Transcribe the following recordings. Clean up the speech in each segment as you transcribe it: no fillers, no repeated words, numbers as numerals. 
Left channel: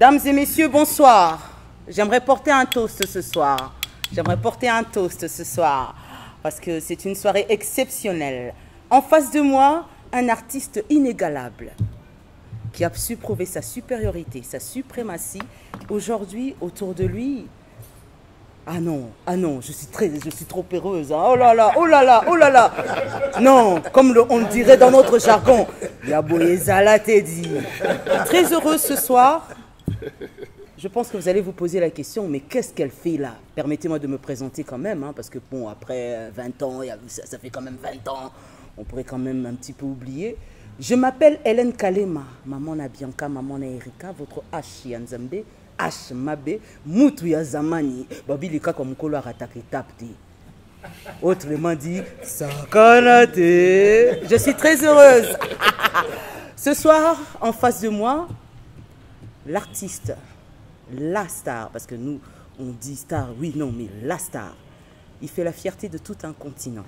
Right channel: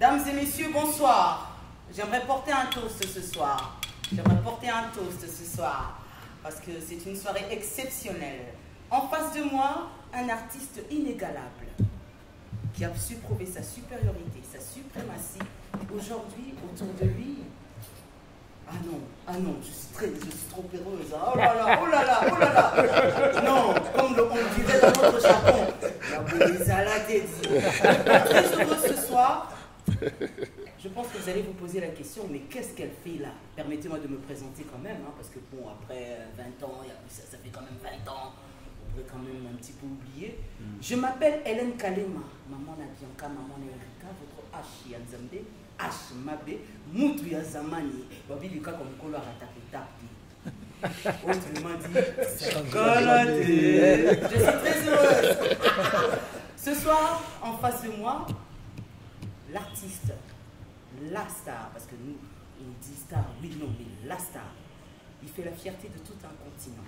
Dames et messieurs, bonsoir. J'aimerais porter un toast ce soir. Parce que c'est une soirée exceptionnelle. En face de moi, un artiste inégalable qui a su prouver sa supériorité, sa suprématie. Aujourd'hui, autour de lui... Ah non, je suis trop heureuse. Hein. Oh là là. Non, comme on dirait dans notre jargon, Yaboyezala Teddy. Très heureuse ce soir. Je pense que vous allez vous poser la question, mais qu'est-ce qu'elle fait là? Permettez-moi de me présenter quand même, hein, parce que bon, après 20 ans, ça fait quand même 20 ans, on pourrait quand même un petit peu oublier. Je m'appelle Hélène Kalema, maman na Bianca, maman na Erika, votre H Yanzambe, H Mabe, Moutou ya Zamani, Babi Lika comme Kolo Aratake Tapti. Autrement dit, Sakanate. Je suis très heureuse. Ce soir, en face de moi, l'artiste, la star, parce que nous, on dit star, oui, non, mais la star, il fait la fierté de tout un continent.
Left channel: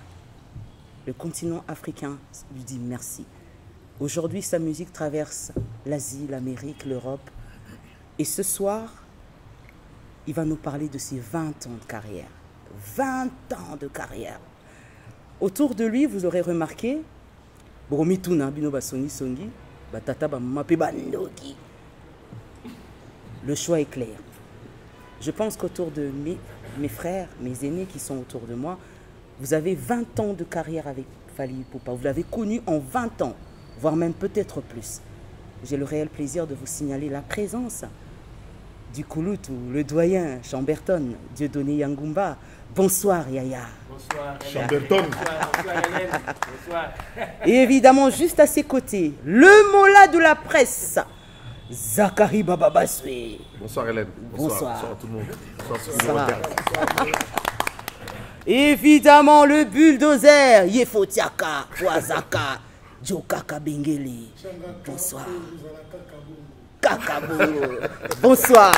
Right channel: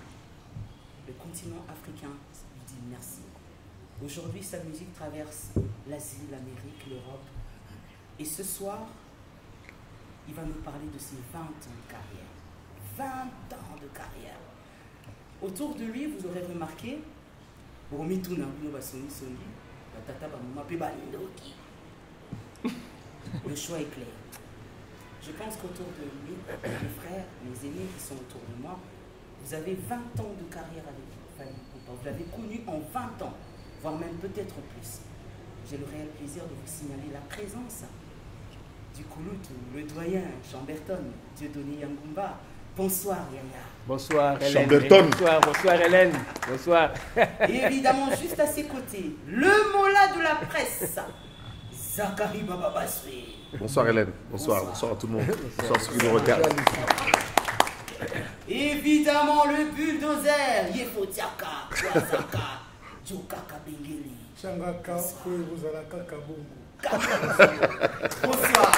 Le continent africain lui dit merci. Aujourd'hui, sa musique traverse l'Asie, l'Amérique, l'Europe. Et ce soir, il va nous parler de ses 20 ans de carrière. 20 ans de carrière. Autour de lui, vous aurez remarqué, le choix est clair. Je pense qu'autour de mes frères, mes aînés qui sont autour de moi, vous avez 20 ans de carrière avec Fally Ipupa. Vous l'avez connu en 20 ans, voire même peut-être plus. J'ai le réel plaisir de vous signaler la présence du Kouloutou, le doyen Chamberton, Dieudonné Yangumba. Bonsoir Yaya. Bonsoir Hélène. Chamberton. Bonsoir Hélène. Bonsoir. Et évidemment, juste à ses côtés, le mola de la presse, Zachary Bababaswe. Bonsoir Hélène. Bonsoir à tout le monde. Bonsoir à ceux qui nous regardent. Évidemment, le bulldozer, Yefotiaka, Wazaka, Jokaka Bengeli. Bonsoir. Bonsoir.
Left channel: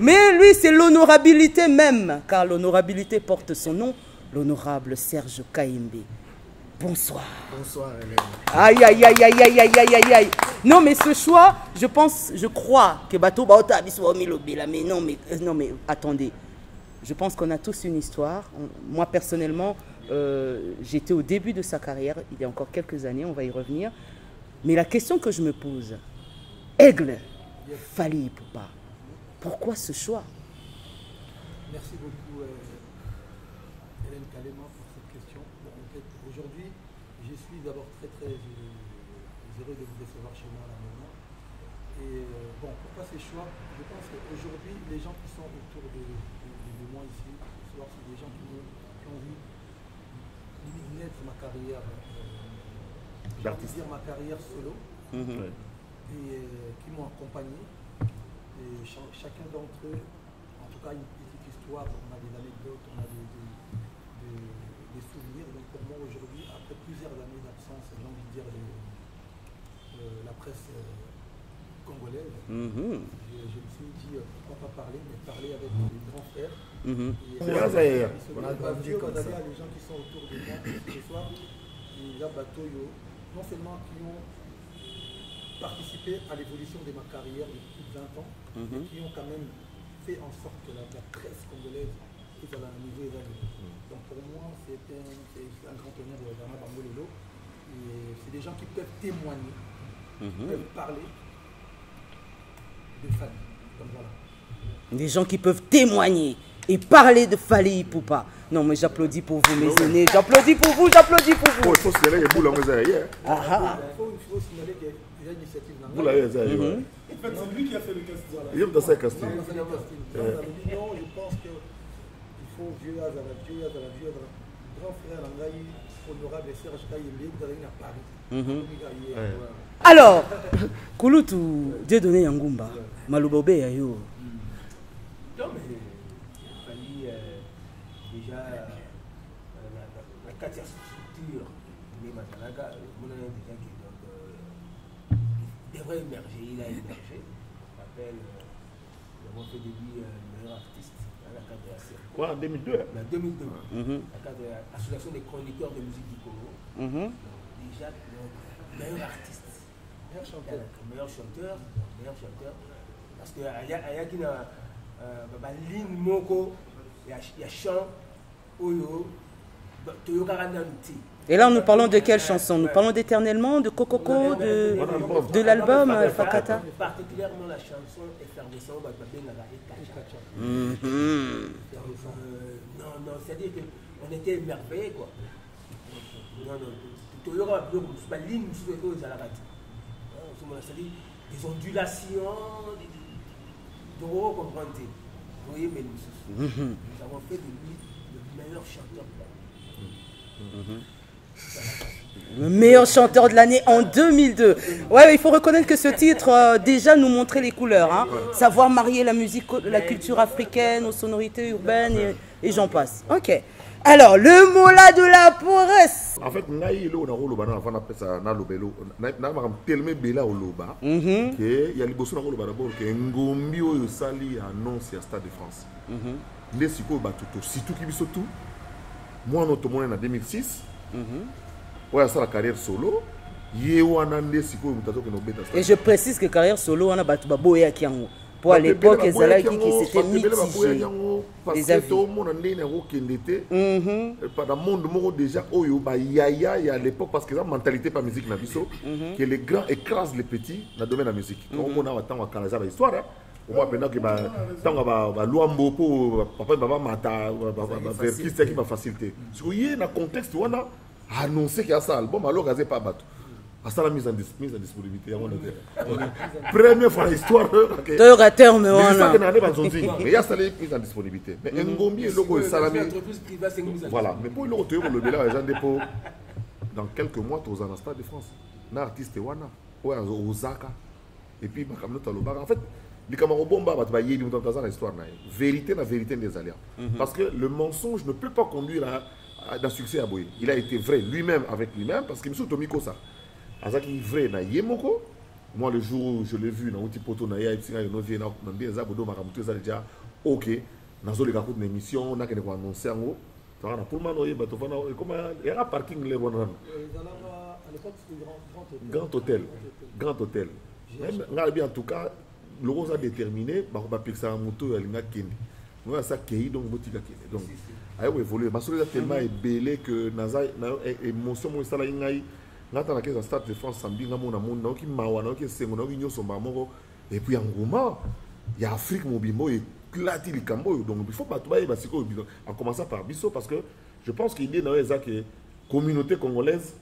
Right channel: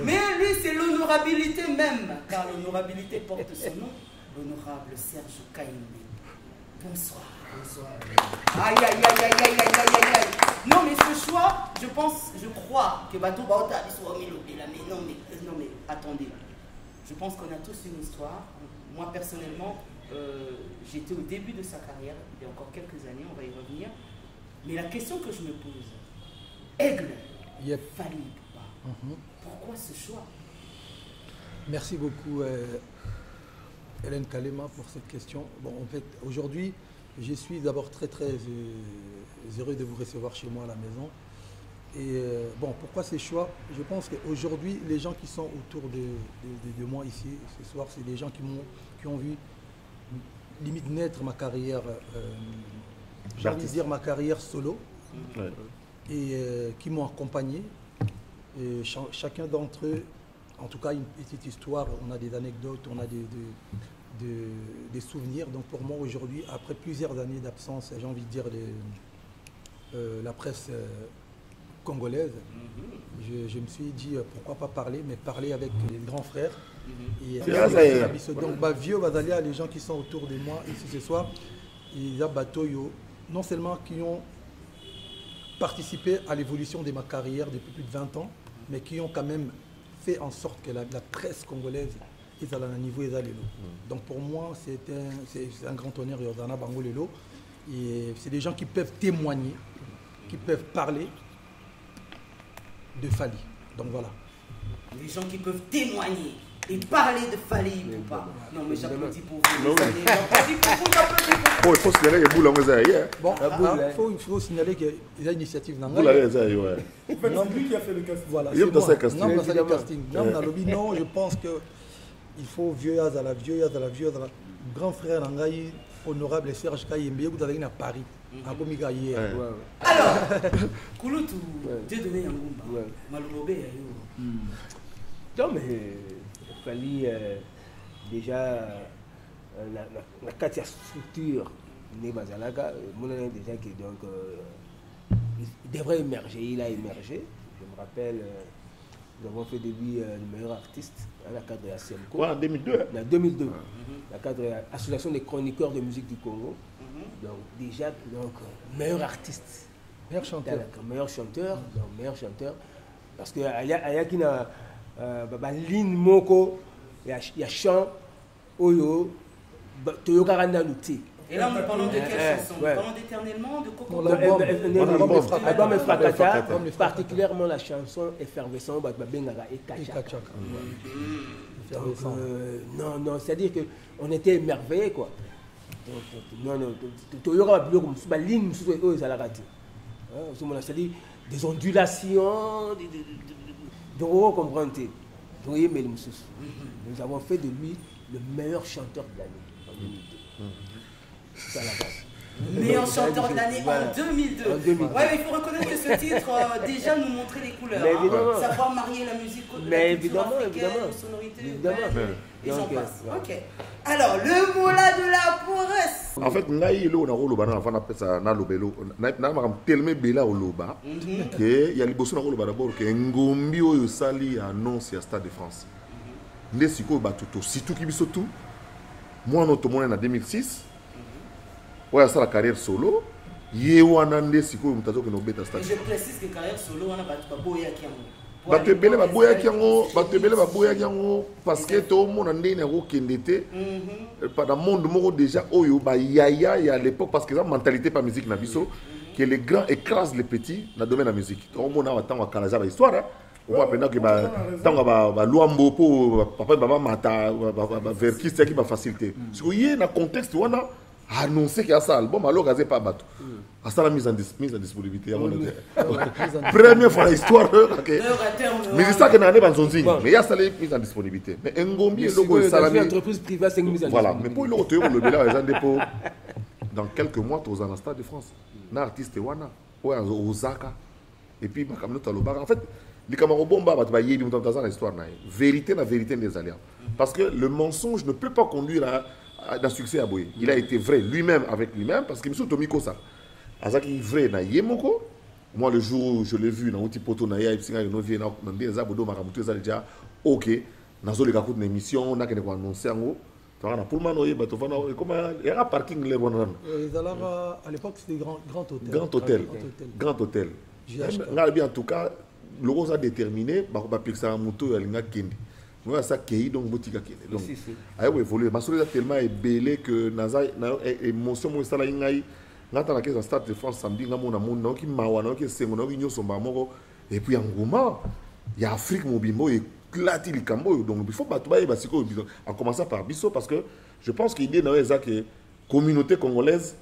Mais lui, c'est l'honorabilité même, car l'honorabilité porte son nom, l'honorable Serge Kaimbe. Bonsoir. Bonsoir. Aïe. Non, mais ce choix, je crois que Bato Baota mais non, mais attendez. Je pense qu'on a tous une histoire. Moi, personnellement, j'étais au début de sa carrière, il y a encore quelques années, on va y revenir. Mais la question que je me pose, Aigle, Fally Ipupa, pourquoi ce choix? Merci beaucoup Hélène Kalema pour cette question. Bon, en fait, aujourd'hui, je suis d'abord très heureux de vous recevoir chez moi à la maison. Et bon, pourquoi ces choix? Je pense qu'aujourd'hui, les gens qui sont autour de moi ici, ce soir, c'est des gens qui ont vu limite naître ma carrière, j'ai envie de dire ma carrière solo, et qui m'ont accompagné. Et chacun d'entre eux, en tout cas une petite histoire, on a des anecdotes, on a des souvenirs. Donc pour moi aujourd'hui, après plusieurs années d'absence, j'ai envie de dire la presse congolaise, je me suis dit pourquoi pas parler, mais parler avec les grands frères. Et vieux Bazalia, les gens qui sont autour de moi ici ce soir, il y a Batoyo, non seulement qui ont participé à l'évolution de ma carrière depuis plus de 20 ans, mais qui ont quand même fait en sorte que la presse congolaise est à un niveau élevé. Donc pour moi, c'est un grand honneur, Yodana Bangolelo. Et c'est des gens qui peuvent témoigner, qui peuvent parler de Fally. Donc voilà. Des gens qui peuvent témoigner et parler de Fally Ipupa. Non, mais j'applaudis pour vous, mes amis. J'applaudis pour vous. Oh, il faut signaler que Boula on est bon, il faut signaler qu'il y a une initiative. Boula est là, ouais. C'est lui qui a fait le casting. Voilà, il y a dans ce casting. Non, je pense qu'il faut vieux à la grand frère Nangaï, honorable Serge Kaimbe, vous allez à Paris. Alors, Kouloutou, Dieudonné Yangumba, Malobobe Ayo. Non, mais Fally, déjà, la Katia structure, Né Bazalaga, mon ami déjà qui donc, il devrait émerger, il a émergé. Je me rappelle, nous avons fait de lui le meilleur artiste à la cadre de la CMCO. En 2002. En 2002, la cadre de l'Association des chroniqueurs de musique du Congo. Donc déjà, meilleur artiste Meilleur chanteur. Parce que il y a qui na ligne moko, il y a chant oyo toyoka randa lutti. Et là, nous parlons de quelle chanson? Nous parlons d'Éternellement, de Cococo, de l'album. Particulièrement la chanson Effervescent, et Kacha. Non, c'est-à-dire qu'on était émerveillés, quoi. Non, tu y aura plus comme ça, ligne, c'est-à-dire des ondulations, donc vous comprenez. Nous avons fait de lui le meilleur chanteur de l'année. Le meilleur chanteur de l'année en 2002. Ouais, il faut reconnaître que ce titre déjà nous montrait les couleurs. Hein. Savoir marier la musique, la culture africaine aux sonorités urbaines et j'en passe. Ok. Alors, le mot là de la paresse. En fait, il y a les bossons d'abord que Ngombi au Sali annonce à Stade de France. Moi, notre monde en 2006. Ouais, ça la carrière solo. Et je précise que carrière solo, on a battu Baboya Kiango. Pour parce que tout le monde a pendant le monde déjà yaya à l'époque parce que la mentalité pas musique na biso que les grands écrasent les petits dans le domaine de la musique. On a attend à Kalaja histoire. On va pendant que Luambo pour papa maman mata vers qui c'est qui va faciliter. Parce que y a un contexte où on a annoncé qu'il y a ça album alors gazé pas bateau. À ça la mise en disponibilité. Première fois dans l'histoire. Mais c'est ça que n'en est pas son signe. Mais il y a ça la mise en disponibilité. Mais Ngombi est logo salami. Entreprise privée c'est une mise en voilà. Mais pour le retour le bela les gens dépôt dans quelques mois aux en Stade de France. Un artiste wana ouais Osaka et puis makamno taloba. En fait les camarades bomba va y dans l'histoire vérité des alliances. Parce que le mensonge ne peut pas conduire à un succès à Boye. Il a été vrai lui-même avec lui-même parce qu'il me souviens Tomiko ça. Azaki vrai na yemoko. Moi le jour où je l'ai vu dans outil poto na ya ipsinga no vie na mbie za bodo maramutu za déjà OK. Nazo le kakut na émission na kene ko annoncer ngo. Tara na pour manoyer bato fana comment il y a parking les bonnes. À l'époque c'était grand hôtel. Nga bien en tout cas le rose a déterminé ba pixar moto ya linga kendi. Moi ça kei donc botika kende. Donc a évolué ma soeur tellement est belé que naza émotion mo sala ngai. Ngata na kesa Stade de France samedi ngamona mona ki mawa na ki sengo na ki nyoso ba moko et puis engouement il y a Afrique mobimbo et clati likambo donc il faut pas tout ba siko en commençant par biso parce que je pense qu'il y a dans que communauté congolaise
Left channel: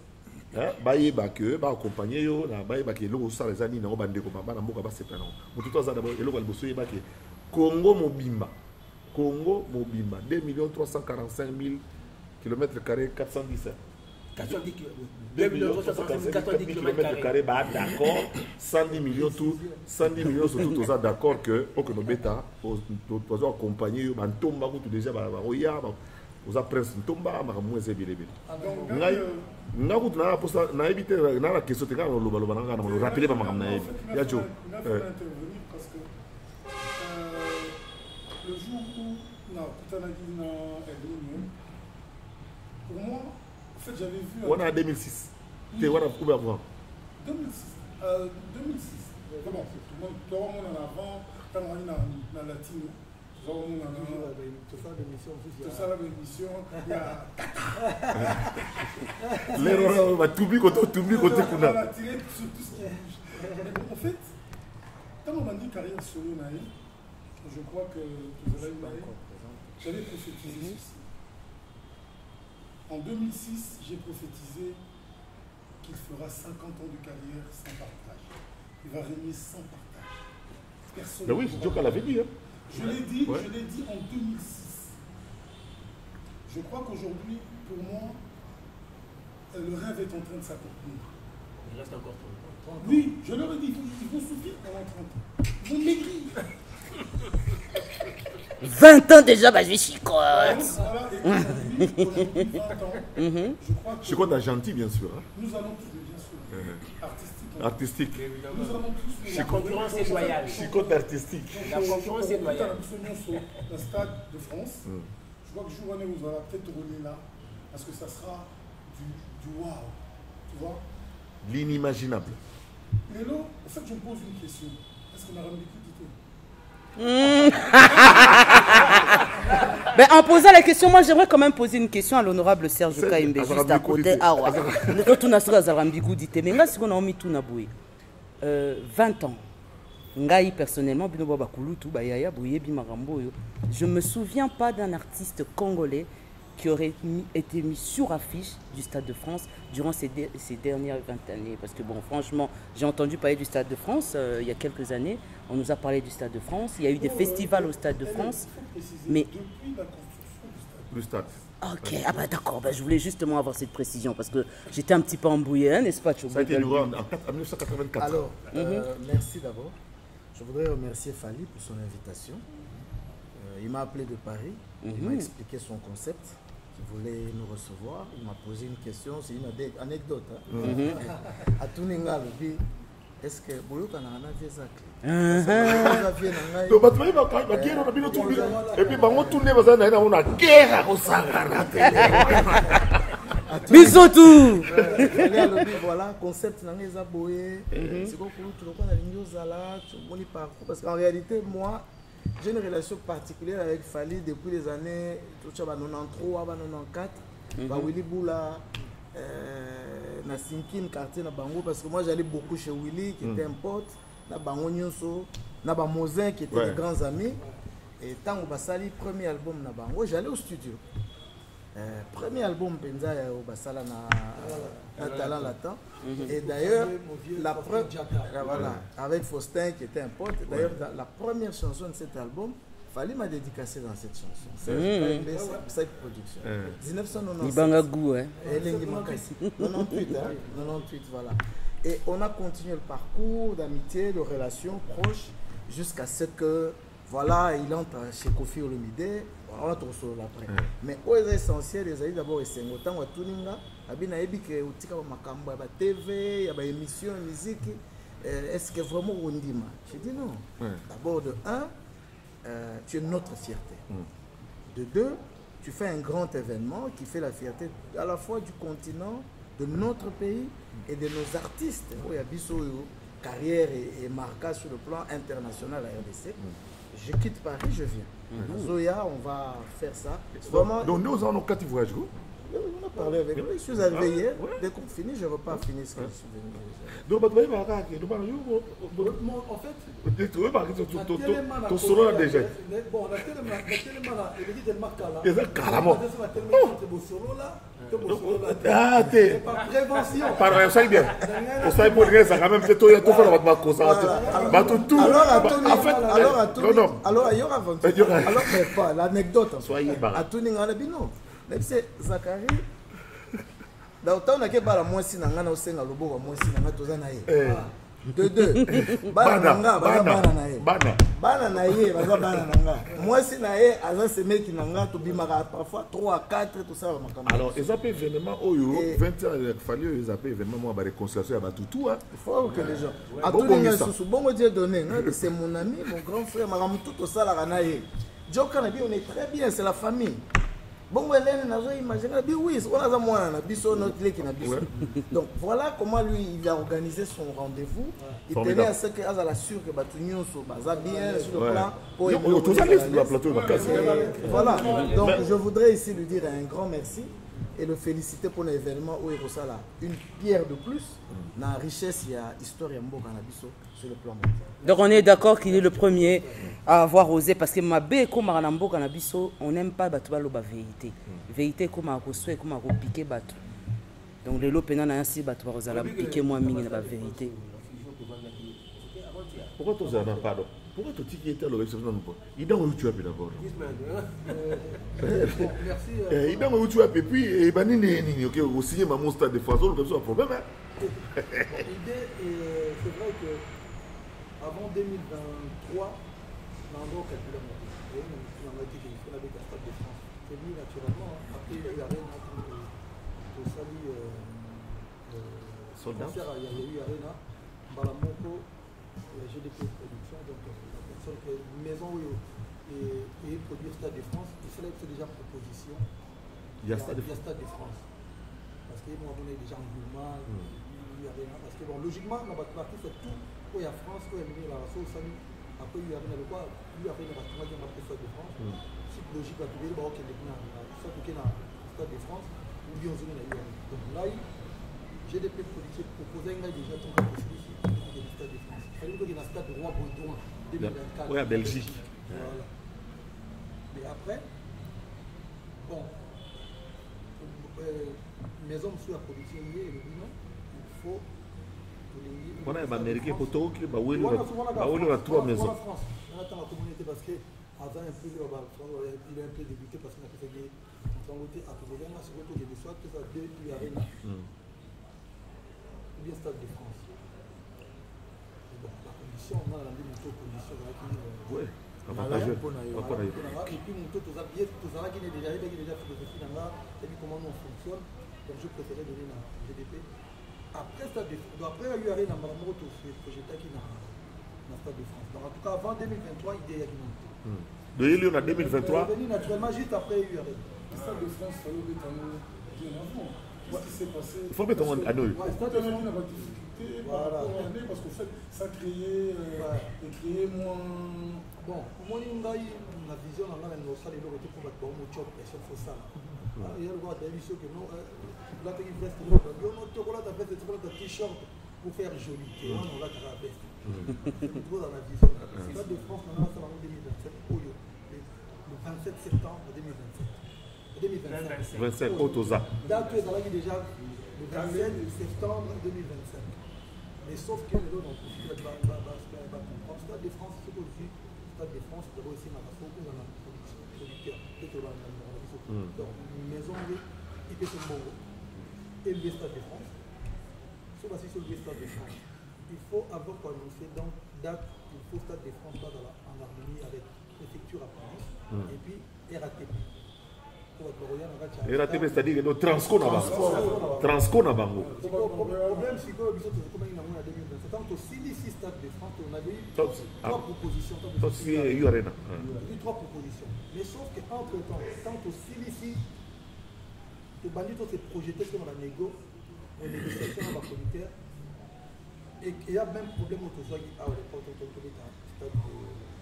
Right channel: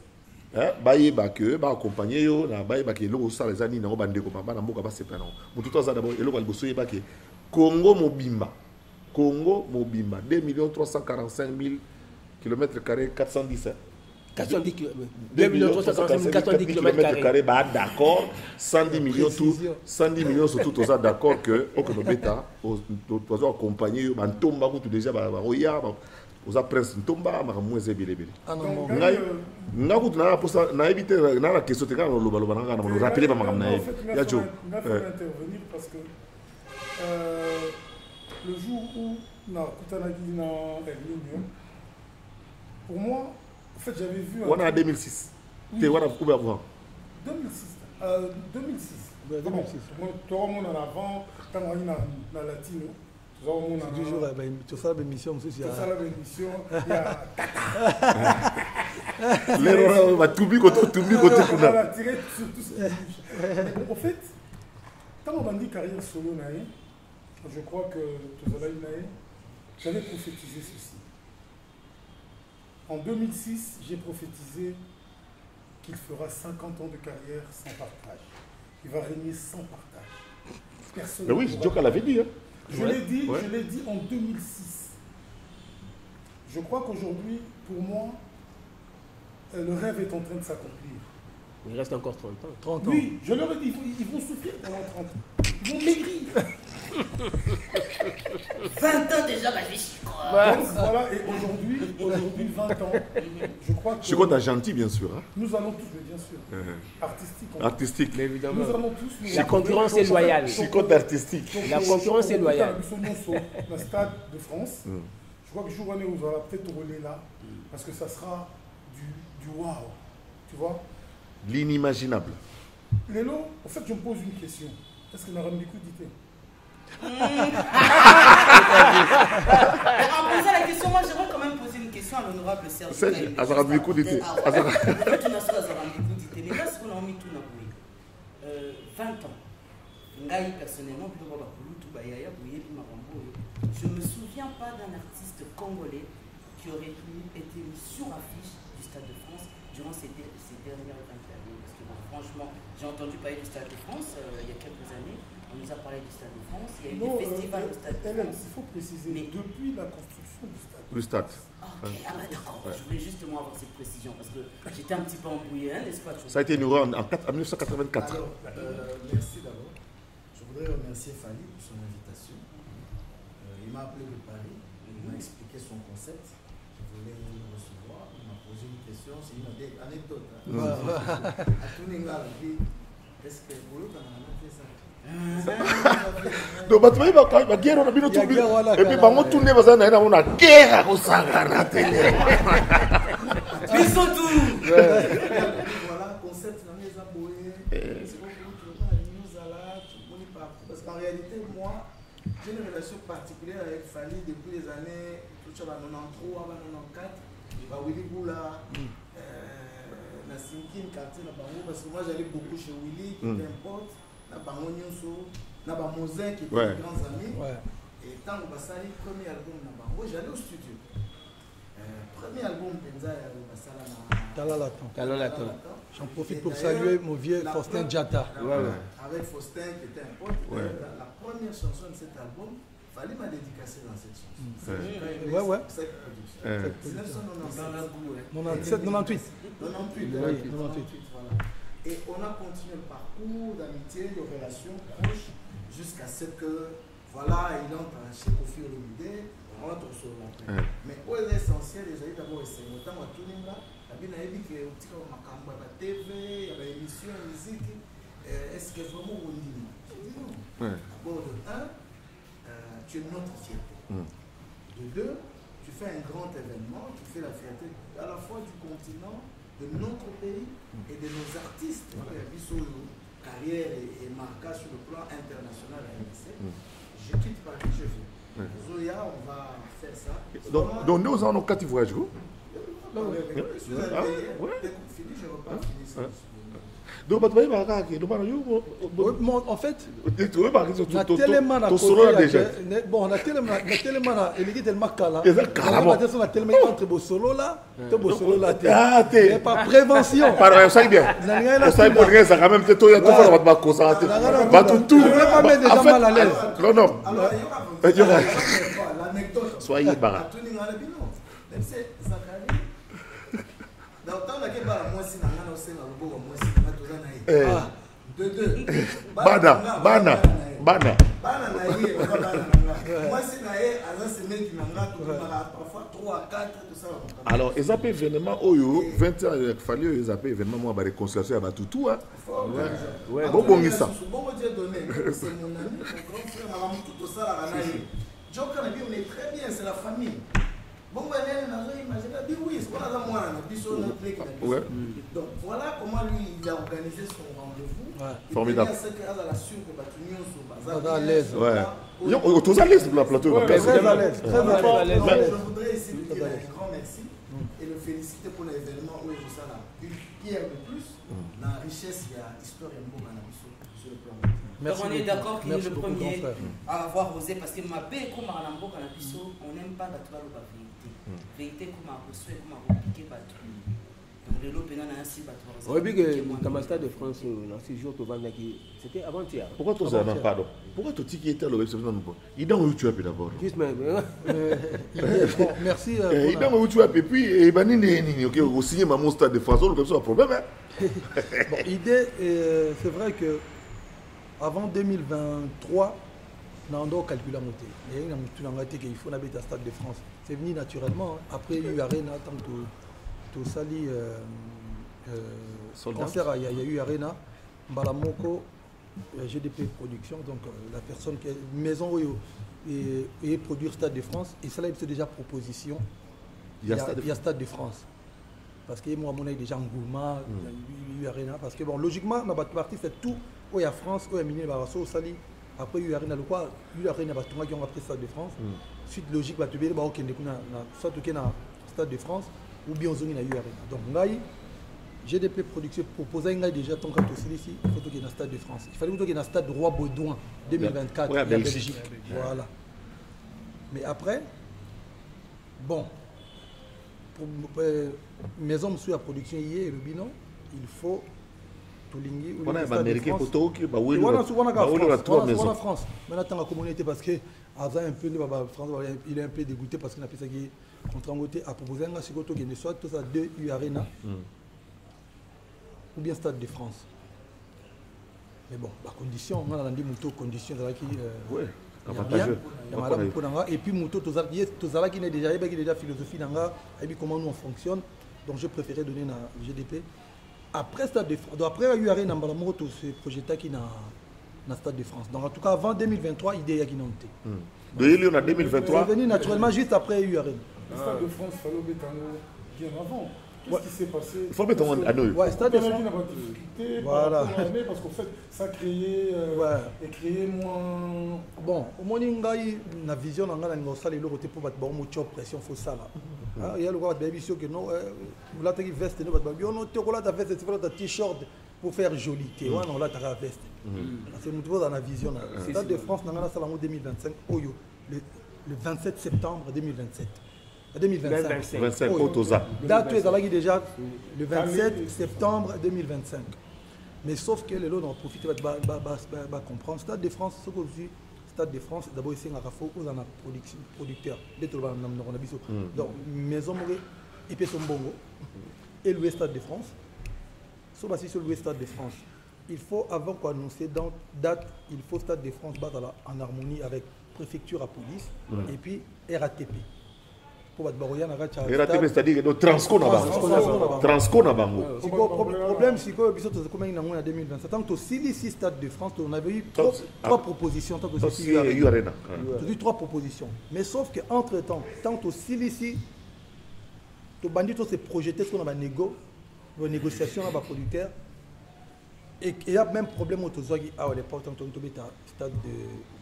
hein ba yeba que ba accompagner yo na ba yeba que lo ça les ani na bande ko ba na mboka ba sepla non mutu to za d'abord eloko liboso yeba que Congo mobimba 2 345 000 km², 410 410 km. 410 km², d'accord. 110 millions tout, 110 millions surtout, tout ça d'accord que au bêta, aux accompagner, on tombe tout déjà, roya, aux prince tomba, moins zébélé. N'a pas na posa na éviter na la question te kana lo baloba na no rappeler ba magam na ya jo intervenir parce que le jour où na kutanagi na Elminium pour moi en fait j'avais vu on a 2006 te on a couvert avant 2006 bon toi on en avant quand on est na latino on a toujours la émission aussi c'est ça la émission il y a l'erreur va tout bien côté kuna on a tiré sur tout ce qui bouge en fait quand on a dit carrière solo naï je crois que j'avais prophétisé ceci. En 2006, j'ai prophétisé qu'il fera 50 ans de carrière sans partage. Il va régner sans partage. Personne. Mais oui, Djoka l'avait dit. Hein. Je l'ai dit en 2006. Je crois qu'aujourd'hui, pour moi, le rêve est en train de s'accomplir. Il reste encore 30 ans. Oui, je leur ai dit, ils vont souffrir pendant 30 ans. Ils vont maigrir. 20 ans déjà, bah je suis quoi. Voilà, et aujourd'hui, 20 ans, je crois que... Je suis content, gentil, bien sûr. Hein. Nous allons tous, bien sûr, artistique. Mais évidemment. Nous allons tous... La concurrence est loyale. Je suis content, artistique. La concurrence est loyale. Le Stade de France, je crois que le jour où on va peut-être rouler là, parce que ça sera du wow, tu vois. L'inimaginable. Lélo, en fait, je me pose une question. Est-ce que Narambikou dit Ben, en posant la question, moi j'aimerais quand même poser une question à l'honorable Serge Kaimbe. Juste à côté. Ah ouais. Tout n'a pas Zarambikou dit. Mais là, c'est qu'on a mis tout na boué. 20 ans. Ngai personnellement, je me souviens pas d'un artiste congolais qui aurait été mis sur affiche du Stade de France durant ces dernières 20 années. Parce que bon, franchement, j'ai entendu parler du Stade de France il y a quelques années. On nous a parlé du Stade de France. Il y a eu des festivals au Stade de France. Il faut préciser, mais depuis la construction du stade. Le stade. Ok, ah bah d'accord, bah, je voulais justement avoir cette précision parce que j'étais un petit peu embrouillé, hein, n'est-ce pas? Ça a été inauguré en 1984. Alors, merci d'abord. Je voudrais remercier Fali pour son invitation. Il m'a appelé de Paris, il m'a expliqué son concept. Il voulait nous recevoir, il m'a posé une question, c'est une anecdote. À tout Ningal, est-ce que Boyoka n'a pas fait ça? Donc, tu vas la guerre, on a bien tout. Et puis, on tourne, on a guerre au Sahara. Mais surtout voilà, concept n'a pas boé. C'est comme tu vois la ligne aux alas, tu ne pas. Parce qu'en réalité, moi, j'ai une relation particulière avec Fali depuis les années 93 à 94. Willy Boula, na Sinkin, quartier na Bango, parce que moi j'allais beaucoup chez Willy, qui était un pote, na Bango Nyonso, na Bamozin, qui étaient des grands amis. Et tant que Bassali, premier album na Bango, j'allais au studio. Premier album Benza au Bassala na Talalatan. Et d'ailleurs, mon vieux Faustin Diatta. Avec Faustin qui était un pote. D'ailleurs, la première chanson de cet album, Fali m'a dédicacé dans cette chanson. C'est une production. 1997. Ibangagou, hein. 98, voilà. Et on a continué le parcours d'amitié, de relations proches, jusqu'à ce que, voilà, il entre chez Kofi Olomide. On va trouver après. Mais au essentiel, les amis d'abord, c'est autant à tout le monde. Abina ebi que au tika makambo ya TV, il y a des émissions de musique. Est-ce que vraiment on dit? Je dis non. D'abord de 1, tu es notre fierté. De 2, tu fais un grand événement qui fait la fierté à la fois du continent, de notre pays et de nos artistes. Il y a Bisso, carrière et marquage sur le plan international à RDC. Je quitte Paris, je viens. Zoya, on va faire ça. Donc nous avons 4 voyages. On a parlé avec lui, je suis arrivé hier. Dès qu'on finit, je repars finir ça. Donc, en fait, ton solo là déjà. Bon, on a tellement par prévention. Par ça bien. On sait pour rien, ça quand même c'est tout il y a tout faire va concentrer. Va tout. En fait, non. Alors il y aura l'anecdote. Soyez barat. À tout ninga bino. Même c'est Zakari. Donc tant que bala moi si nanga na osenga lobo moi si nanga tozana ye. Bana na ye moi si na ye azan se meki nanga to bimaka parfois 3 à 4 tout ça. Alors ils appellent événement oyo 20 ans il fallait ils appellent événement moi ba réconciliation ba tout hein. Bon ça. Bon Dieu donné, c'est mon ami, mon grand frère, madame tout ça la na ye. Joka na bi on est très bien, c'est la famille. Bon, donc voilà comment lui il a organisé son rendez-vous. Il tenait à ce qu'il a sûr que Batunio je voudrais ici lui dire un grand merci et le féliciter pour l'événement où il reçoit une pierre de plus dans la richesse, il y a l'histoire sur le plan. Donc on est d'accord qu'il est le premier à avoir osé parce que ma bé comme Maranambo Canabiso, on n'aime pas battre la vérité. Vérité comme à reçoit comme à repiquer battre. Donc les lots pénal ainsi battre par exemple piquer moi la vérité. C'était avant-hier. Pourquoi tu as pardon? Pourquoi tu dis qu'il était à l'observation non pas? Il est dans où tu as d'abord. Merci. Il est dans où tu as et puis et banini OK au signer ma Stade de France comme ça un problème hein. L'idée c'est vrai que avant 2023, Nando calcule la montée. Il y a une montée qu'il faut habiter à Stade de France. C'est venu naturellement. Après, il y a eu Arena, tant que tout sali concert, il y a eu Arena, Balamoko, GDP Production, donc la personne qui est maison où il produit Stade de France. Et ça, c'est déjà proposition. Il y a Stade de France. parce que moi, mon déjà Ngouma, Arena, parce que bon, logiquement, dans notre partie, c'est tout. Où il y a France, où il y a Miné Barasso, au Sali. Après, il y a Arena, le quoi, il y a Arena, qui ont appris Stade de France. Suite logique, bah, tu veux dire, soit tu es dans Stade de France, ou bien on zone dans Arena. Donc là, GDP Production proposait déjà ton cas ici, il faut que tu dans le Stade de France. Il fallait que tu dans le Stade Roi Baudouin 2024. Oui, à Belgique. Voilà. Mais après, bon, pour maison monsieur la production hier, le bilan, il faut tout ligner. On a un Américain pour tout qui va où il a trois maisons. France. Maintenant, la communauté, parce que avant un peu, il est un peu dégoûté parce qu'il a fait ça qui est contre à proposer un chicoto qui ne soit tout ça deux U Arena. Ou bien Stade de France. Mais bon, la condition, on a dit moto condition qui oui, avantageux. Et puis moto tozala qui est déjà philosophie dans et puis comment nous on fonctionne. Donc je préférais donner un GDP. Après Stade de France, après il y a eu un moto ce projet qui dans Stade de France. Donc en tout cas avant 2023, idée a qui monté. De il y en a 2023. Venu naturellement juste après il y a eu Le Stade de France, il fallait mettre bien avant. Qu'est-ce qui s'est passé? Il faut mettre à nous. Ouais, Stade de France. Il n'a pas de difficulté parce qu'en fait, ça créait moins. Bon, au moins, il y a une vision dans la salle et le côté pour battre une pression, il faut ça. Il y a le droit de dire que non, là, tu as une veste, tu as un t-shirt pour faire joli. Non, là, tu as une veste. C'est nouveau dans la vision. Le Stade de France, dans la salle en 2025, le 27 septembre 2027. 2025, Otoza. Date est déjà le 27 septembre 2025. Mais sauf que les lots ont profité de comprendre. Stade de France, ce que vous dites, Stade de France, d'abord ici, on a producteur. Donc, maison, et puis son bongo. Et le Stade de France. Sauf que sur le Stade de France, il faut, avant qu'on annonce date, il faut Stade de France battre en harmonie avec préfecture à police et puis RATP. RATP, c'est-à-dire que Transco na bango. Transco na bango. Le problème, c'est que nous avons en 2027. Tant que si Stade de France, on avait eu trois propositions. Il y a eu trois propositions. Mais sauf qu'entre-temps, tant que si ici, le bandit s'est projeté sur la négociation avec les producteurs. Et il y a même problème au Tozogi à l'époque, quand on est à Stade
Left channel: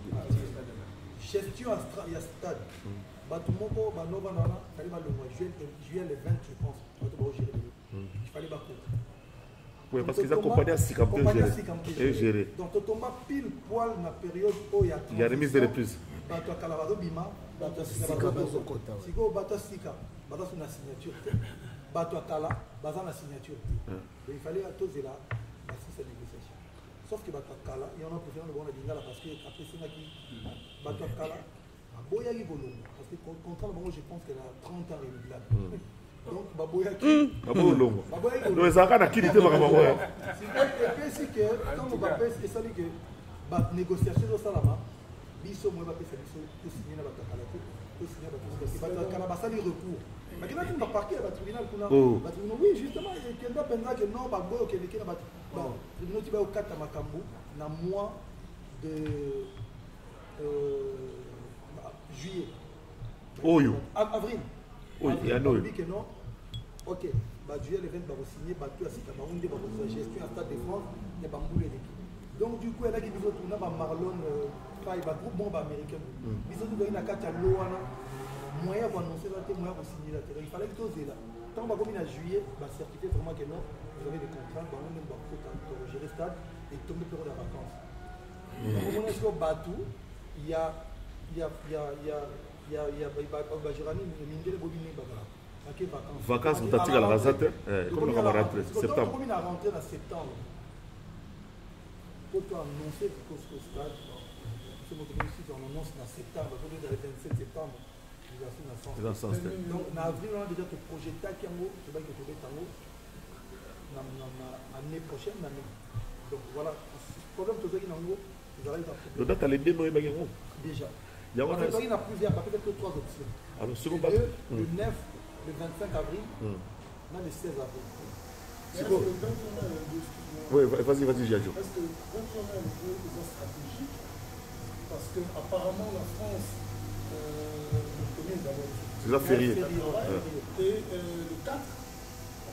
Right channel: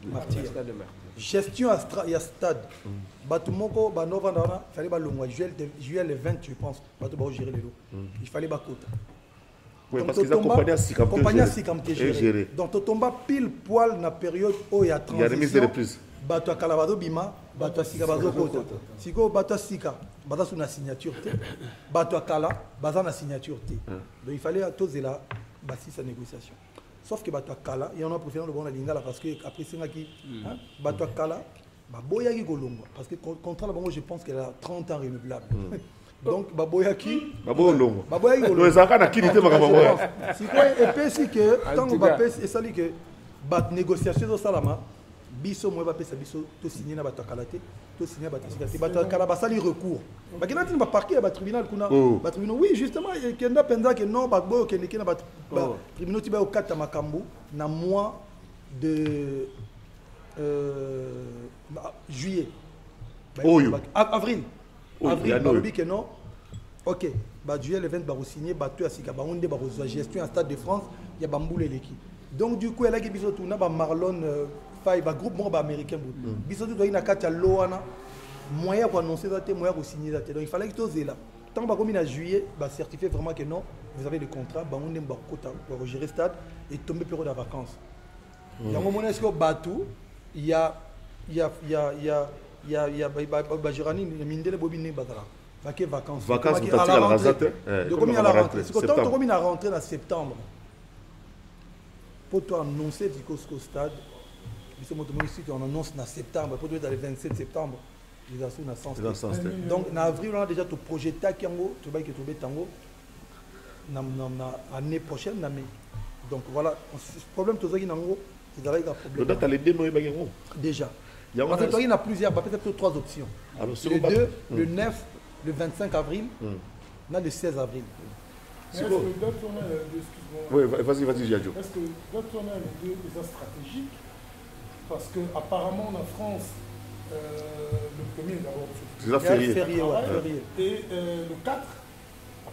de Martyr. Gestion à Stade. Batumoko, Banova, il fallait le mois juillet le 20, je pense, pour gérer les lots. Il fallait battre. Oui, parce qu'ils accompagnaient à Sikamte gérer. Donc, tu tombes pile poil dans la période où il y a transition. Il y a remise de reprise. Bato à Kalabado Bima, Bato à Sika Bato Kota. Siko Bato à Sika, Bato sur la signature. Bato à Kala, Bato à la signature. Donc, il fallait à tous là, bâtir sa négociation. Sauf que Bato à Kala, il y en a préféré le bon Lingala parce que après c'est qui Bato à Kala, Baboya qui Golongo. Parce que contre la je pense qu'elle a 30 ans renouvelable. Donc Baboya qui Golongo. Baboya qui Golongo. Donc ça a qui était ma maman. C'est quoi et puis c'est que tant on va passer et ça dit que bat négociation au Salama, biso moi va passer biso to signer na Bato à Kala to signer Bato à Kala basali recours. Bah qui n'a pas parqué à tribunal kuna. Tribunal oui justement il y a pendant que non Bagbo que les na tribunal tiba au 4 makambo na mois de juillet. Avril. Il y a non. Ok. Juillet le 20 va signer Bato à Sika Baronde va gestion à Stade de France, il y a Bamboule l'équipe. Donc du coup elle a qui biso tout na Marlon Faye groupe bon américain. Biso tout na kata loana moyen pour annoncer date moyen pour signer date. Donc il fallait que tout là. Tant que comme en juillet, va certifier vraiment que non, vous avez le contrat, Baronde va pour gérer Stade et tomber période de vacances. Donc au moment où Batou, il y a Bajirani, le Mindele Bobine Bagara. Vacances. Vacances, vous t'attirez à la rasate. Comme on va rentrer. Septembre. Comme on a rentré en septembre. Pour toi annoncer du stade, on annonce en septembre, pour dans le 27 septembre, nous avons dans sens. Donc en avril, on a déjà tout projeté à Kiango, tu vas que tu vas Tango, l'année prochaine, donc voilà, le problème de Tango, c'est d'aller dans le date à l'aider, nous déjà. Il y a plusieurs, peut-être 3 options. Alors, le 2, le 9, le 25 avril, là le 16 avril. Oui, vas-y, Giadio. Est-ce que votre est déjà stratégique? Parce qu'apparemment, la France, le premier d'abord. C'est la férié. Et le 4,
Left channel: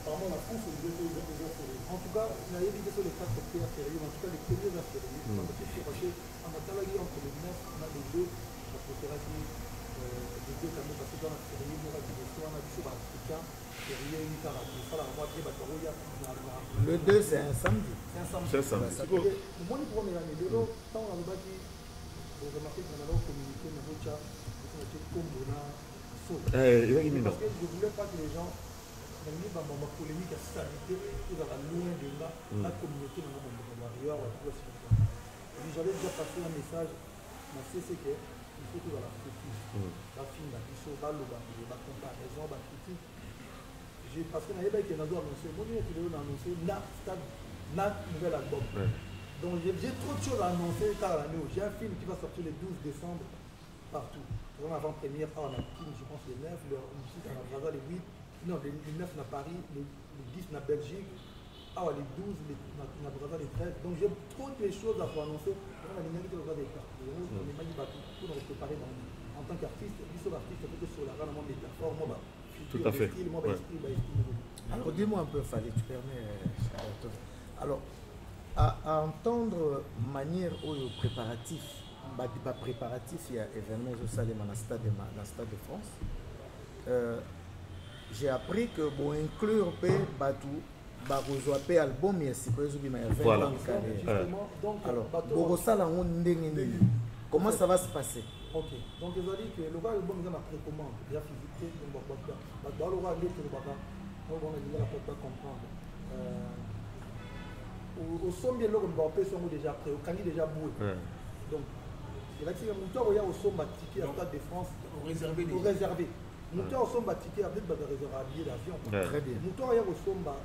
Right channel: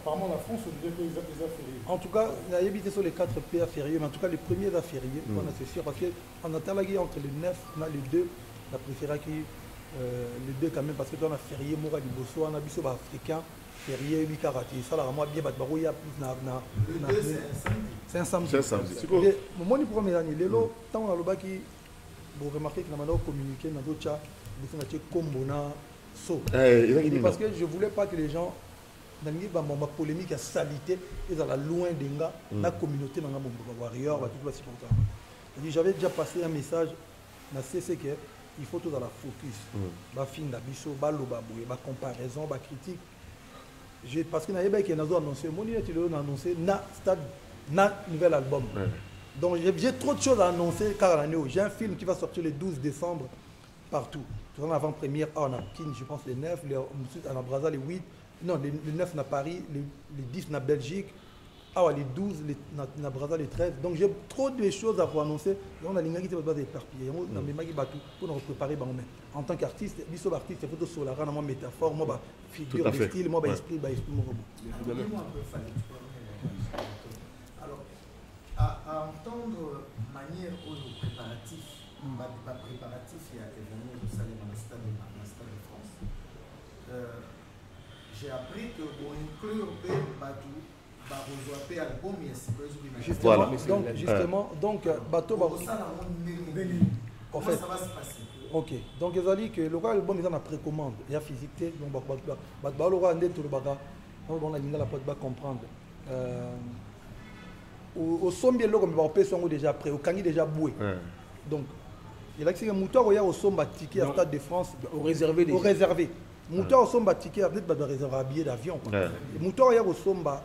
Apparemment, la France, on dirait que les heures fériées. En tout cas, il a évité sur les 4 PA fériés, mais en tout cas, les premiers à fériés, on a fait sûr parce qu'on attend la guerre entre les 9, on a les deux, la préférée qui, les deux quand même, parce que on a férié, moi, on a vu sur l'Africain, férié, 8 à rater. Ça, là, moi, bien, le 2, c'est un samedi. C'est un samedi. C'est un samedi. Moi, je prends mes années, tant on a le bas qui, vous remarquez que nous avons communiqué, nous avons dit, parce que je ne voulais pas que les gens, dans ma polémique à salité, ils sont loin de la communauté, dans la warrior, j'avais déjà passé un message, c'est qu'il faut tout dans la focus, la fin de la biseau, la comparaison, la critique. Parce que nous avons annoncé, un nouvel album. Donc j'ai trop de choses à annoncer car j'ai un film qui va sortir le 12 décembre partout. En avant-première, on a Kin, je pense, le 9, ensuite on a Brazza, le 8, non, le 9 à Paris, le 10 à Belgique, les 12 à Brazza, le 13. Donc j'ai trop de choses à vous annoncer. On a l'ingénieur qui va éparpiller. On a pour nous préparer. En tant qu'artiste, l'artiste, il faut que la rendre métaphore, moi, figure, style, moi, esprit. Dis-moi un peu, Fallait, tu permets. Alors, à entendre manière aux préparatifs, pas préparatif, il y a événement au stade de France. J'ai appris que pour inclure Batou, album, voilà. Donc, justement, comment ça va se passer? Ok, donc ils ont dit que le album est en précommande, il y a physique, on a dit la porte comprendre. Au sommet, on déjà prêt, au cani déjà boué. Donc, il a dit que Moutoir au sommet ticket à Stade de France. Au réservé. Moutoir au sommet ticket à réserver un billet d'avion. Moutoir au sommet.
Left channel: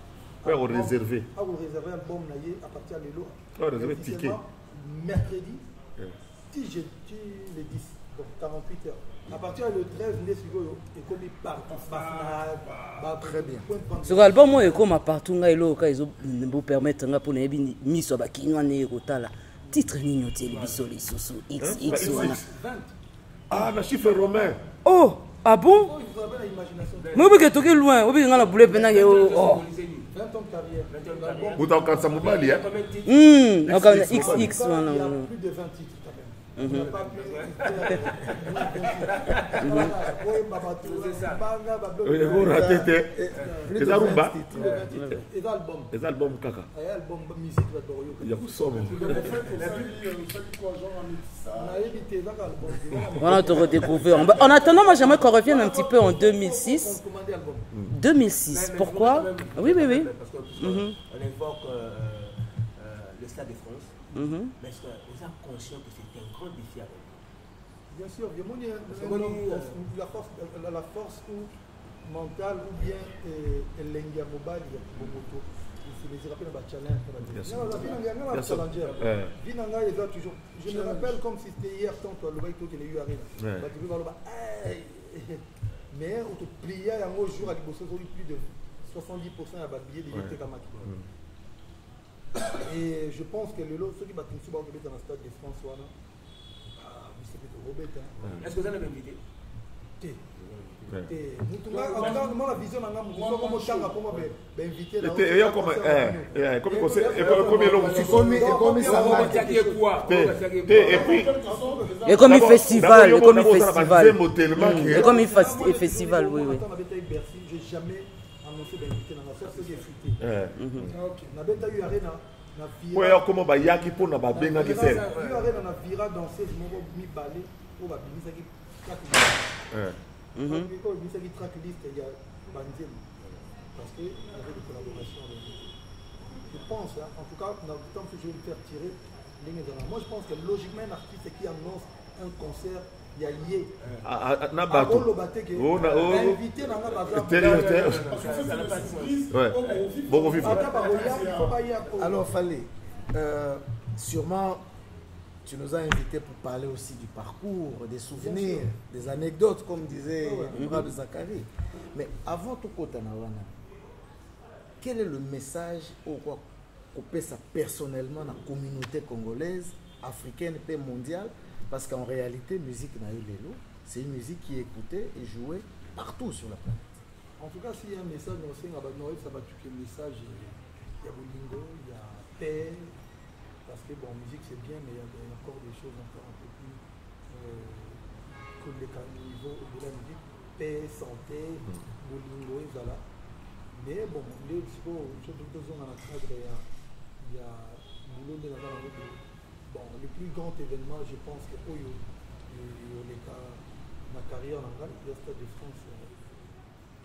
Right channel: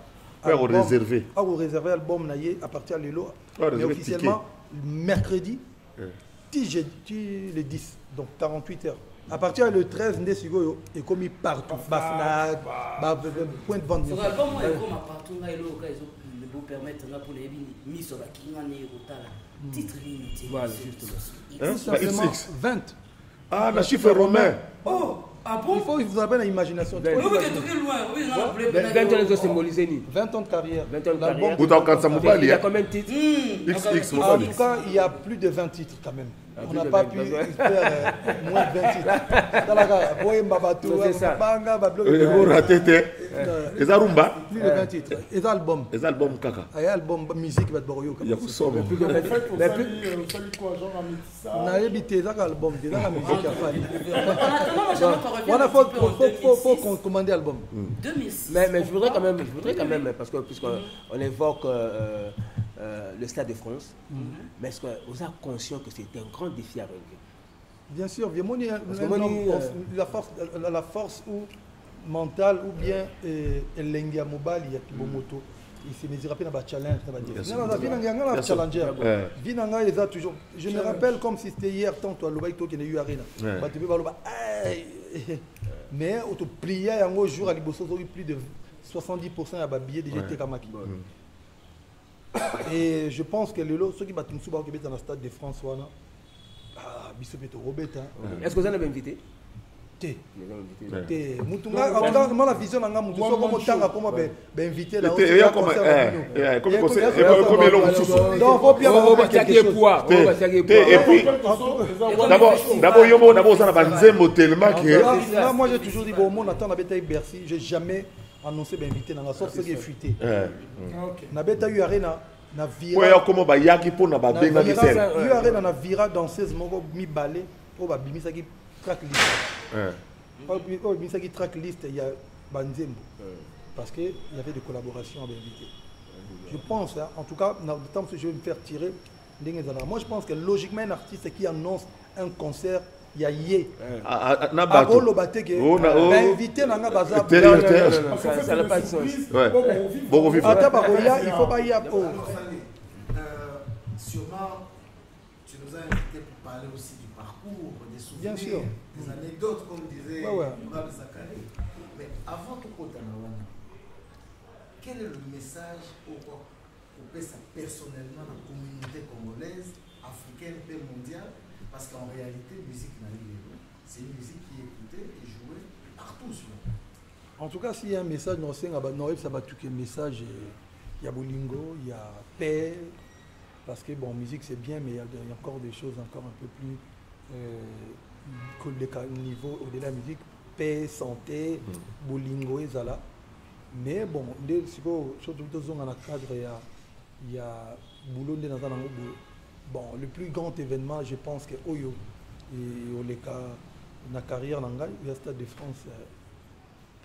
Au réservé. Au réservé album à partir de l'eau. Officiellement, mercredi, le 10, donc 48 heures. À partir du 13, il est commis partout. Sur l'album, il est comme partout. Il vous permettre de mise sur la titre XX. 20. Ah, le chiffre romain. Oh, ah bon? Il vous appelle l'imagination. Mais vous êtes loin. Vous êtes dans la boulette. 20 ans de carrière. 20 ans de carrière. Vous avez Il y a combien de titres? Il y a plus de 20 titres quand même. On n'a pas pu faire moins de 20 titres. C'est ça. Vous ratez. Les Arumba. Les albums. Les albums caca. Les albums musique. Il y a somme. En attendant, moi j'aimerais qu'on revienne un petit peu en 2006. 2006. Mais pourquoi? quand même, Oui. parce que puisqu'on évoque le Stade de France, mais est-ce que vous êtes conscient que c'était un grand défi à relever? Bien sûr, la force mentale ou bien l'engia mobile, il y a Kimomoto. Il se rappelle dans le challenge. Toujours. Je me rappelle comme si c'était hier, tant que le qui a eu Arena. Mais on te pliait un jour à l'Ibosso, plus de 70% à billets déjà été comme et je pense que le lot, ceux qui battent souvent dans le Stade de France, est-ce que vous en avez invité? La vision invité j'ai jamais annoncé d'inviter dans la sorte qui est fuité. Nabeta eu arena na vira. Comment ba yaki pour na ba benga qui sel. Eu arena na vira danseuse moko mi balé pour ba bimisa qui track list. Pour bimisa qui track list il y a Banzem parce que il y avait des collaborations avec lui. Je pense en tout cas dans le temps que je vais me faire tirer moi je pense que logiquement un artiste qui annonce un concert il y a yé. Na bateau. Invité dans la bazar. Ça n'a pas de sens. Bon vivre. Il faut pas y aller. Alors Fallait, sûrement tu nous as invités pour parler aussi du parcours, des souvenirs, des anecdotes comme disait Mourad Zakari. Mais avant tout Kotanawana, quel est le message au quoi couper ça personnellement dans la communauté congolaise, africaine et mondiale? Parce qu'en réalité, musique Naïlélo, c'est une musique qui est écoutée et jouée partout sur la planète. En tout cas, s'il y a un message dans ça va tout un message. Il y a Bolingo, il y a paix. Parce que bon, musique c'est bien, mais il y a encore des choses encore un peu plus niveau au-delà de la musique. Paix, santé, Bolingo et Zala. Mais bon, dans le cadre, il y a Boulot dans bon, le plus grand événement, je pense que Oyo, la carrière dans le Stade de France,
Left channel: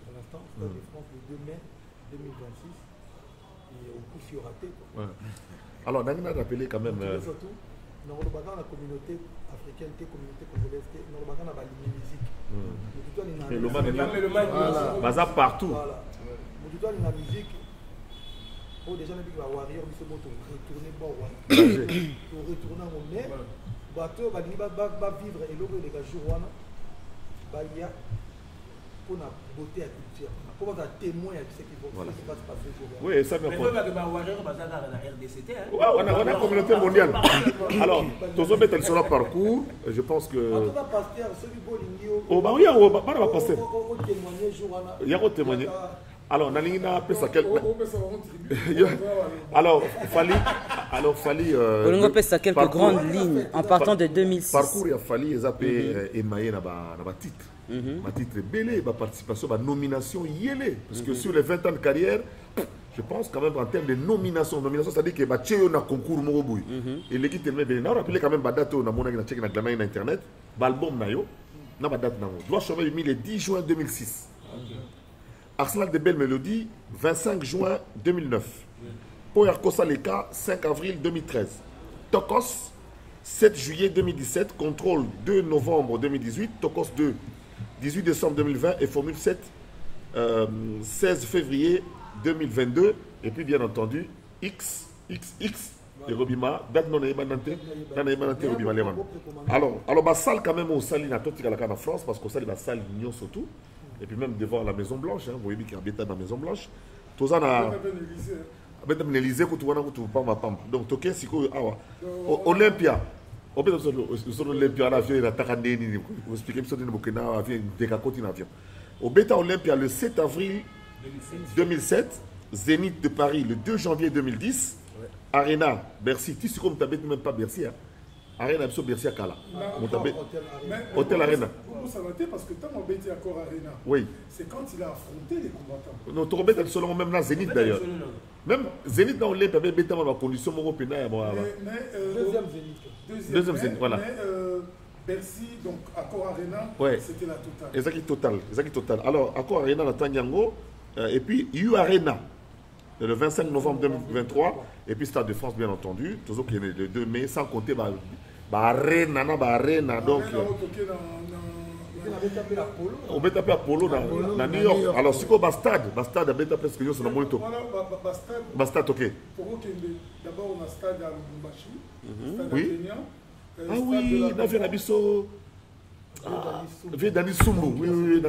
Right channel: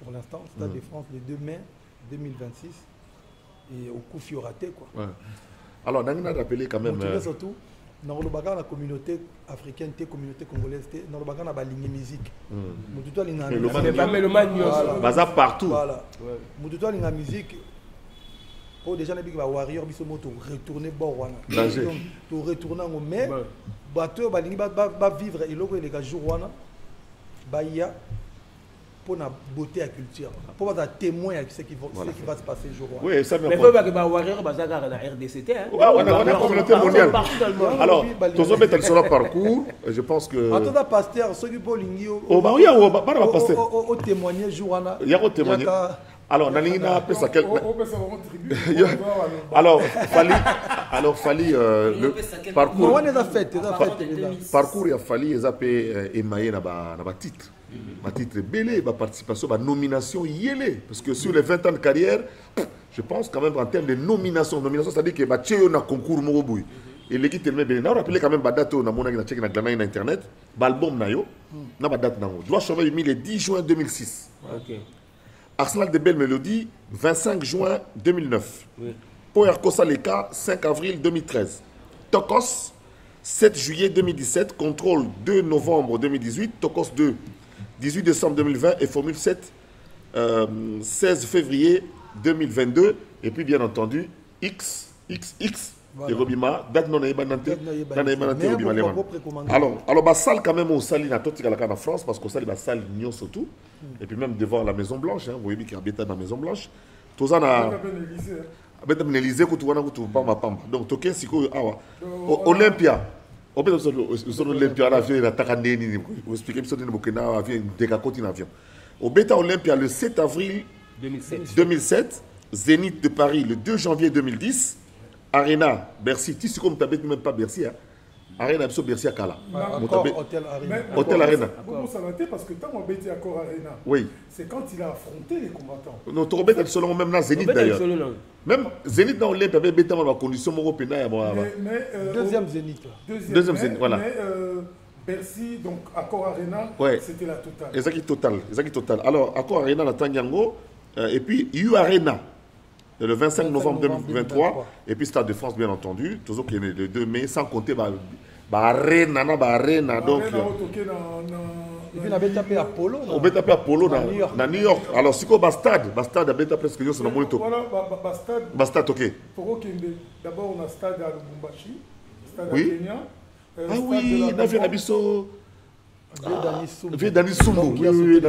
pour l'instant, Stade de France le 2 mai 2026, et au coup, il y aura quoi. Ouais. Alors, on a rappelé quand même. Surtout, dans le bagage, la communauté africaine, la communauté congolaise, dans le bagage, on a ligne musique. Baza partout. Voilà. La musique. Oh, déjà, les warriors, ils sont retourner bon. Pour retourner au mai, bateau va vivre et l'autre, les gars, jour, il y a pour la beauté et la culture, pour être témoin de ce qui va se passer jour. Oui, ça mais il faut que les warriors basent dans la RDCT. On a la communauté mondiale. Alors, tous les méthodes sur le parcours, je pense que. En tout cas, pasteur, ceux qui peuvent oh, bah oui, on va passer. Au témoigner jour. Il y a un témoigner. Alors, Nalina appelle ça quel. Alors, Fali. Parcours. En partant de 2006. Parcours, il a fallu les appeler émaillé dans le titre. Ma titre belé, ma participation, ma nomination yélé. Parce que sur les 20 ans de carrière, je pense quand même en termes de nomination, c'est-à-dire que tu as un concours Moroboui. Et l'équipe est bien. On rappelle quand même la date où on a checké dans Internet, l'album Nayo, on a date Nayo. Doit changer le 10 juin 2006. Arsenal de Belles Mélodies, 25 juin 2009. Power Kosa Leka, 5 avril 2013. Tokos, 7 juillet 2017. Contrôle, 2 novembre 2018. Tokos 2, 18 décembre 2020. Et Formule 7, 16 février 2022. Et puis, bien entendu, XXX. Et Robima, date non ébanante, Robima Lewan. Alors, ma salle quand même au salle en France, parce qu'au salle, ma salle Nyon surtout. Et puis même devant la Maison Blanche, vous voyez qu'il y a dans la Maison Blanche. Tout ça, donc, toqué, c'est quoi Olympia. Olympia, l'avion, il a taqué, vous expliquez, il y a un avion, décacotine avion. Au Beta Olympia, le 7 avril 2007, Zénith de Paris, le 2 janvier 2010. Arena, Bercy, tu sais comme tu n'habites même pas Bercy. Arena, c'est Bercy à Kala. Hôtel Arena. Comment ça va être parce que tant qu'on à Accor Arena, oui. C'est quand il a affronté les combattants. Non, tu remets selon même là, Zénith d'ailleurs. Même Zénith dans l'Olympe avait bêté dans la condition européenne. Deuxième Zénith. Deuxième Zénith, voilà. Mais Bercy, donc Accor Arena, c'était la totale. Exact total. Alors, Accor Arena, la Tanyango, et puis U Arena. Le 25 novembre 2023, et puis Stade de France, bien entendu, toujours qui est le 2 mai, sans compter Arena, donc. Il avait tapé Apollo. On avait tapé Apollo dans New York. Alors, c'est quoi Stade avait tapé ce que nous sommes monito. Voilà, Stade, ok. D'abord, on a Stade à Lubumbashi, Stade à oui. Kenya. Ah oui, on a vu Nabiso. Vieux Dani Sumbu. Oui.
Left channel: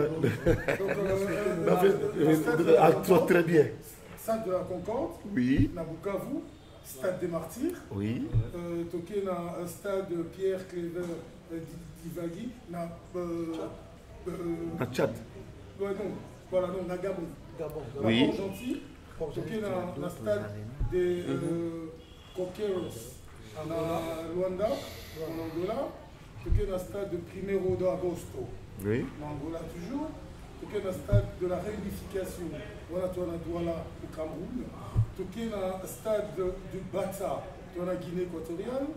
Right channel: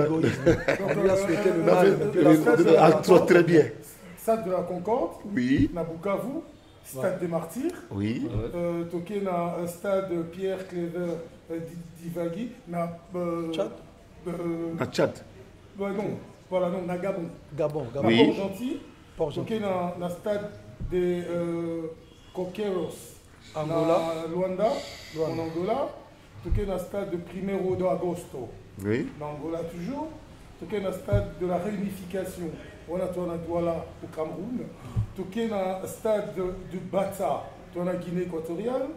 Très bien. Stade de la Concorde, oui. Nabukavu, Stade des Martyrs, oui. Toké na Stade Pierre Cléver Divagui, na Tchad. Non, voilà, non, na Gabon. Oui. Toké na Stade des Coqueiros, na Luanda, en Angola. Toké na Stade de 1er de Agosto, oui. En Angola toujours. Toké na Stade de la Réunification. On a Douala au Cameroun, toqué dans le stade de Bata, dans la Guinée équatoriale,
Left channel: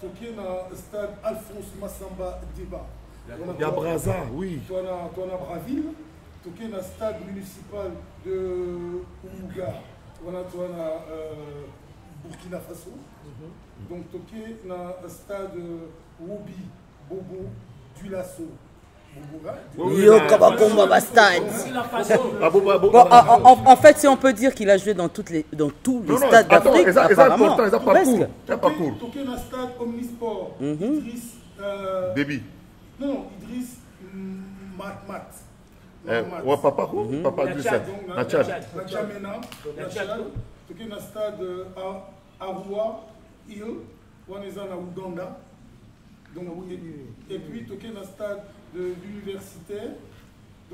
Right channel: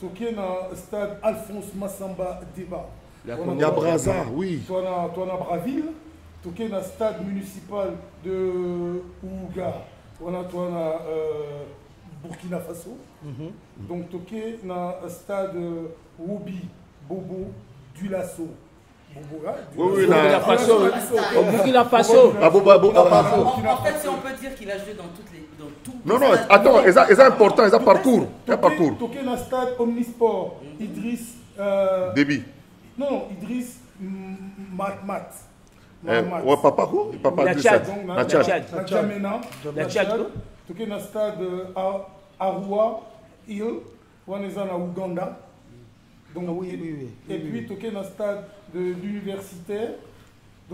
toqué dans le stade Alphonse Massamba Déba. Il y a Braza, oui. Toi à Braville, toqué dans le stade municipal de Ouga, on a Burkina Faso. Donc toqué dans le stade Woubi, Bobo, Dulasso. Oui, Burkina Faso. En fait, si on peut dire qu'il a joué dans tous les stades. Attends, c'est important, c'est parcours. Toqué dans le stade Omnisport, Idriss. Déby. Non, Idriss Mat. Ouais, papa quoi? Papa du Tchad. Na Djamena. Toqué dans le stade Arua, Hill, on est en Ouganda. Donc, et puis toqué dans le stade de l'universitaire,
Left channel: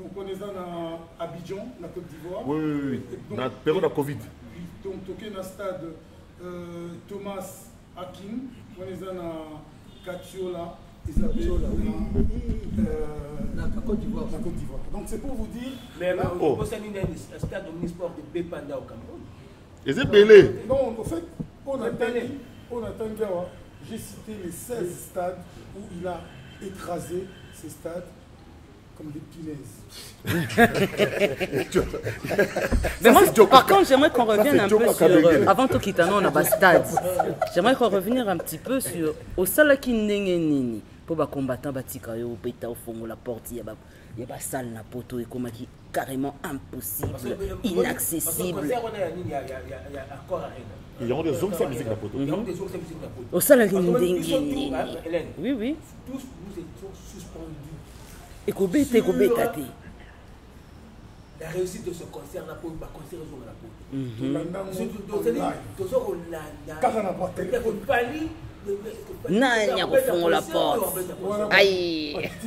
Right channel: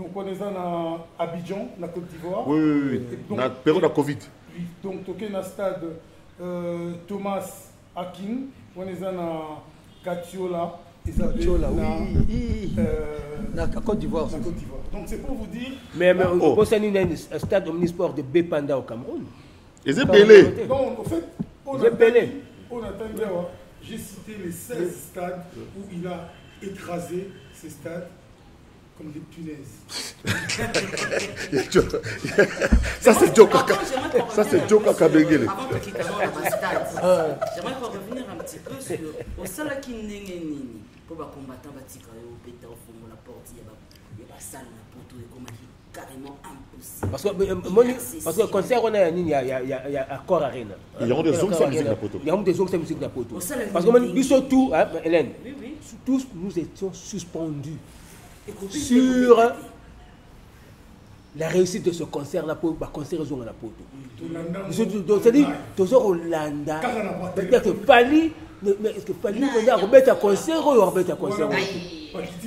Donc on est à Abidjan, la Côte d'Ivoire. Oui. Donc, Na période de Covid. Donc toqué na stade Thomas Akin, on est à Katiola, Isabelle, la Côte d'Ivoire. Donc c'est pour vous dire. Mais on possède un stade omnisport de Bépanda au Cameroun. Et c'est belé. Non, en fait, j'ai cité les 16 stades où il a écrasé ces stades comme des punaises. Ça c'est Djoko. Par contre, j'aimerais qu'on revienne un peu sur... Avant de quitter le stade, j'aimerais qu'on revienne un petit peu sur au Salaki Nini pour les combattants Batika au Beta au fond la porte il y a pas salle na poto et comme qui carrément impossible. Parce que le concert on a il y a accord arena. Il y a des zones sans musique na poto. Il y a des zones sans musique na poto. Au Salaki parce que nous sommes tous Hélène. Oui. Tous nous étions suspendus. Sur la réussite de ce concert-là pour le concert de la poto. C'est-à-dire, tous au Hollanda, peut-être que Pali, mais est-ce que Pali a un concert ou un concert?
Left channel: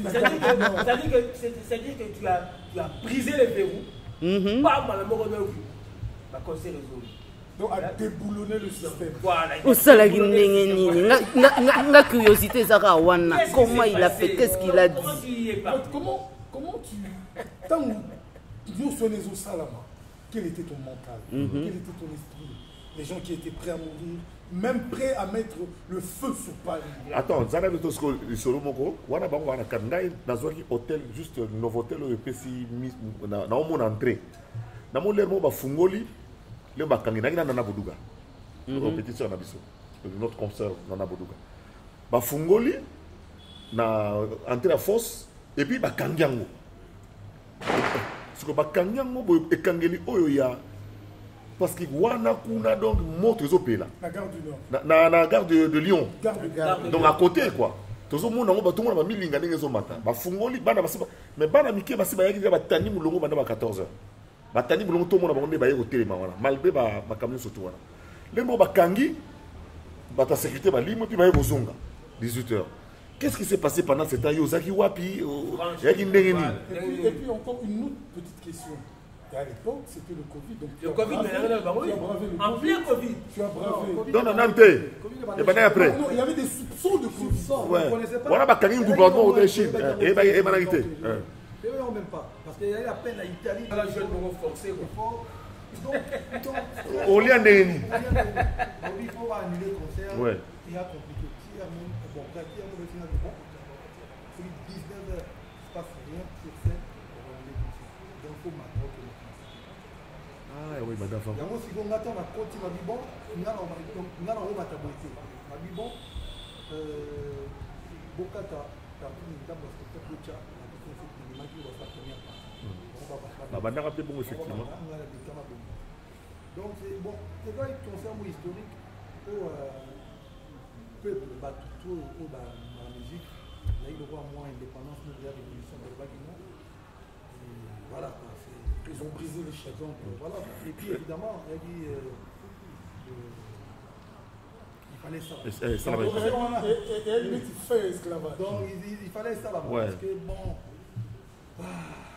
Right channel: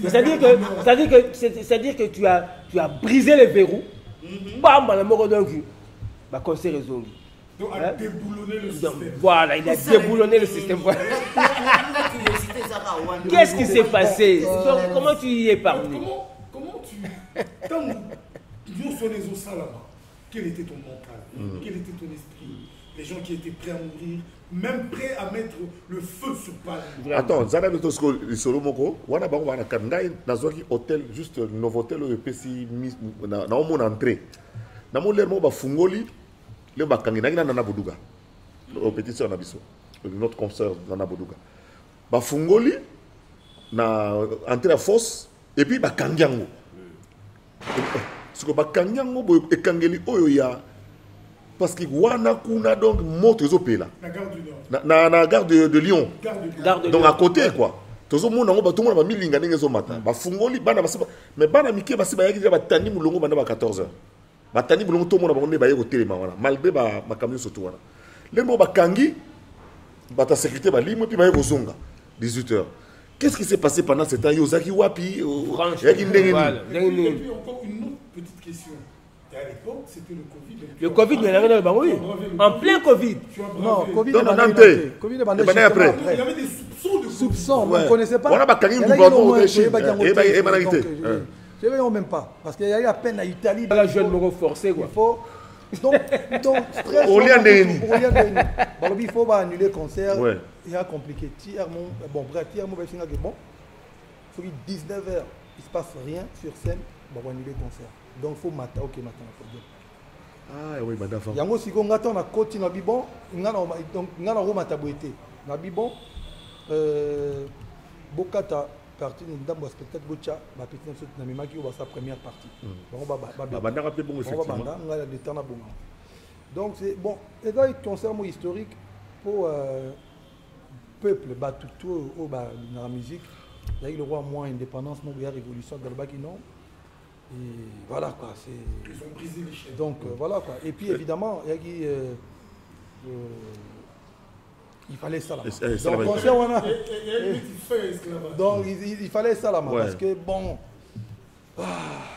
C'est-à-dire que tu as brisé les verrous, bam, la mort d'un cul, le concert est zone. Donc, à déboulonner le système. Voilà, il a déboulonné le système. La curiosité, Zara Wana. Qu'est-ce qui s'est passé? Comment tu y es parvenu? Comment tu... Quand nous sommes au Salama, quel était ton mental? Quel était ton esprit? Les gens qui étaient prêts à mourir, même prêts à mettre le feu sur Paris. Attends, Zana de Tosco, Solo Moko, Wana Bango, Wana Kandaï, dans un hôtel, juste Novotel, le PC, dans mon entrée. Dans mon l'air, moi, Fungoli. Le bakangi na Nana Boudouga au petit sœur Nabiso notre concert Nana Boudouga ba fungoli na entrée à fosse et puis bakangiango ce que bakangiango bo ekangeli oyo ya parce que wana kuna donc moto ezopela la gare du Nord na gare de Lyon donc à côté quoi tozo mona ngo ba tout mona ba milinga ndenge zo mata ba fungoli bana basiba mais bana mike basiba yaki ba tani mulongo bana ba 14h batani bulongo to mona bango baye ko telema wana malgré ba camion surtout wana lembo bakangi bata sécurité ba limo puis baye ko zonga 18h. Qu'est-ce qui s'est passé pendant ce temps? Yozaki wapi yaki ndengeni. Et puis encore une autre petite question. Et à l'époque, c'était le Covid. Le Covid, mais en plein Covid. Non, après. Il y avait des soupçons de Covid. On ne connaissait pas. Voilà, bakangi gouvernement au Chine. Et managité. Je ne même pas, parce qu'il y a eu à peine à Italie. La jeune me forcé quoi. Donc au lieu d'Eni. Il faut annuler le concert. Ouais. Il y a compliqué. Bon, bref, il y a bon. Il faut 19h, il ne se passe rien sur scène, on va annuler le concert. Donc il faut mater, ok, ah oui, madame. Il y a aussi qu'on attend la côte, on a dit bon, on a Roma tabouété. On a dit bon, Bokata. Partie de la spectacle Gocha, la petite na mimaki ou sa première partie. Donc c'est bon, et là il concerne mon historique pour peuple tout au dans la musique. D'ailleurs le roi moins indépendance, nous la révolution de Bakino. Et voilà quoi, c'est ils ont brisé les chaînes. Donc voilà quoi. Et puis évidemment, il y a il fallait ça là. Donc il fallait ça là, parce que bon.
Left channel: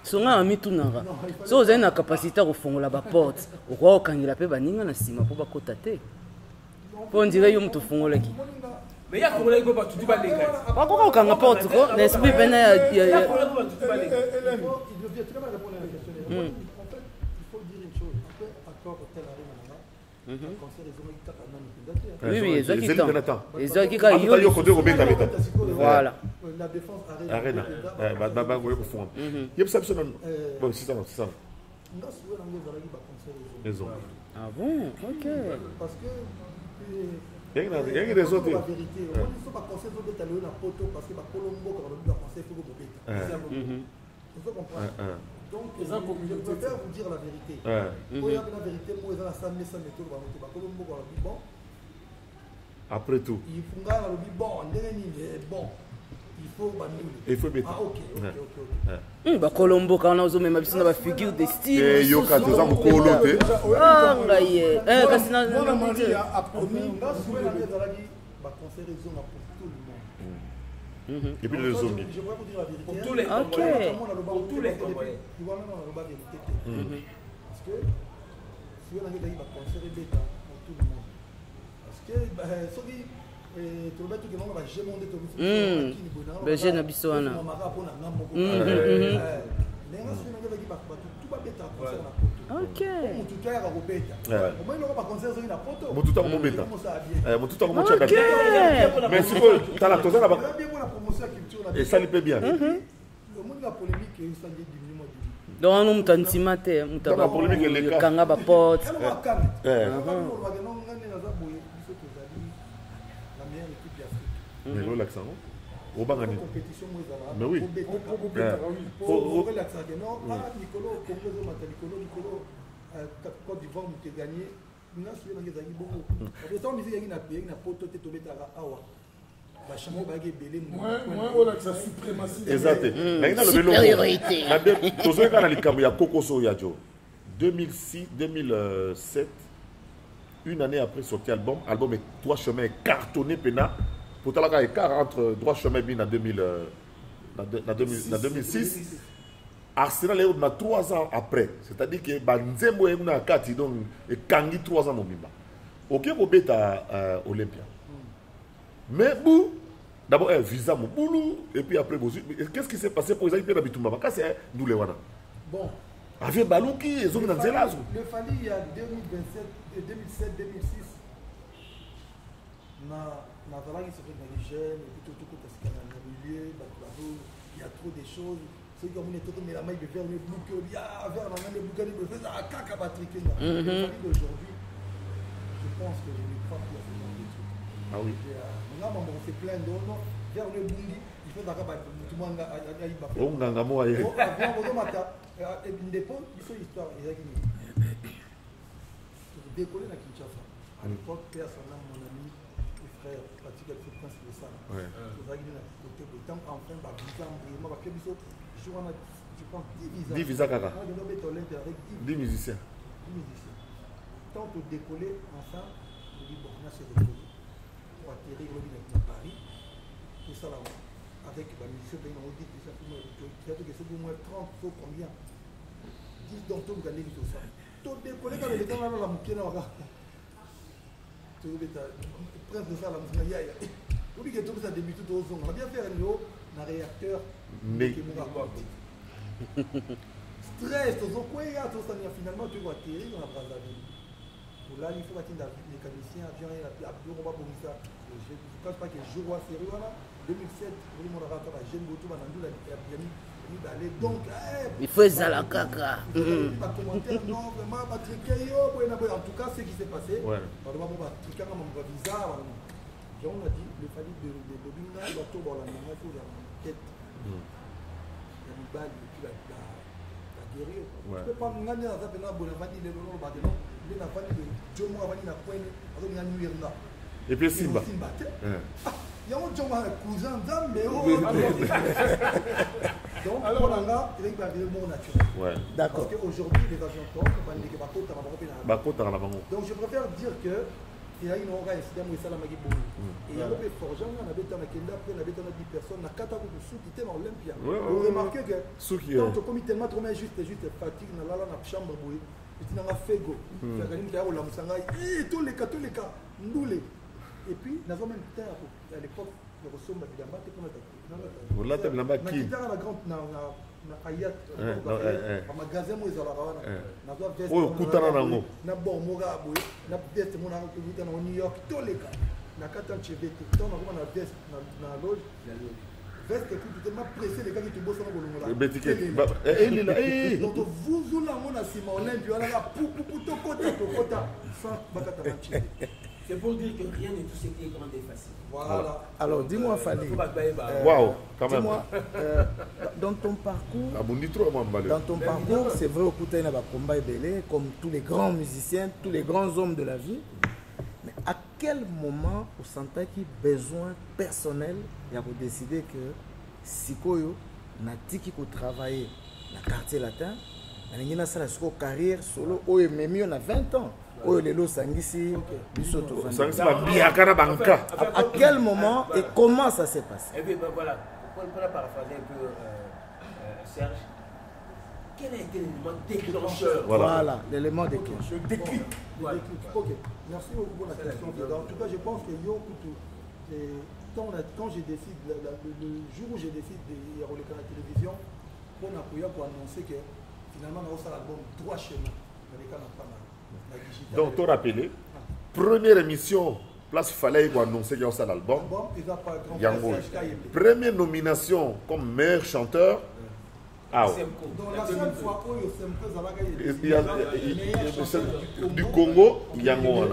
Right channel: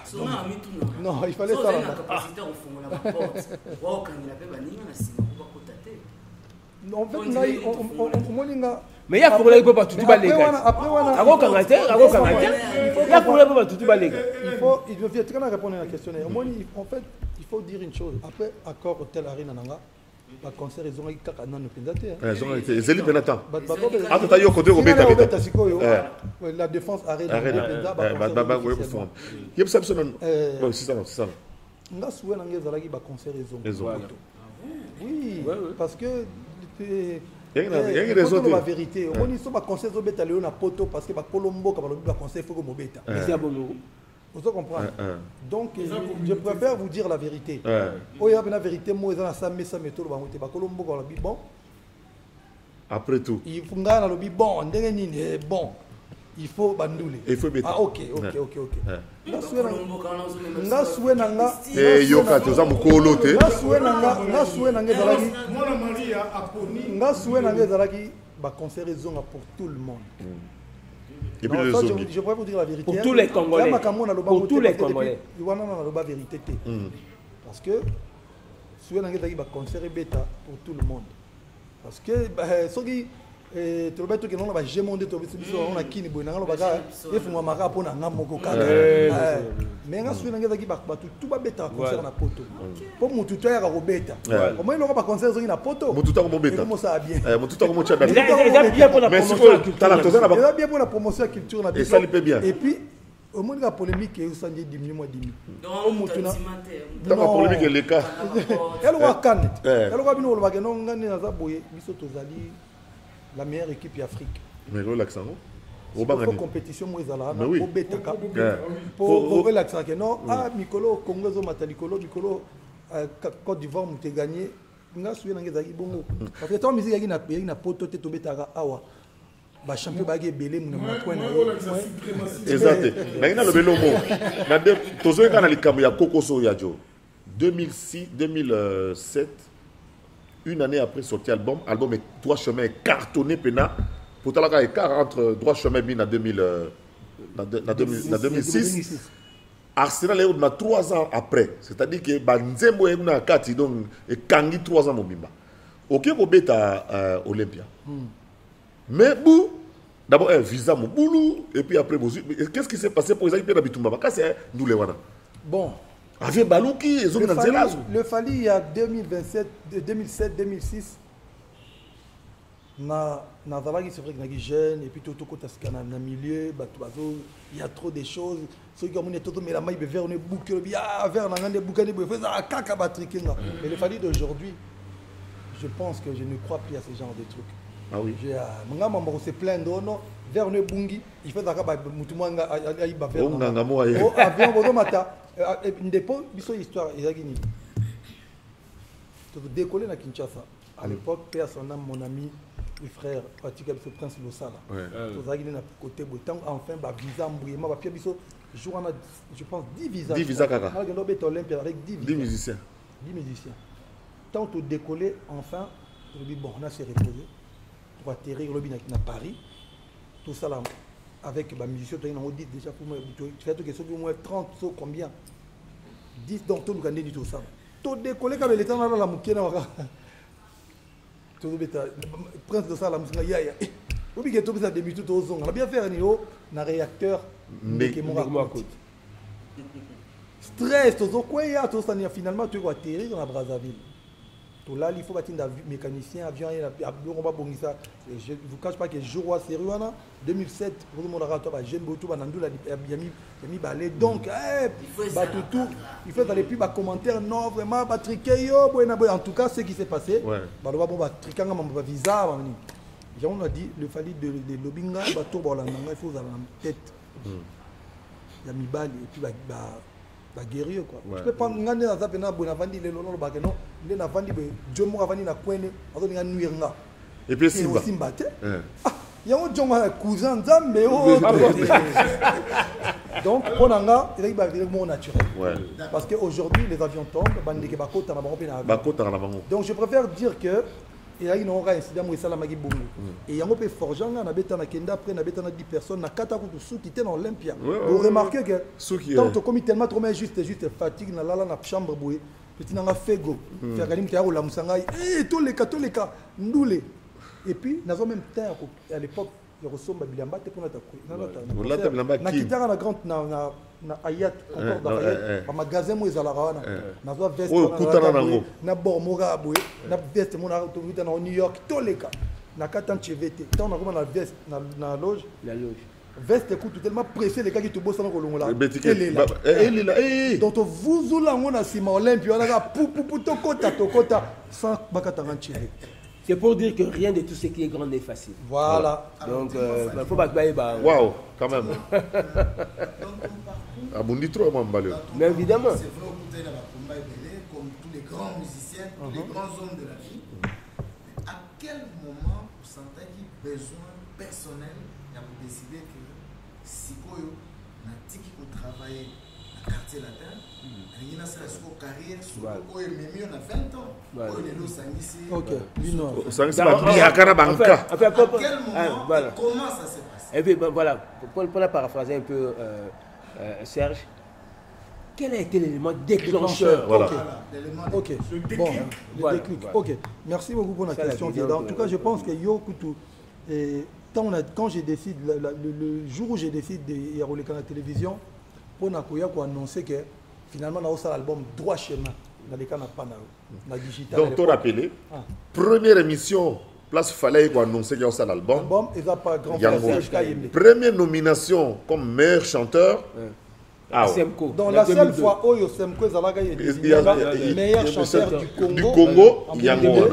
Songa amitu nanga. So vous avez une capacité au fond la porte. Roi quand il a fait baninga na sima pour bakota te. On dirait yum to fond là. Mais il y a pour les pas tout ba les gars. Comment quand il y a pour les pas tout ba les gars. Il devait très bien répondre à la question. En fait, il faut dire une chose. Après accord hôtel Arena nanga. Le concert ils ont eu caca non le Zeli Benatan. Voilà. La défense Arena. Baba goye ko fond. Yeb ça non. Bon c'est ça. Nga souhait nanga zalaki ba concert ils ont. Ah bon? Parce que il y a des autres. La vérité, on y sont pas concert zo beta léo na poto parce que ba Colombo ka ba concert faut ko beta. Vous comprenez? Donc, je préfère vous dire la vérité. Oh, il y a la vérité, moi, dans ça, mais ça, mais tout le monde, bon. Après tout. Il faut que bon. Il faut annuler. Il faut mettre. Ah, ok. Bah, Colombo, quand on a même si on va figure des styles. Et Yoka, tu as mon coloté. Moi, la Marie a appris. Nga souhait na les alaki ba concert pour tout le monde. Et puis les zombies. Je pourrais vous dire la vérité. Pour tous les Congolais. Pour tous les Congolais. Parce que si on a un concert bêta pour tout le monde. Parce que ceux qui tu vas tout que non va jamais monter tout ça on a qui ni bonanga va mara pona ngamo ko mais nga suina ngeza ki ba tout ba bêta concert na poto pour mon tuteur à bêta au moins il va pas concert sur na poto mon tuteur mo bêta comment ça bien mon tuteur mo tchada mais si tu la toza na bien pour la promotion culture na et ça lui paie bien et puis au moins la polémique et ça dit diminuer moi diminuer donc on tantimate donc la polémique est le cas kanga ba pote elle va canne elle va bino va que non ngani na za boye biso tozali la meilleure équipe afrique. Mais relaxant. Pour compétition, mais oui. Pour relaxer, non, ah, Nicolo, Congo, Matalicolo, Nicolo, Côte d'Ivoire, nous t'ai gagné. Nous avons suivi les bon. Parce que toi, musique, il y a une poto, tu es tombé à Awa. Bah, champion bagé, belé, nous. Exact. Mais il y a le vélo. Tous les cas, il y a Coco Soyajo. 2006, 2007. Une année après sorti album est Droit Chemin est cartonné pena. Pourtant là écart entre Droit Chemin bien en 2006. Arsenal est 3 ans après. C'est-à-dire que Banzembo est na kati donc et Kangi 3 ans mobimba. OK pour beta Olympia. Mais bou d'abord un visa mon boulou et puis après qu'est-ce qui s'est passé pour les gens Bitumba parce que c'est nous les wana. Bon. Avec Balouki, ils ont le Fali il y a 2027, 2007, 2006. Na Zavagi c'est vrai que les jeunes et puis tout côté dans le milieu, il y a trop de choses. Ceux qui ont mis tout mais la maille vers on est bouqué, ah vers on a des bouquets de bouquets, ça caca batriquer là. Le Fali d'aujourd'hui, je pense que je ne crois plus à ce genre de trucs. Ah oui. On se plaint de non. Vers on est bungi, il faut d'accord mutumanga ayi ba vers. Oh nganga mo aye. Oh avion bozo mata. Indépendant, biso histoire ezaki ni. Donc décoller na Kinshasa. À l'époque, père son âme, mon ami et frère, Patrick le prince de Sala. Ezaki na côté botan enfin ba visa mbouima ba pia biso jour on a je pense 10 visas. 10 visas kaka. Avec no beto Olympia avec 10 musiciens. 10 musiciens. Tant de décoller enfin, je dis bon, on a se reposer pour atterrir au lobby à Paris. Tout ça là avec la musicien, tu as dit déjà pour moi, tu fais que c'est au moins 30 ou combien 10 donc tout le gagné du tout ça. Tout décollé quand il était dans la mouquette, tout le prince de ça, la musique, ya. Ou bien tout ça débute tout au son. On a bien fait un niveau, un réacteur, mais stress, tout quoi, tout ça, finalement, tu vas atterrir dans la Brazzaville. Tout là, il faut bâtir des mécaniciens, avions, on va bonner ça. Je ne vous cache pas que je vois sérieux, 2007, pour le monde à rater, j'ai beaucoup de balai. Donc, il faut ça la caca. Il faut aller plus bas commentaire. Non, vraiment, Patrick, en tout cas, ce qui s'est passé, on va triquer un visa. On a dit, le fallait de l'obinga, il faut avoir en tête. Il y a mis balle et puis guerrier quoi. Tu peux pas ngane na ça pena bona vandi le lolo ba non, le na vandi be jomo vandi na kwende, azo nga nuire nga. Et puis Simba. Simba te. Ah, il y a un jomo cousin Nzambe oh. Donc on a il va venir mon naturel. Parce que aujourd'hui les avions tombent, bandi ke bakota na bango pena. Bakota na bango. Donc je préfère dire que il y a une aura incident où ça la magi boum. Et il y a un peu forgeant na beta na kenda après na beta na 10 personnes na kata ko sou qui était dans Olympia. Vous remarquez que tant que comme tellement trop mais juste fatigue na lala na chambre boué. Petit na fego. Faire galim kia la musanga tous les cas ndoulé. Et puis na zo même terre à l'époque le ressemble bilamba te pour na. Voilà te bilamba qui. Na grande na ayat na magasin mo ezala wana na zo veste o kutana nango na bormoga boye na veste mo na to vita na New York toleka na katan chevete tant na na veste na loge veste écoute tellement pressé les gars qui te bossent dans kolongola donc vous ou là on a sima Olympia on a pou to kota sans bakata ranchire. C'est pour dire que rien de tout ce qui est grand est facile. Voilà. Alors dis-moi, il faut pas que waouh, quand même. Dans ton parcours. Ah bon, dis trop moi Mbalé. Mais évidemment, c'est vrai au côté na combat belé comme tous les grands musiciens, tous les grands hommes de la vie. Mais à quel moment vous sentez qu'il y a besoin personnel, il a décidé que sikoyo na tiki pour travailler le quartier latin. Il y a une carrière solo, où il m'a mis on a 20 ans. Où il est là, Sangisi. À quel moment et comment ça s'est passé? Et puis voilà, pour la paraphraser un peu, Serge, quel a été l'élément déclencheur? Voilà, l'élément déclencheur. Le déclic. Voilà. Ok, merci beaucoup pour la question. En tout cas, je pense que quand je décide, le jour où je décide de rouler à la télévision, on a annoncé que finalement, on a aussi l'album droit chez nous, dans les cas de digital. Donc, tu as rappelé, première émission, place fallait qu'on annonce qu'il y a aussi l'album. Première nomination comme meilleur chanteur. Donc, la seule fois où Semko il y a meilleur chanteur du Congo, Yango.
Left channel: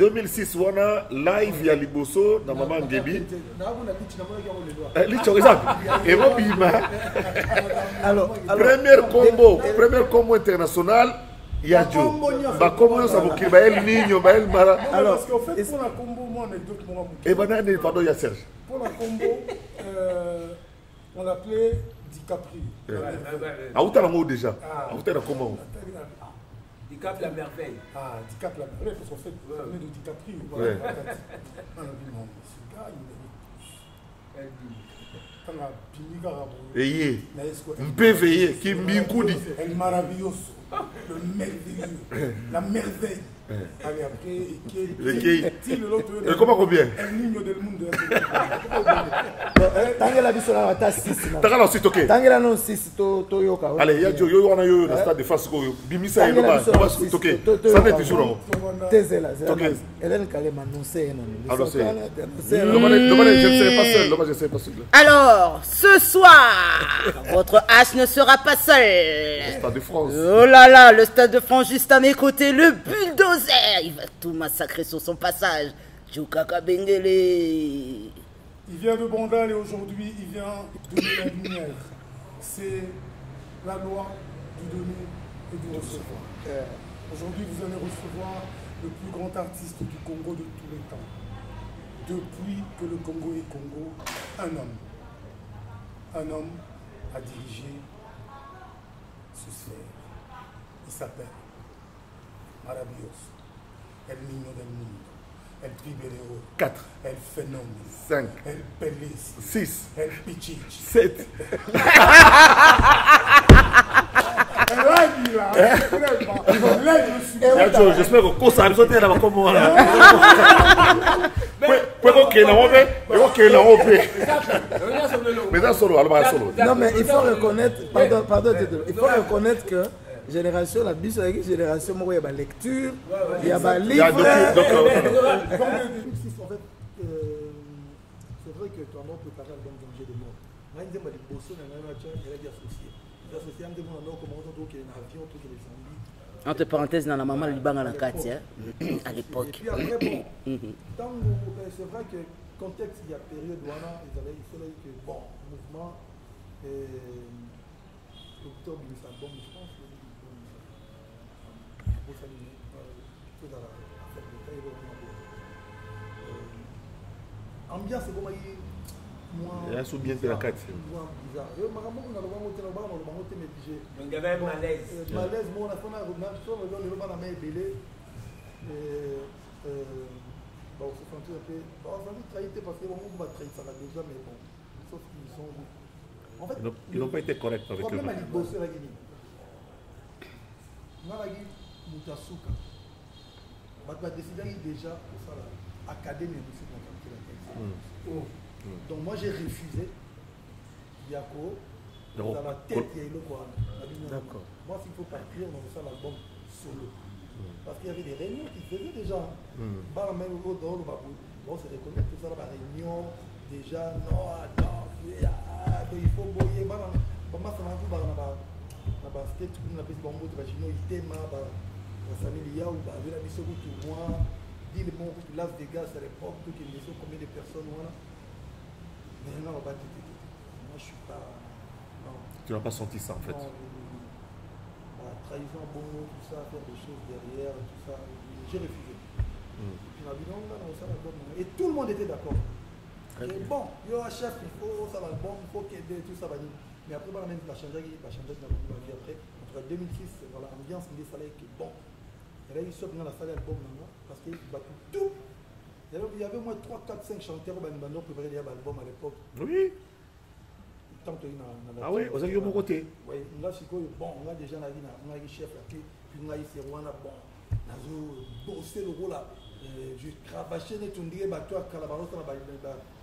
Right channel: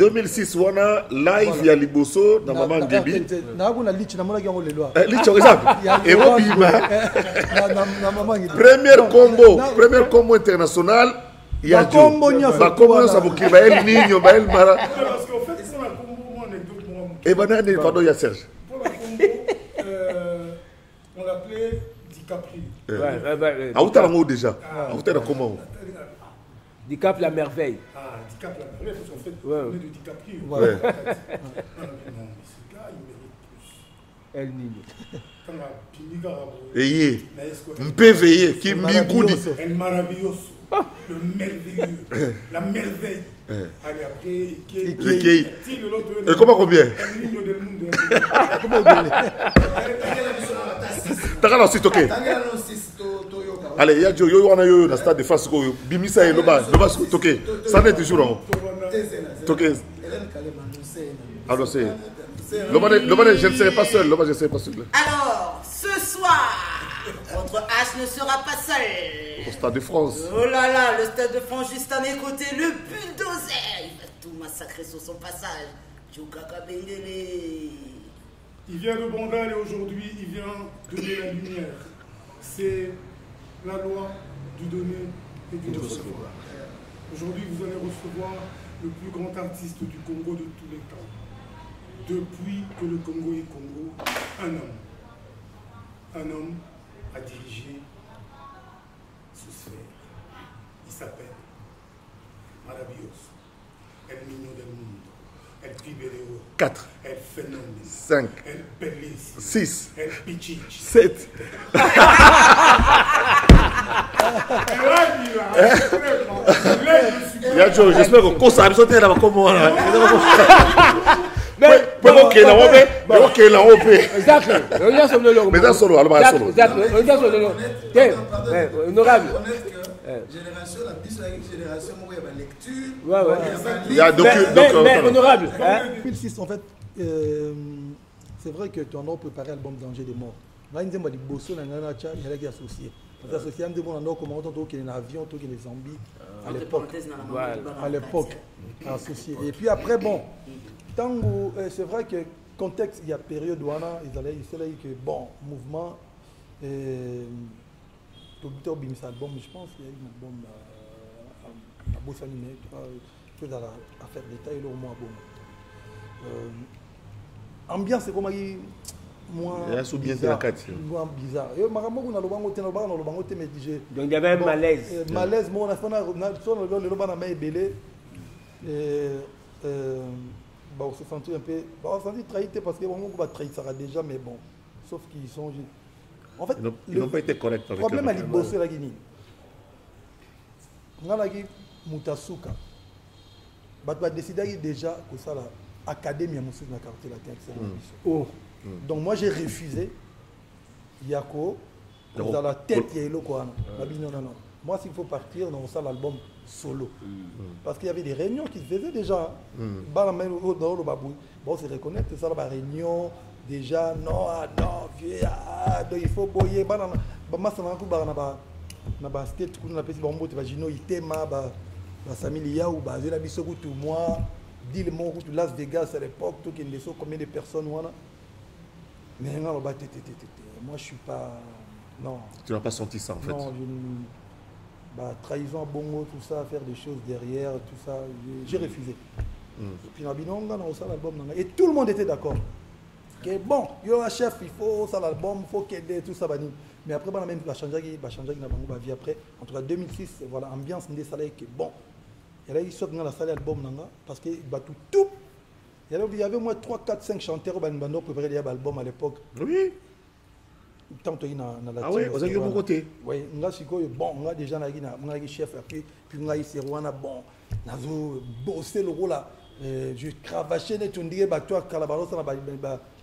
2006, on a live il y a Liboso dans Maman Ngebi. Et premier combo international. Il y a Joe. Comment ça vous dit? El Niño, El Mara. Parce qu'en fait, pour la combo, moi, anecdote, moi, et maintenant, pardon, il y a Serge. Pour la combo, on l'appelait DiCaprio. Ah, où t'as l'amour déjà? Ah, où t'as comment? DiCap la merveille. Ah, DiCap la merveille, parce qu'en fait, on est de DiCaprio. Ouais. Non, ce gars, il mérite plus. Ayez. M'péveillé, qui m'incoudi. El maravilloso. Le merveilleux. La merveille. Allez, après, qui et comment combien? El niño del mundo. T'as la suite, ok. Allez, il y a Joe, yo, on a eu le stade de face. Bimisa et Loba, ok. Ça n'est toujours en ok. Alors, c'est. Je ne serai pas seul. Loba, je ne serai pas seul. Alors, ce soir, votre H ne sera pas seul. Au Stade de France. Oh là là, le Stade de France juste à mes côtés, le bulldozer. Il va tout massacrer sur son passage. Djoukaka Bengele. Il vient de Bandal et aujourd'hui, il vient donner la lumière. C'est la loi du donner et du recevoir. Aujourd'hui, vous allez recevoir le plus grand artiste du Congo de tous les temps. Depuis que le Congo est Congo, un homme. Un homme a dirigé ce sphère. Il s'appelle Maravilloso, El Niño del Mundo, El Pibeleo, 4, El Phénomène, 5, El Pelé, 6, El Pichichi. 7. J'espère que ça a sauté là comment là. Mais dans solo, alors solo. Pardon, il faut reconnaître que génération, la bis avec une génération, il y a la lecture, il y a honorable. 2006, en fait, c'est vrai que tu en as préparé l'album Danger des morts. Là, il y a des bosses, il y a des associés. Les associés, il y a des comment on qui est un avion, qui est des zombies. Entre parenthèses, dans la maman, il bang à l'époque. Et puis après, bon, c'est vrai que contexte, il y a période où il fallait que, bon, mouvement, le docteur Bimis album, je pense qu'il y a eu un album à Bossaline, chose à faire détail, au moins, bon. Ambiance, c'est comme il y a un bien de la carte. Bizarre. Donc il y avait un malaise. Malaise, bon, on a fait un belé. On se sentit un peu. On s'est sentit trahi parce que on va trahir ça déjà, mais bon. Sauf qu'ils sont. En fait, ils n'ont pas été corrects avec le problème à l'Ibosé, la Guinée. On a dit Moutasuka. On a décidé déjà que ça, l'académie a montré dans la quartier. Donc moi j'ai refusé Yako dans la tête il y a quoi. Moi s'il faut partir dans ça l'album solo parce qu'il y avait des réunions qui se faisaient déjà dans le babou bon c'est reconnaître que ça la réunion déjà non il faut boyer bah ma ça va pour na basket on appelle ça bombo tu vas gino itema ba familia ou ba la biso tout moi dit le mot Las Vegas à l'époque tout qui laissait combien de personnes voilà. Mais non, moi je suis pas. Non. Tu n'as pas senti ça en fait? Non, trahison, bongo, tout ça, faire des choses derrière, tout ça, j'ai refusé. Et puis on a ça l'album. Et tout le monde était d'accord. Et bon, il y a un chef, il faut ça l'album, il faut qu'aider, tout ça. Mais après, même la changer dans la vie après. En tout cas, 2006, voilà, ambiance des salaires qui est bon. Et là, il sort dans la salle album parce que tout. Il y avait au moins 3, 4, 5 chanteurs qui ont préparé l'album à l'époque. Oui. Tant que ah oui, vous avez mon côté. Oui, on a déjà un chef, puis on a ici, on a bon, on a bossé le rôle là. Je cravaché, on dirait que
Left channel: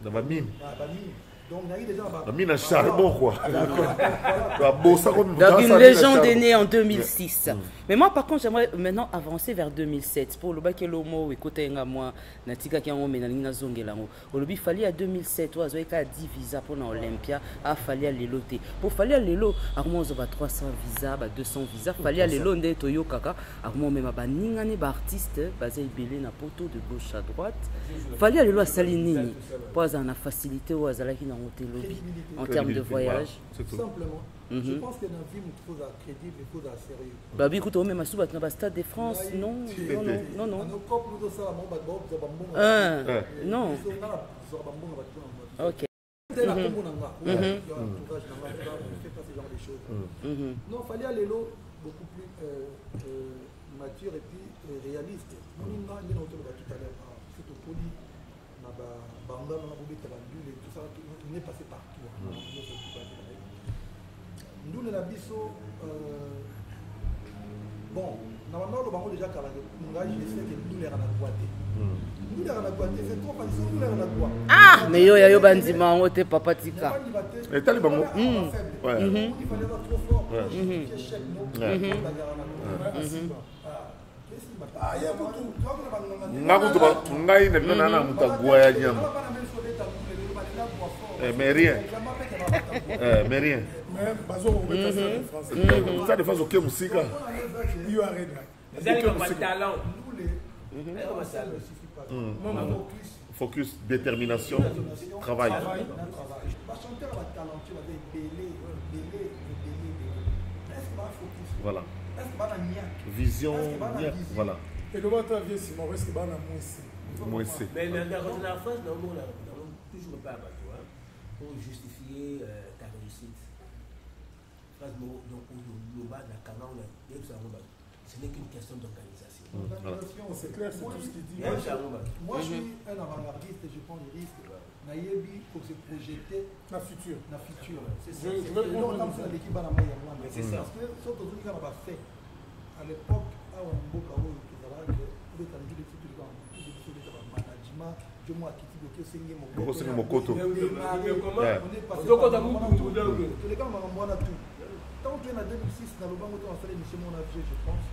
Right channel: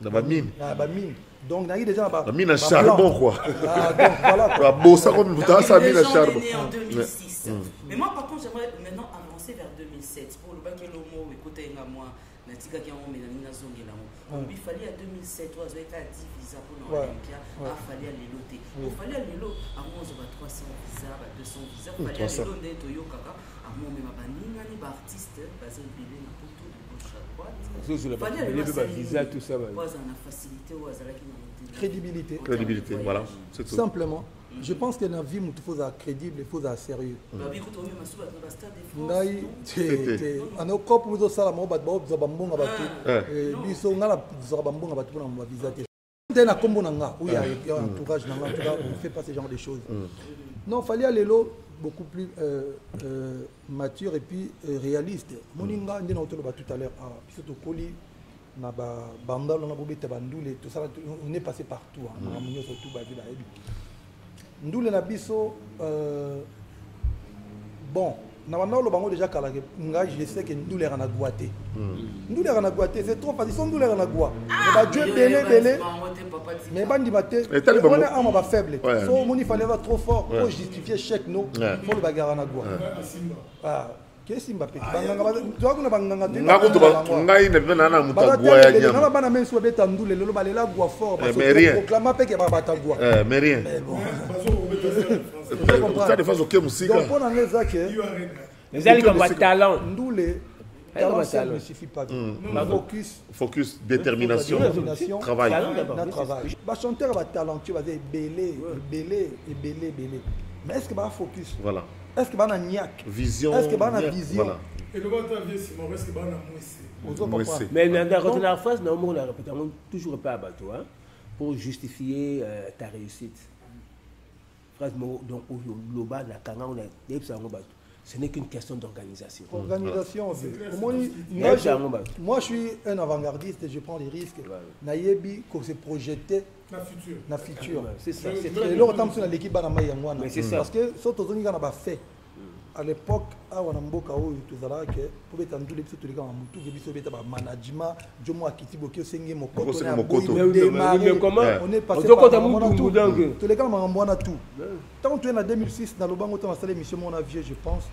dans la mine. Donc, il y a déjà la mine à charbon, quoi. Une légende est née en 2006. Mais moi, par contre, j'aimerais maintenant avancer vers 2007. Pour le bac et l'homo, écoutez, moi, Natika qui a emmené la Zongelango. Il fallait à 2007, il y a 10 visas pour l'Olympia, il fallait aller loter. Pour fallait aller loter, il y a 300 visas, 200 visas, il fallait aller loter Toyo Kaka, il y a même un artiste basé belé na poto de gauche à droite. Il fallait aller loter à Salini. Pour avoir une facilité ou crédibilité en termes de voyage. Simplement. Je pense que dans la vie, il faut être crédible, il faut être sérieux. Bah, écoute, on même à le Stade de France, non? Non, non. Quand vous avez ça, vous avez non. Ils sont là, vous avez dès la combonanga, où il y a un entourage, on ne fait pas ce genre de choses. Non, il fallait aller là beaucoup plus mature et puis réaliste. On est tout à l'heure, surtout Poli, on est passé partout. Nous les nabiso bon normalement le bango déjà calé je sais que nous les ranaguaté nous les ranaguaté c'est trop parce que nous les ranaguaté ah mais yo bandima on te papa tika mais bandima te et tali bango on va faible on il fallait être trop fort pour justifier chèque nous pour bagarre ranaguaté ah qu'est-ce Mbappé ngai na mutagwa ya nyama mais rien mais rien ça de façon que musique les alliés comme talent ne suffit pas focus détermination travail chanteur va talentueux va belé mais est-ce que va focus voilà est-ce que va na niaque vision est-ce que va na vision voilà et le bateau vient c'est mauvais que va na moins mais dans la phrase non on a toujours pas à bateau pour justifier ta réussite phrase donc au bas la kanga on a ce n'est qu'une question d'organisation. Organisation, c'est clair. Moi, je suis un avant-gardiste et je prends des risques. Nayebi, qu'on s'est projeté la future. C'est ça. Mais c'est ça. Parce que ce que nous avons fait à l'époque, à Wanamboka, où tout ça là, que pour être en tous les petits trucs, tout ce qui est management, je m'en quitte beaucoup, c'est mon coteau. Mais comment on est passé par tous les gars, on a tout. Tant que tu es en 2006, dans le banc, on a installé l'émission Mon Avier, je pense.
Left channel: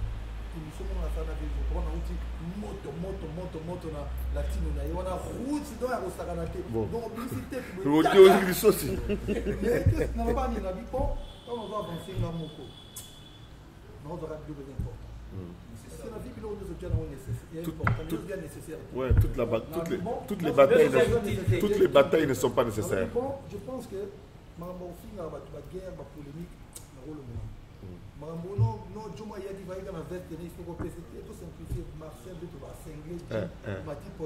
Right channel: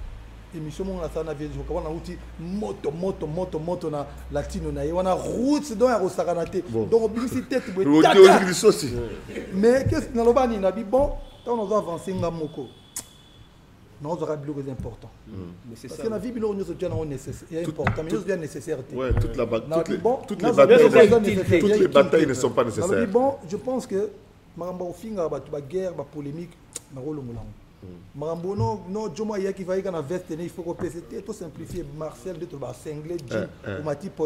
L'émission Mon Avier, je crois, on a outil moto na latino on a route dans la Saranate. Donc, publicité, mais qu'est-ce que nous avons dit? Bon, quand on va avancer, on a moko. Non, on aura plus important. Mais c'est ça. Parce que la vie, c'est important, mais c'est bien nécessaire. Ouais, toutes les batailles ne sont pas nécessaires. Bon, je pense que Marambo Finga, la guerre, la polémique, le rôle Marambo, non, Joma Yaki va y avoir une veste, il faut que c'était tout simplifié. Marcel, de va cingler,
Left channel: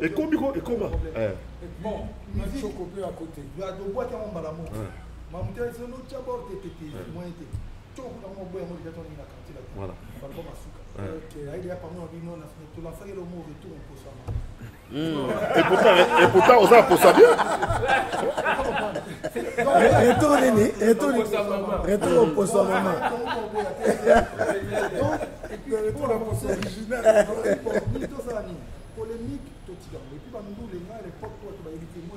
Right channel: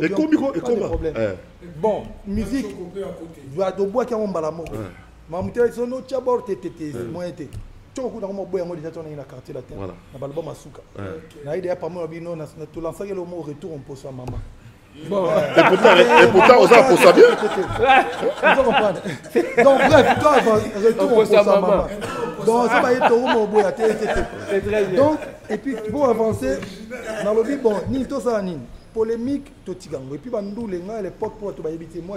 et comment bon, musique, il y a des bois qui ont mal à mort. Mamouté, ils sont nos tchabors, tété, moins été. Tu as un peu de temps dans la quartier là. Voilà. On va le bomber à Souka. Là, il y a pas mal de non, tu lances le mot retour, on pose à maman. Et pourtant, on a pour ça bien. Donc, retour, on pose à maman. Donc, et puis, pour avancer, bon, ni tout ça, ni polémique, tout ça. Et puis, à l'époque, moi,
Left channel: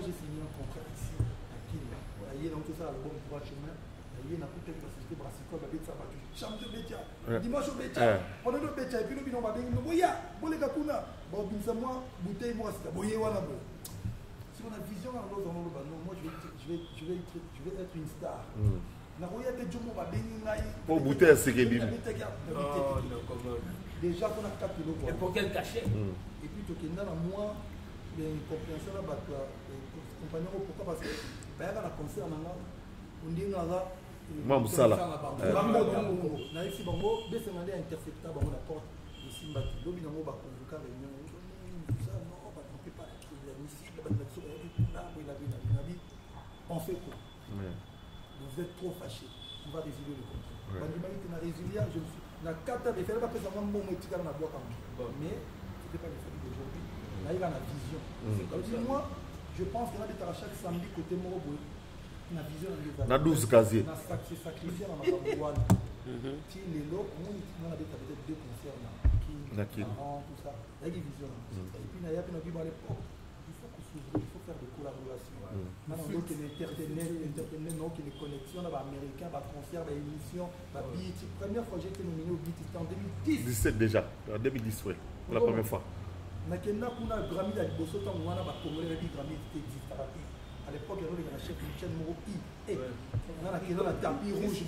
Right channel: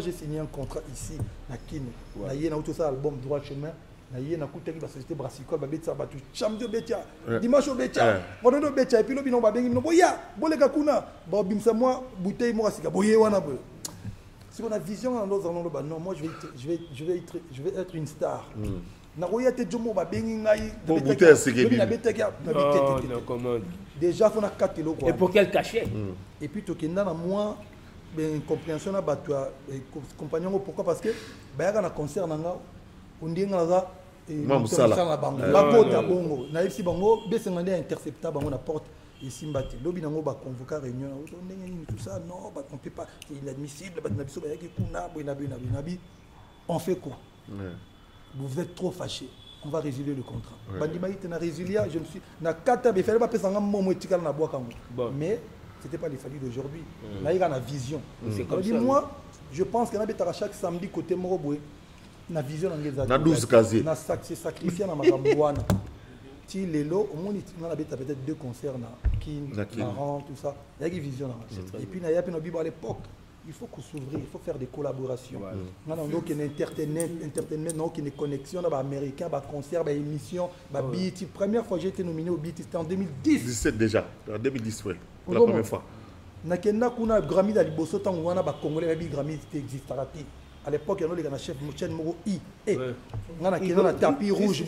j'ai signé un contrat ici, à Kin. Il y a tout ça, album droit chemin. Il y a une société brassicole, chambre betia, dimanche au betia, pendant betia, et puis le bilan va bien, boya, bolé kakuna, bimsa moi, bouteille moi, c'est boyé wana. Si on a vision, non, moi je vais être une star. Nagoya te jomo va bien, pour bouteille, c'est que non, comment déjà, on a 4 kilos. Et pour quel cachet? Et puis, tu as moins de compréhension, compagnon, pourquoi? Parce que, il y a un concert, on dit moi musala la mota bongo na ici bongo besemande intercepta bango na porte ici mbati lobi nango ba convoquer réunion tout ça non on peut pas c'est inadmissible ba na biso ba yaki kuna boina on fait quoi vous êtes trop fâché, on va résilier le contrat. Je me suis mais c'était pas les familles d'aujourd'hui. Là, il y a la vision. C'est comme ça. Moi, je pense qu'il y a chaque samedi côté Moroboué, la vision dans les 12 casiers. C'est sacrifié dans ma campagne. Si les lots, au moins, on a peut-être 2 concerts qui marrant, tout ça. Il y a une vision. Et puis, il y a à l'époque, il faut qu'on s'ouvre, il faut faire des collaborations. Il y a entertainment, il y a des connexions, il y a des américains, des concerts, des émissions, des BET. La première fois que j'ai été nominé au BET, c'était en 2010. 17 déjà, en 2010, oui, pour la première fois. Il y a un Grammy dans le Bosso, il y a un Congolais, un Grammy qui existe à l'époque, il y a un chef de chaîne Moro I. Il y a un tapis rouge.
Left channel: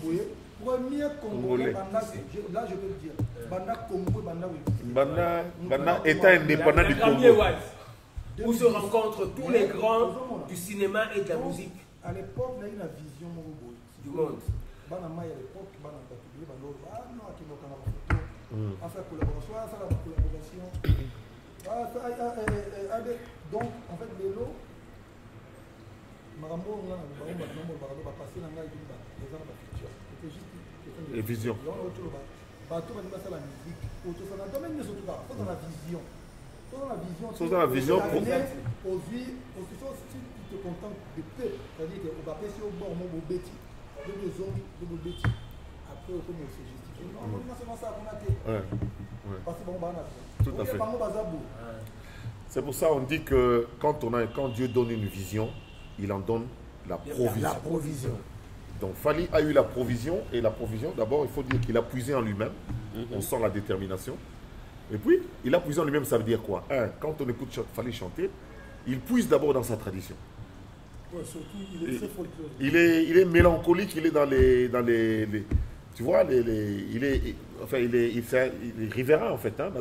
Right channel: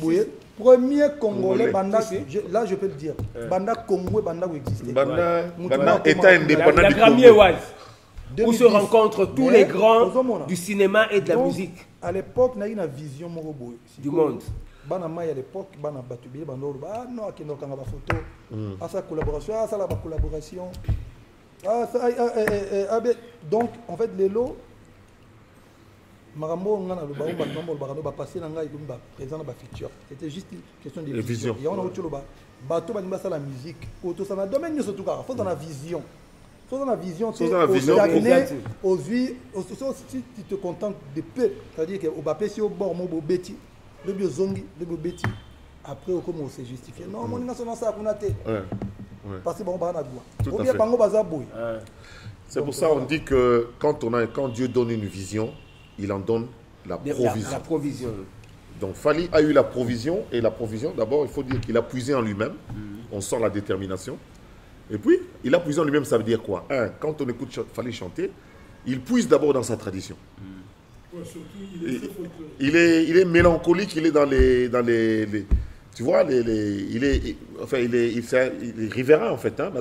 Premier Congolais, là je peux le dire, Banda Congo, Banda existe. Banda État indépendant du Congo. Où se rencontrent tous les grands du cinéma et de la musique. À l'époque, il y a une vision du monde. À l'époque, il y a une collaboration. Donc, en fait, les lots, c'était juste une question de vision. Il y a la musique, la domaine surtout, il faut dans la vision. Il faut dans la vision. Si tu te contentes de peu, c'est-à-dire que va passer au bord, au bêtis, de zongi, de bêtis. Après, comment c'est justifié? Non, mon national, ça a été. Parce que bon, tout à fait. C'est pour ça qu'on dit que quand Dieu donne une vision, il en donne la provision. Donc Fally a eu la provision, et la provision, d'abord, il faut dire qu'il a puisé en lui-même. On sent la détermination. Et puis, il a puisé en lui-même, ça veut dire quoi? Quand on écoute Fally chanter, il puise d'abord dans sa tradition. Ouais, surtout, il est mélancolique, il est dans les tu vois, il est riverain en fait. Hein?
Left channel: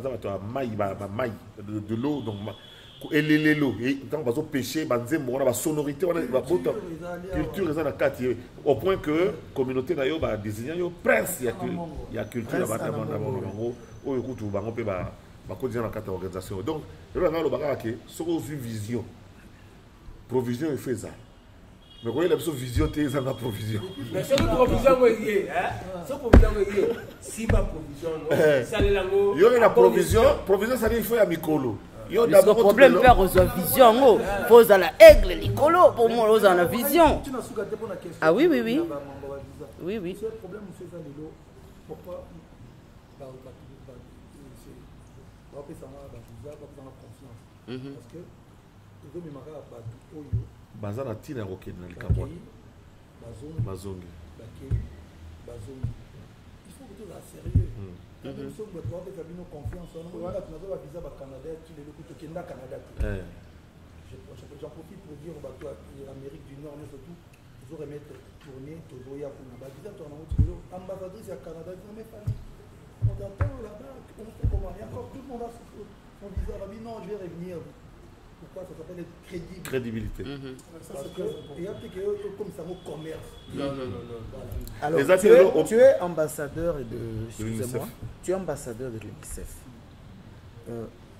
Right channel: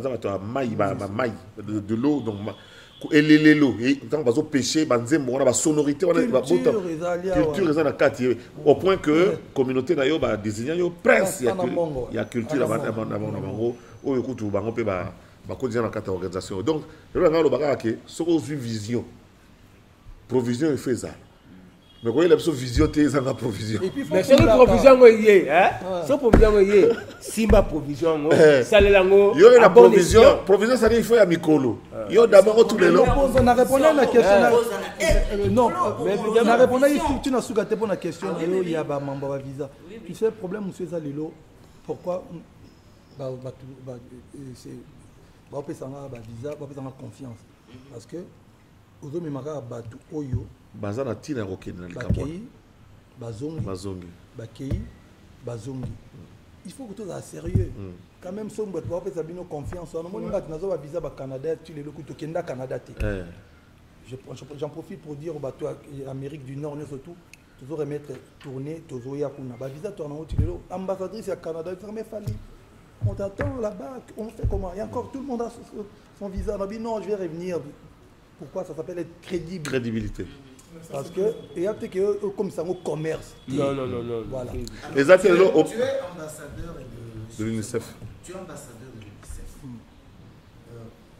De l'eau, donc et les lots. Et quand on va pêcher, on a la sonorité, on a la culture, au point que la communauté n'a désigné prince. Il y a culture là-bas. Oh, écoute, on peut continuer dans cette organisation. Donc, le c'est une vision. Provision et fait ça. Mais quand il y a une vision, il y a une provision. Mais c'est une provision, c'est provision, Simba provision, ça il y a une provision, provision, ça dit il faut un micolo. Il y a d'abord tout le monde. Pose à la aigle, Nicolo, pour moi, pose à la vision. Tu n'as pas souhaité pour la question. Ah oui. Oui. C'est le problème, monsieur Zalilo. Pourquoi c'est confiance. Parce que vous avez Oyo. Bazana tina rokena likamwa. Bazongi. Il faut que tu sois sérieux. Quand même, si vous avez confiance, on a visa au Canada, tu les locaux au Canada. J'en profite pour dire aux Amérique du Nord, surtout, tu veux remettre tourner, tu veux y aller. Visa tourner, tu veux ambassadrice au Canada, il faut Fally. On t'attend là-bas, on fait comment? Et encore tout le monde a son visa. On a dit non, je vais revenir. Pourquoi ça s'appelle être crédible? Crédibilité. Parce que il y a peut-être que comme ça au commerce. Non. Voilà. Alors, tu es ambassadeur de l'UNICEF. Tu es ambassadeur de l'UNICEF.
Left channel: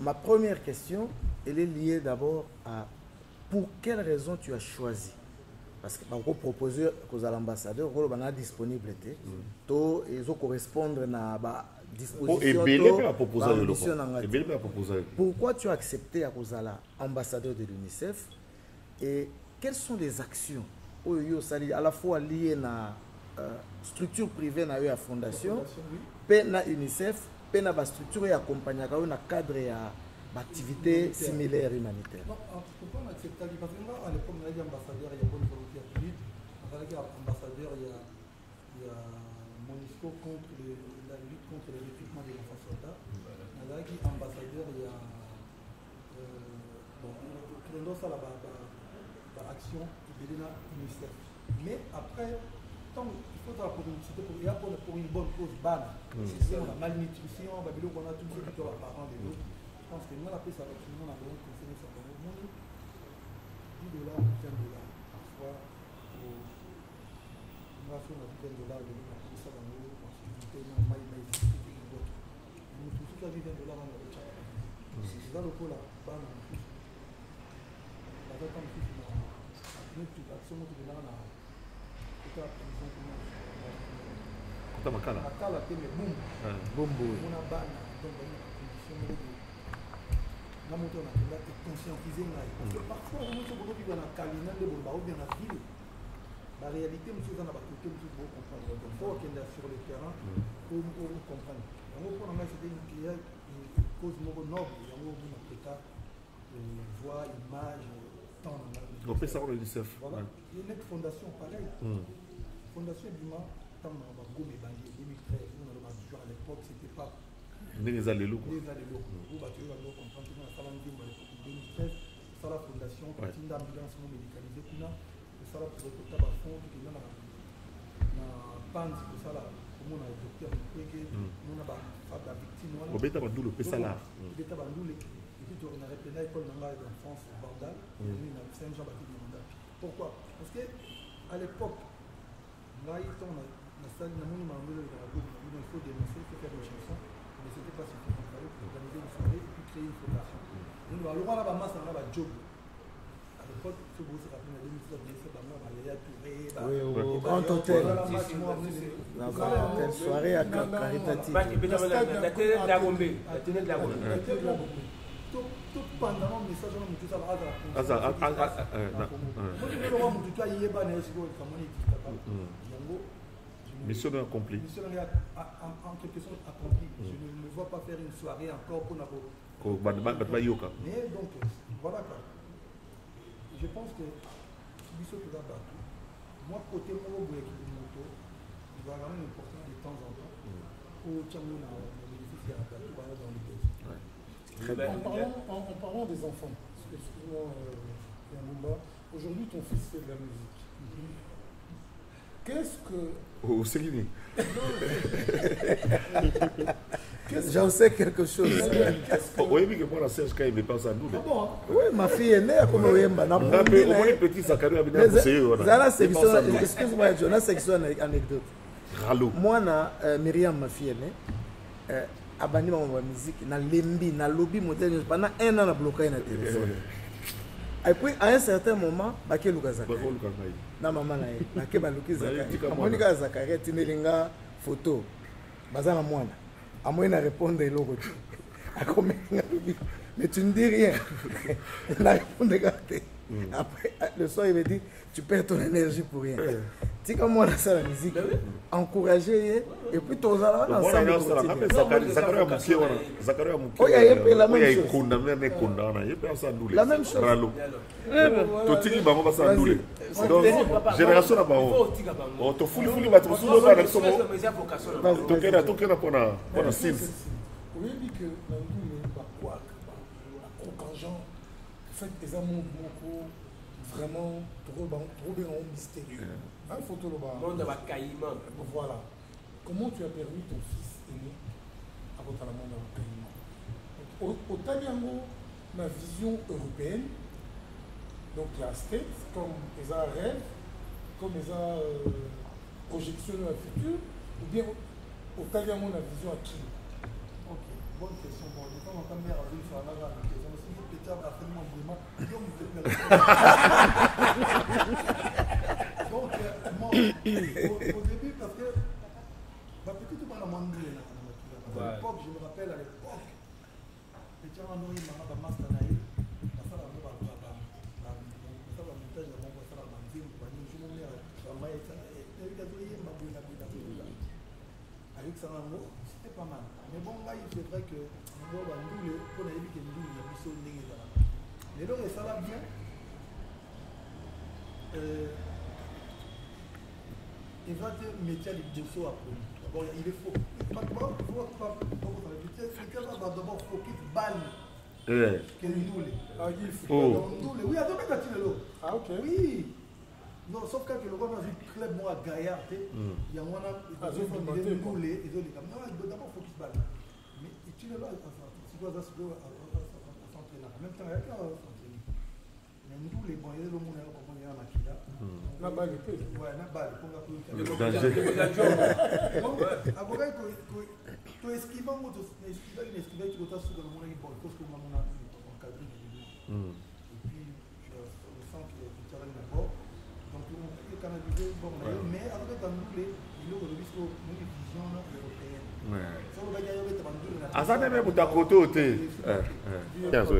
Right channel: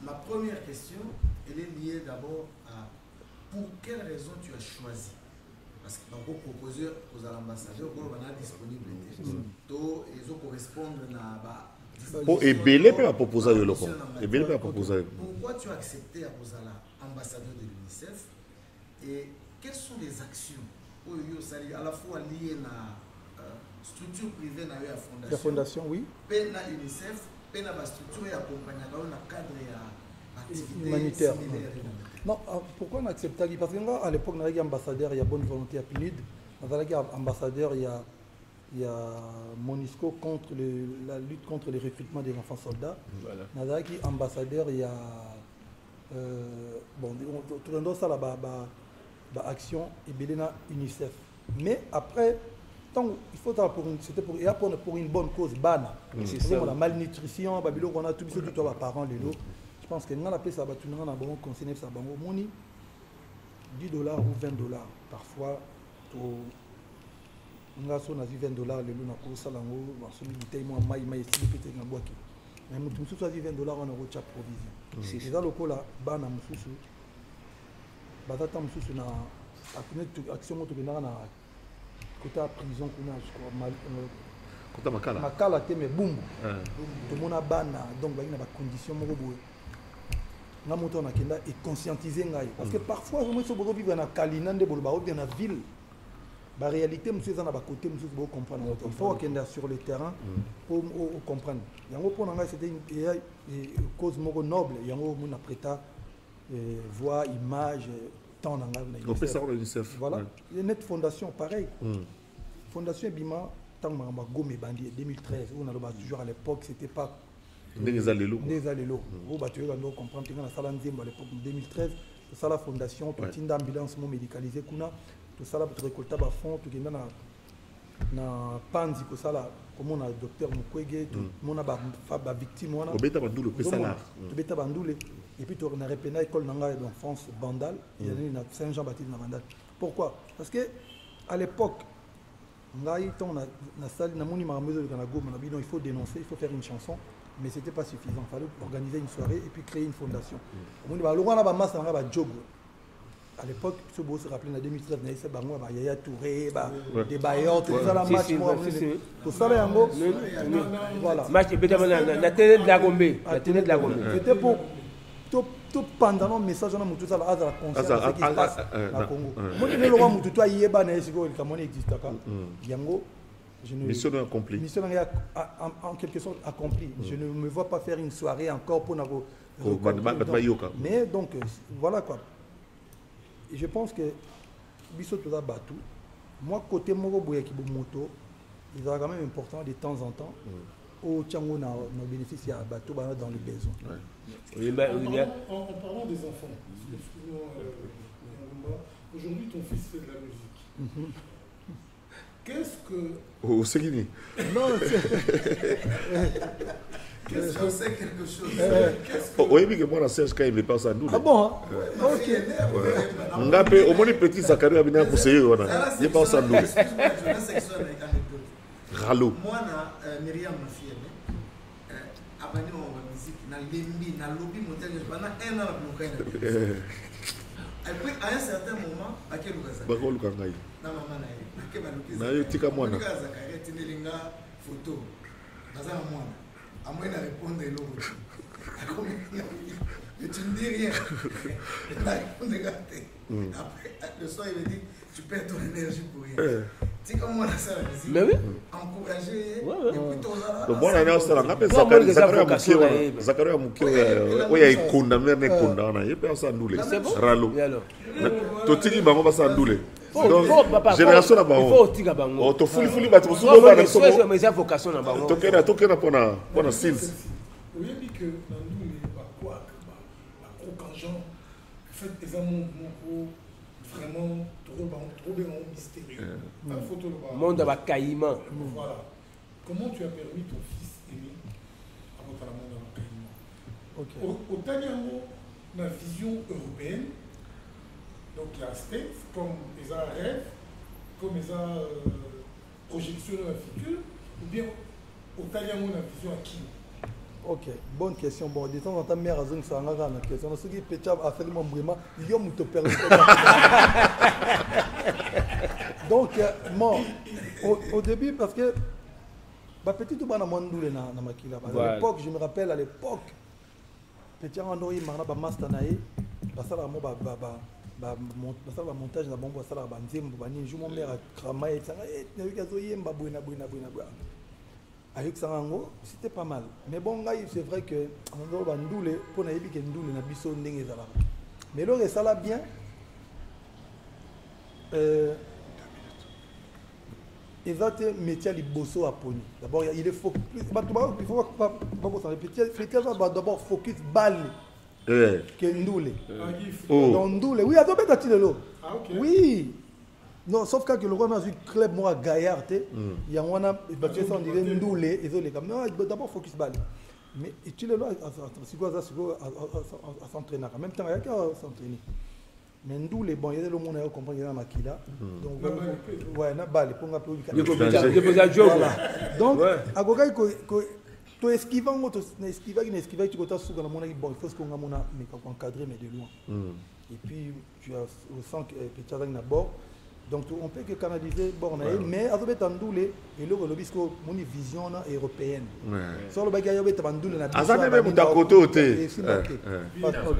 Ma première question, elle est liée d'abord à pour quelle raison tu as choisi. Parce qu'on peut proposer aux ambassadeurs qu'on a disponibilité. Ils ont correspondre à pourquoi tu as accepté à Rosala, ambassadeur de l'UNICEF, et quelles sont les actions à la fois liées à la structure privée à la fondation, oui, à l'UNICEF, à la structure et accompagnée dans le cadre de l'activité similaire humanitaire. Non, pourquoi on accepte? Parce qu'à l'époque, on a ambassadeur, il y a bonne volonté à PNUD, on a ambassadeur, il y a Monisco contre la lutte contre le recrutement des enfants soldats. Voilà. Ambassadeur, il y a tout le monde ça là action et Belena UNICEF. Mais après, il faut pour une bonne cause, la malnutrition, on a tout ce qui doit parents les autres. Je pense que nous on appelle ça on a bon conseiller ça bon $10 ou $20 parfois pour nous avons $20 les gens pour ça là on a sollicité moi mais ici peut-être une boîte mais nous tous $20 on a reçu provision c'est ça le coup là bas na mususu batata mususu na action to na côté à prison Kota makala. makala te mais boum donc on a bana donc il y a des conditions moko boye na moto on a kenda et conscientiser ngai parce que parfois moi je veux vivre na kalina nde bolba ou na ville la réalité monsieur ça na ba côté monsieur vous comprendre il faut kenda sur le terrain pour comprendre yango pour ngai c'était une cause moko noble yango mon prêta voix image temps na ngai on peut ça on l'UNICEF voilà il y a une fondation pareil fondation Bima Gomé Bandi 2013 on a toujours à l'époque c'était pas des allélos vous tu vas comprendre que dans la salle à l'époque 2013 ça la fondation petite ambulance médicalisée kuna tout ça là pour récolter ba fonds tout na panzi pour ça là comme on a docteur Mukwege mon a ba victime on a obeta bandulo pesa là obeta bandule et puis tu on a repena école nanga d'enfance Bandal il y a Saint-Jean-Baptiste na Bandal pourquoi parce que à l'époque il faut dénoncer, il faut faire une chanson, mais ce n'était pas suffisant. Il fallait organiser une soirée et puis créer une fondation. À l'époque, ce beau se rappelle en 2013, il y a Touré, des bailleurs, la télé de la Gombe. C'était pour tout pendant le message on a monté ça à la mission accomplie. Mission en quelque sorte accomplie. Je ne me vois pas faire une soirée encore pour mais donc voilà quoi. Et je pense que moi côté Moro Boyaki moto il va quand même important de temps en temps au Tchango na bénéficie à bateau dans les besoins. En parlant des enfants, excuse-moi, aujourd'hui ton fils fait de la musique. Qu'est-ce que... Oh, c'est qui? Je sais quelque chose. Oui, mais que moi, la Serge, quand il me passe à nous. Ah bon? Ma fille est là. Au moins, les petits Zachary a bien poussé. Il passe à nous. Excuse-moi, je la section anecdote. Ralo. Moi, Myriam, ma fille, abandonné ma musique, na lembi, na lobby, pendant un an, na bloqué. Et puis, à un certain moment, à quel cas ça? Na maman na ke baluki za. Na tika mwana. Baluki za kare tinelinga photo. Bazana mwana. À moi na répondre l'autre. Mais tu ne dis rien. Il a répondu après le soir il me dit tu perds ton énergie pour rien. Tu comme moi ça la musique. Mais oui. Encourager et puis ton ça. Donc moi on a ça on appelle Zachary Mukiwa. Oui, il condamné mais condamné. Il peut ça ndule. Ralo. Totiki bango ba ça ndule. Donc génération na bango. Il faut tika bango. Oh to fuli ba to subo ba na so. Mais ça vocation na bango. Tokena pona sins. Oui, dit que Nandoulé ba quoi ba crocangeant. En fait les amours vraiment trop bien mystérieux. Un photo le monde va caïman. Voilà. Comment tu as permis ton fils aîné à votre monde dans caïman? Au Taniango, la vision européenne, donc il y a States, comme ils ont un rêve, comme ils ont projection dans le futur, ou bien au Taniango, la vision à qui? Ok, bonne question. Bon, dis donc, ta mère a une question. Ce qui est petit a fait mon brûlement, il y a te permet. Donc, au début, parce que petit tout le monde à l'époque, je me rappelle à l'époque, petit Andori m'a master naï, ça la montage na bongo ça la banzem bani je mon mère a travaillé ça avec ça, c'était pas mal. Mais bon, c'est vrai que on va ndouler pour naïbi que ndouler na biso ndenge zala. Mais là ça là bien. Ils ont été métier de bosso à Pony. D'abord il est focus. Il faut pas ça répéter. C'est que ça va d'abord focus balle. Que ndouler. Oh. Ndouler. Oui, attends peut t'attirer l'eau. Ah OK. Oui. Non, sauf quand le roi a vu club moi gaillard, il y a un il ndouler, ils ont les comme non, d'abord focus balle. Mais tu le là à s'entraîner. En même temps, il y a qu'à s'entraîner. Mais ndouler bon, il y a le monde à comprendre dans la kida. Donc la balle ouais, na balle pour ngapé. Donc à gogai to esquivant moto esquiver tu botas sur la monnaie bon, il faut qu'on a mona mais encadrer mais de loin. Et puis tu as le sens que tu as d'abord. Donc on peut que canaliser, bon, mais avec Tandoule, et le Rolobisco, mon vision européenne. Sur le bagage, il y a Tandoule. Azane même ta côté.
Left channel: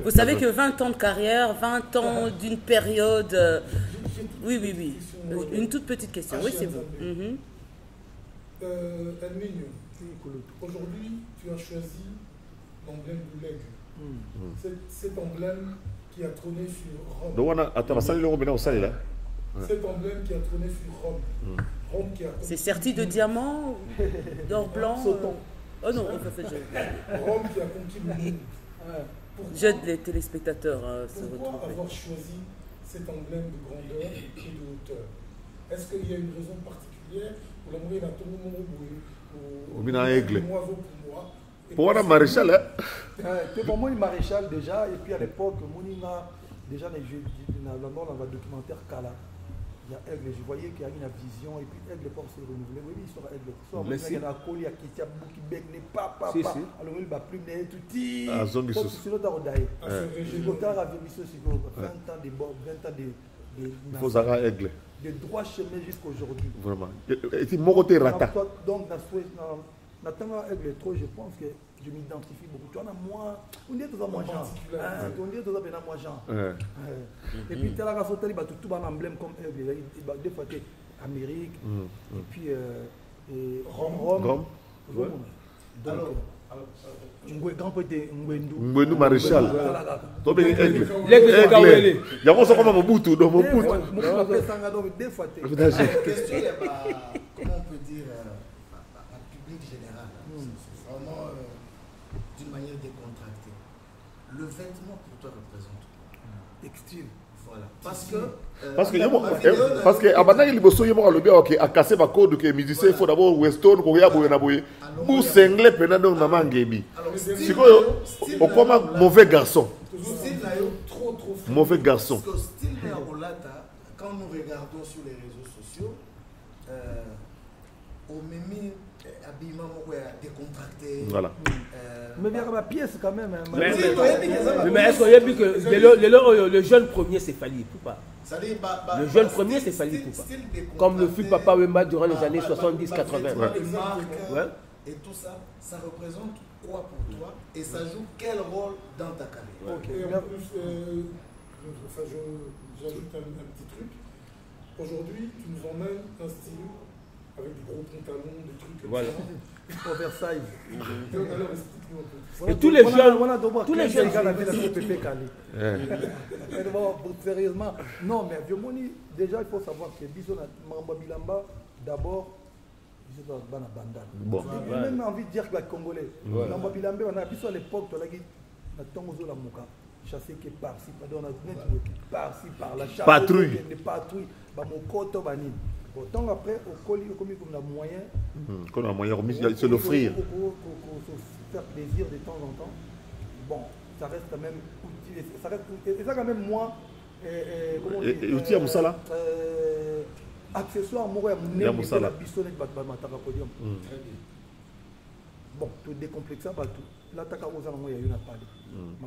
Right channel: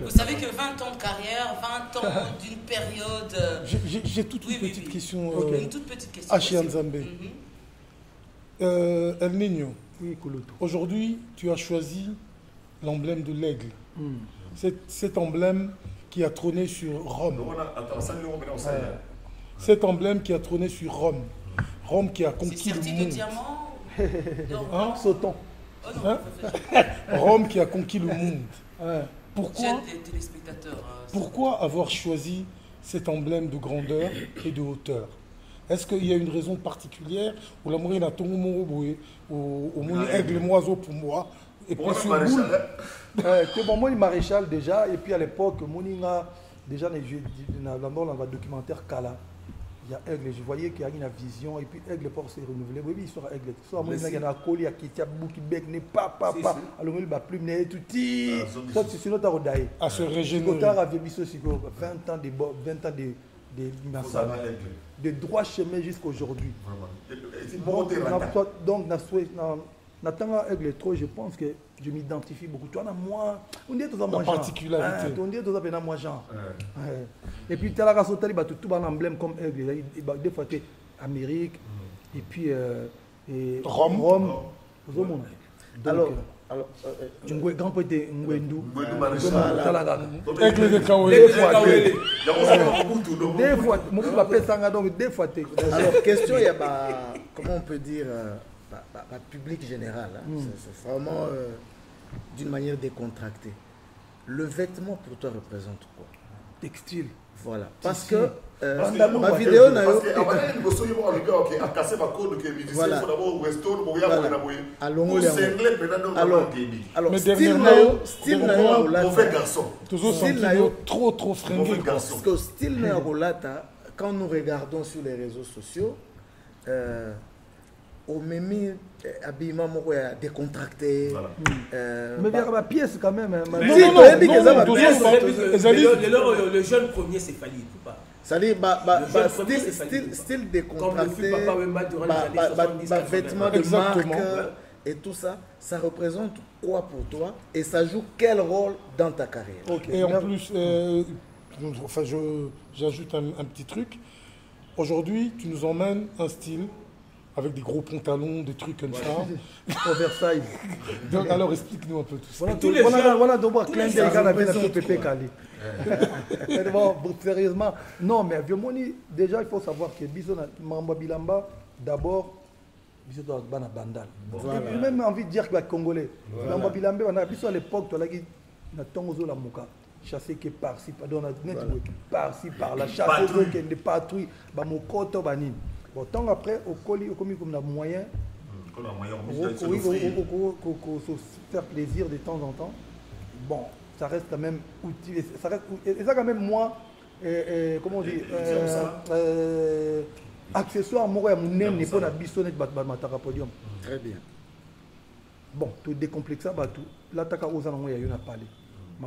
Vous savez que 20 ans de carrière, 20 ans d'une période. J'ai toute une petite question. Une toute petite question. Oui, c'est bon. El Niño, aujourd'hui, tu as choisi l'emblème de l'aigle. Cet emblème qui a trôné sur Rome. Cet emblème qui a trôné sur Rome. Rome qui a conquis. C'est serti de diamants sautant. Oh non, Rome qui a conquis le monde. Pourquoi, j'aide les téléspectateurs. Pourquoi avoir choisi cet emblème de grandeur et de hauteur? Est-ce qu'il y a une raison particulière ou la moyenne a tout le monde au aigle, oiseau pour moi? Pour moi, maréchal. Pour moi, il maréchal déjà. Et puis à l'époque, Moninga, déjà dans le documentaire Kala, il y a aigle. Je voyais qu'il y a une vision et puis aigle pour se renouveler. Oui, il sera aigle. Soit il y a un collier qui a bouki bec n'est pas. Alors il va plus mener tout petit. C'est notre rodaille. À ce régime. 20 ans de de droit chemin jusqu'à aujourd'hui. Vraiment. Et mon côté rata. Donc, Nathan Aigle trop, je pense que je m'identifie beaucoup. Tu en as moi, on dit tout ça moi genre. On dit tout ça bien moi genre. Et puis tu as la sauté tout un emblème comme Aigle. Des fois tu Amérique et puis Rome. Alors grand poète Ngwendu maréchal. Des fois question il y a comment on peut dire la public général. C'est vraiment d'une manière décontractée. Le vêtement pour toi représente quoi? Textile. Voilà. Parce que parce que avant il bosse il m'a le bien OK à casser ma code que musicien il faut d'abord western pour ya boye na boye pour singler pendant na mangebi. Alors style comme mauvais garçon. Trop frais. Mauvais garçon. Parce que style na rolata quand nous regardons sur les réseaux sociaux au même habillement décontracté. Voilà. Mais il y a ma pièce quand même. Le jeune premier c'est Fali Poupa. Le jeune premier c'est Fali Poupa. Comme le fut Papa Wemba durant les années 70-80. Et tout ça, ça représente quoi pour toi et ça joue quel rôle dans ta carrière? Et en plus, j'ajoute un petit truc. Aujourd'hui, tu nous emmènes un style avec des gros pantalons, des trucs comme ça. Oversize. Alors explique-nous un peu tout ça. Et tous les jeunes, tous les jeunes. Sérieusement, non, mais déjà il faut savoir que Bisson Mamba Bilamba, d'abord, Bisson dans la bandane. Et puis même envie de dire que les Congolais, Mamba Bilamba, on a Bisson à l'époque, tu as dit, on a Tongozo la Mouka. Chasser que par-ci, par-ci, par-là, chasser des patrouilles, mon côté, bon, tant après, au colis, comme on a moyen, qu'on a moyen de se l'offrir, faire plaisir de temps en temps. Bon, ça reste quand même utile. Ça reste, et ça quand même moi, comment on dit, utile à ça là. Accessoire, moi, mon nez n'est pas la bissonnette, podium. Très bien. Bon, tout décomplexé, l'attaque aux anomalies, il y a parlé. Il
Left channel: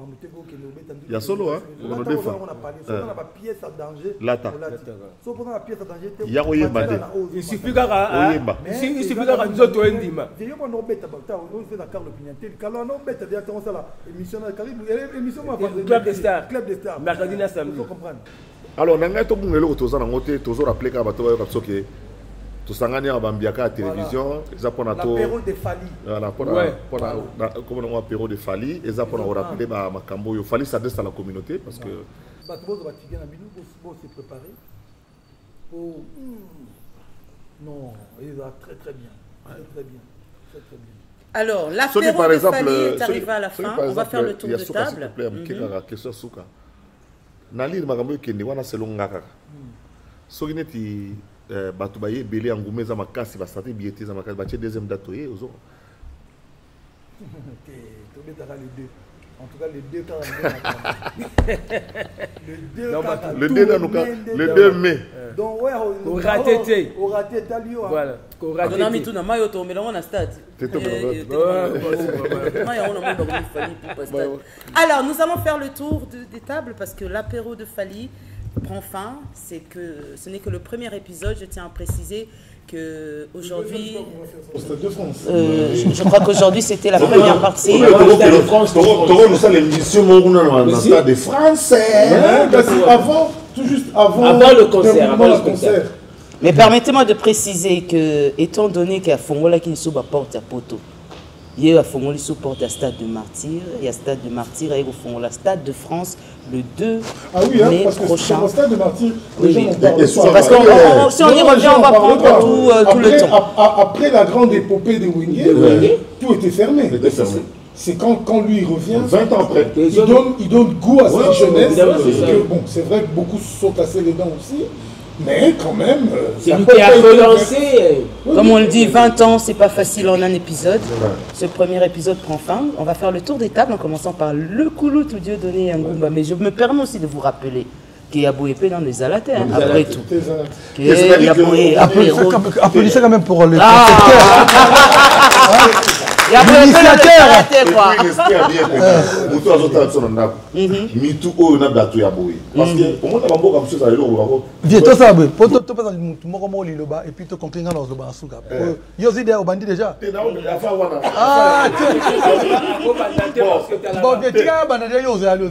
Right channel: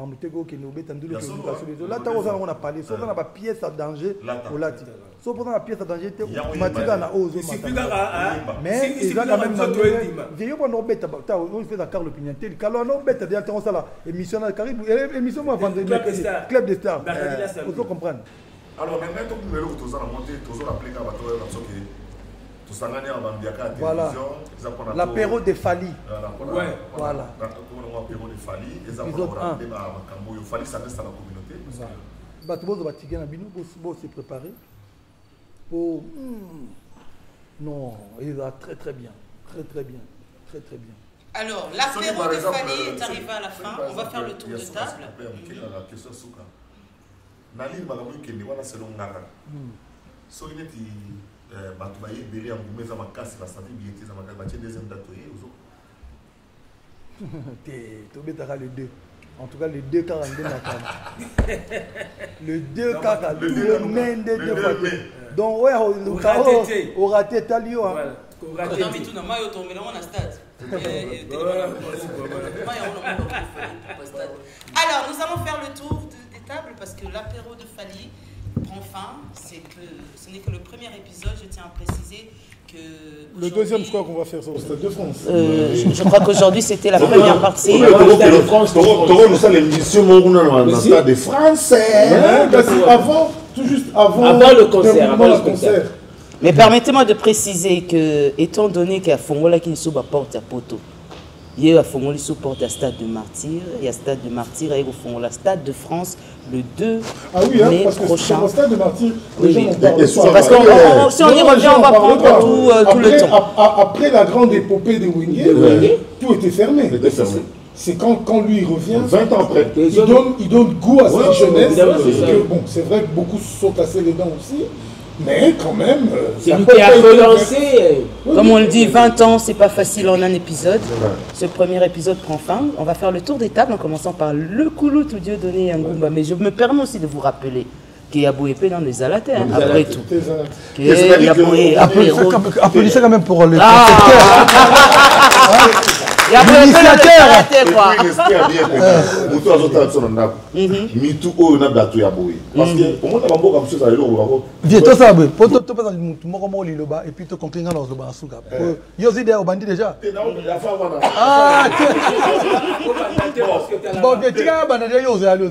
y a solo, hein? Là, on a parlé. Si on a pas pièce à danger, si on a la pièce à danger, il suffit d'avoir nous autres intimes. Il y a un bête à on fait la Carlo Pignatelli. Quand on a bête à dire, ça là, émission à Caribou, émission à Club des Stars. Club des Stars. Il faut comprendre. Alors, on a un peu de toujours rappelé qu'à tout ça gagne à Bambiaka à télévision. L'apéro de Fali. Voilà, comme on a apéro de Fali, et ça pour rappeler ma Camboyo. Fali s'adresse à la communauté parce que. Tout le monde va se préparer pour. Non, il va très très bien. Très bien. Alors, l'apéro de Fali est arrivé à la fin. On va faire le tour de table. Question Souka. Nali Magamoyo Kendi, wana selon Ngaka. Sogineti. Batubaye belé engumé za makasi ba santé biété za makasi ba deuxième date oye ozo. Tu betara les deux. En tout cas les deux 42 Le 2 le 2 mai. Donc ouais au raté talio. Voilà. On a mis tout dans maillot tombé là on a stade. Alors nous allons faire le tour des tables parce que l'apéro de Fali prend fin. Ce n'est que le premier épisode. Je tiens à préciser que Le deuxième, je crois qu'on va faire ça au Stade de France. je crois qu'aujourd'hui c'était la première partie. Ça l'émission dans le Stade de France. Avant, tout juste avant le concert. Mais permettez-moi de préciser que, étant donné qu'il y a Fongola qui est sous la porte à Poto, il y a Fongola sous porte à Stade de Martyr, il y a Stade de Martyr et Fongola Stade de France le 2 mai prochain. Au Stade de Martyr, Oui, les gens oui. en parlent C'est parce que si on y revient, on va prendre tout le temps. Après la grande épopée de Wingé, tout était fermé. C'est quand lui il revient, 20 ans après. il donne goût à cette jeunesse. Bon, c'est vrai que beaucoup se sont cassés les dents aussi, mais quand même. C'est lui qui a relancé. Comme on le dit, 20 ans, c'est pas facile en un épisode. Ce premier épisode prend fin. On va faire le tour des tables en commençant par le Koulout ou Dieudonné Yangumba. Mais je me permets aussi de vous rappeler qu'il y a Boépé dans les Alatés, hein, après tout. Applaudissez quand même pour le Il y a l'initiateur. Viens, toi ça, pour toi, tu et puis tu comprends dans le bas. Yo, c'est déjà bandit déjà. Ah, bon, viens, tu as bandit, yo, viens, yo,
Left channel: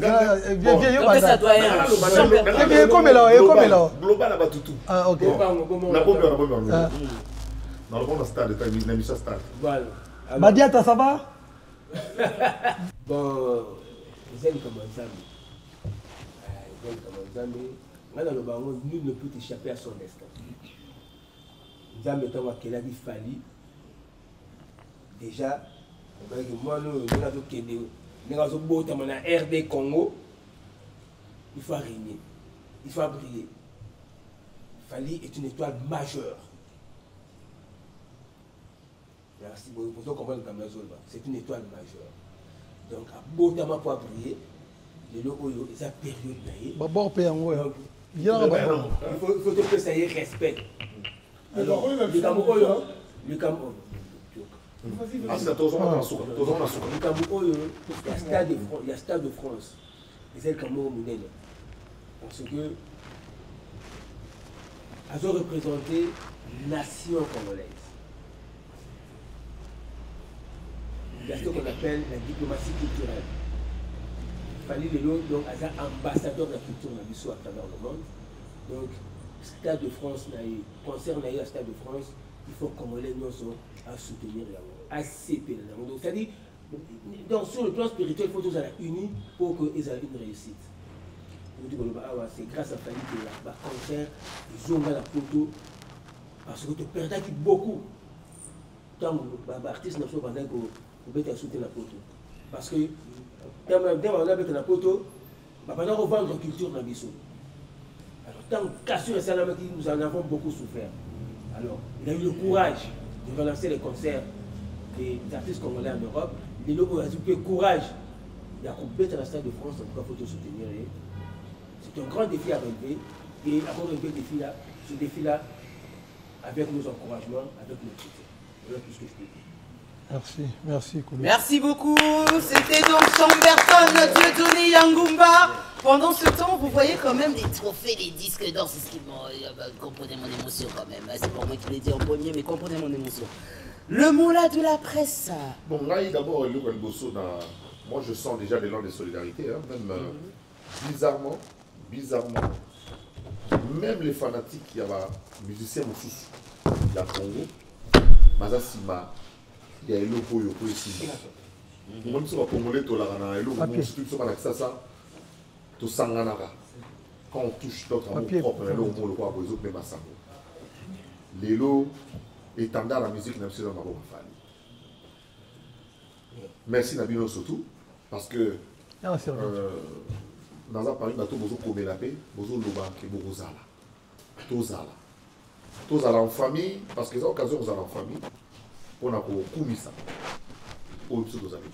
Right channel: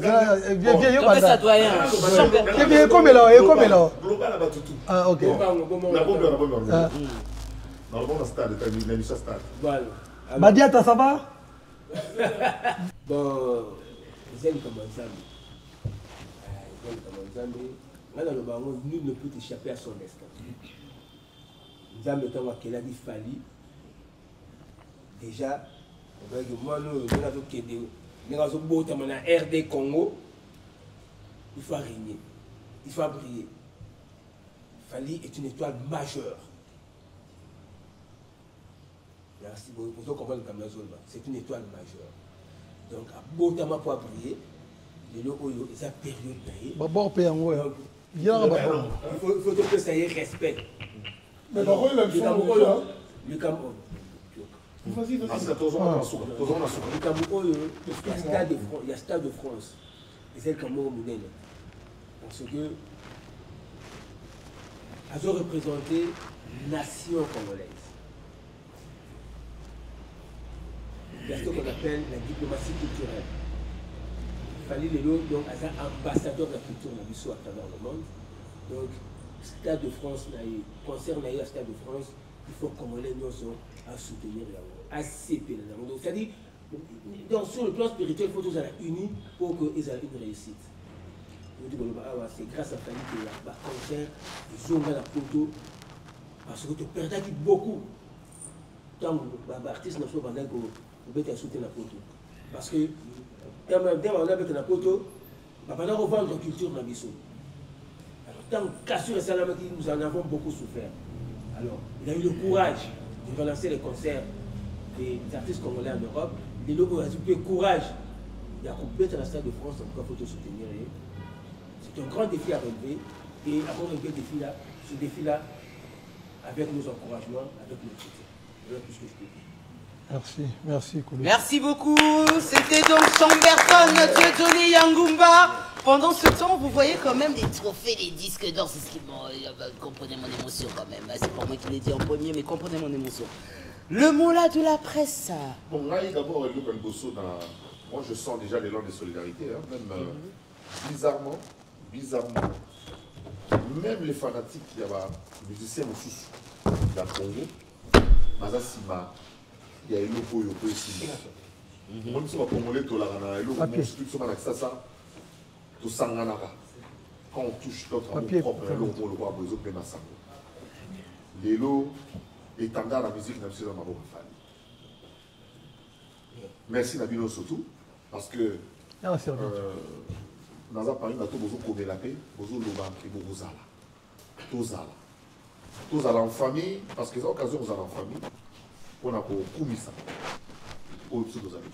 bandit. Ça doit être Viens, comme là, Ah, ok. Badiata, ça va? Bon, ils aiment comme ça. Nul ne peut échapper à son destin. Nous avons maintenant qu'il a dit Fali. Déjà, moi, nous avons beau RD Congo. Il faut régner. Il faut briller. Fali est une étoile majeure. Merci beaucoup. Pour ceux qui comprennent le c'est une étoile majeure. Donc, à beau temps pour briller, les logo, ils ont période d'ailleurs. Bon, il faut que ça y ait respect. Le Cameroun, le Cameroun. Le Cameroun, il y a Stade de France. Et c'est le Cameroun Mounène. Parce que elles ont représenté la nation congolaise. Il y a ce qu'on appelle la diplomatie culturelle. Il fallait les lots, donc, as ambassadeur de la culture dans l'histoire à travers le monde. Donc, Stade de France, concert à Stade de France, il faut que Congolais nous à soutenir la ACP. Donc, c'est-à-dire, sur le plan spirituel, il faut tous être unis pour qu'ils aient une réussite. C'est grâce à Fali que le concert, ils ont la photo, parce que tu perds beaucoup. Tant que l'artiste n'a pas vous pouvez soutenir la photo. Parce que, dès qu'on a avec la photo, on va revendre la culture dans le biseau. Alors, tant qu'Assur et Salam, nous en avons beaucoup souffert. Alors, il a eu le courage de relancer les concerts des artistes congolais en Europe. Les locaux ont eu le courage. Il y a coupé dans la Stade de France, en tout cas, il faut soutenir. C'est un grand défi à relever. Et avant de relever ce défi-là, avec nos encouragements, avec nos soutien. Voilà tout ce que je peux dire. Merci, Koulou. Merci beaucoup. C'était donc Chamberton, Dieudonné Yangumba. Pendant ce temps, vous voyez quand même les trophées, les disques d'or. C'est ce qui comprenez mon émotion quand même. C'est pour moi qui l'ai dit en premier, mais comprenez mon émotion. Le mot là de la presse. Bon, là, d'abord, moi je sens déjà l'élan de solidarité. Hein, même bizarrement, même les fanatiques, il y a des musiciens aussi, il y a Congo, Mazasima. Il y a un logo ici. Même si on va congolais, tu as un logo, on a ça, tu sens quand on touche notre amour propre, on le voit pour les autres, même à ça. Les lots, étendard la musique, même si on a un merci Nabino surtout, parce que dans un Paris, on a tout besoin de la paix, besoin de l'eau, tous en famille, parce que c'est l'occasion vous allez en famille. On a pour ça. Au-dessus de nos amis.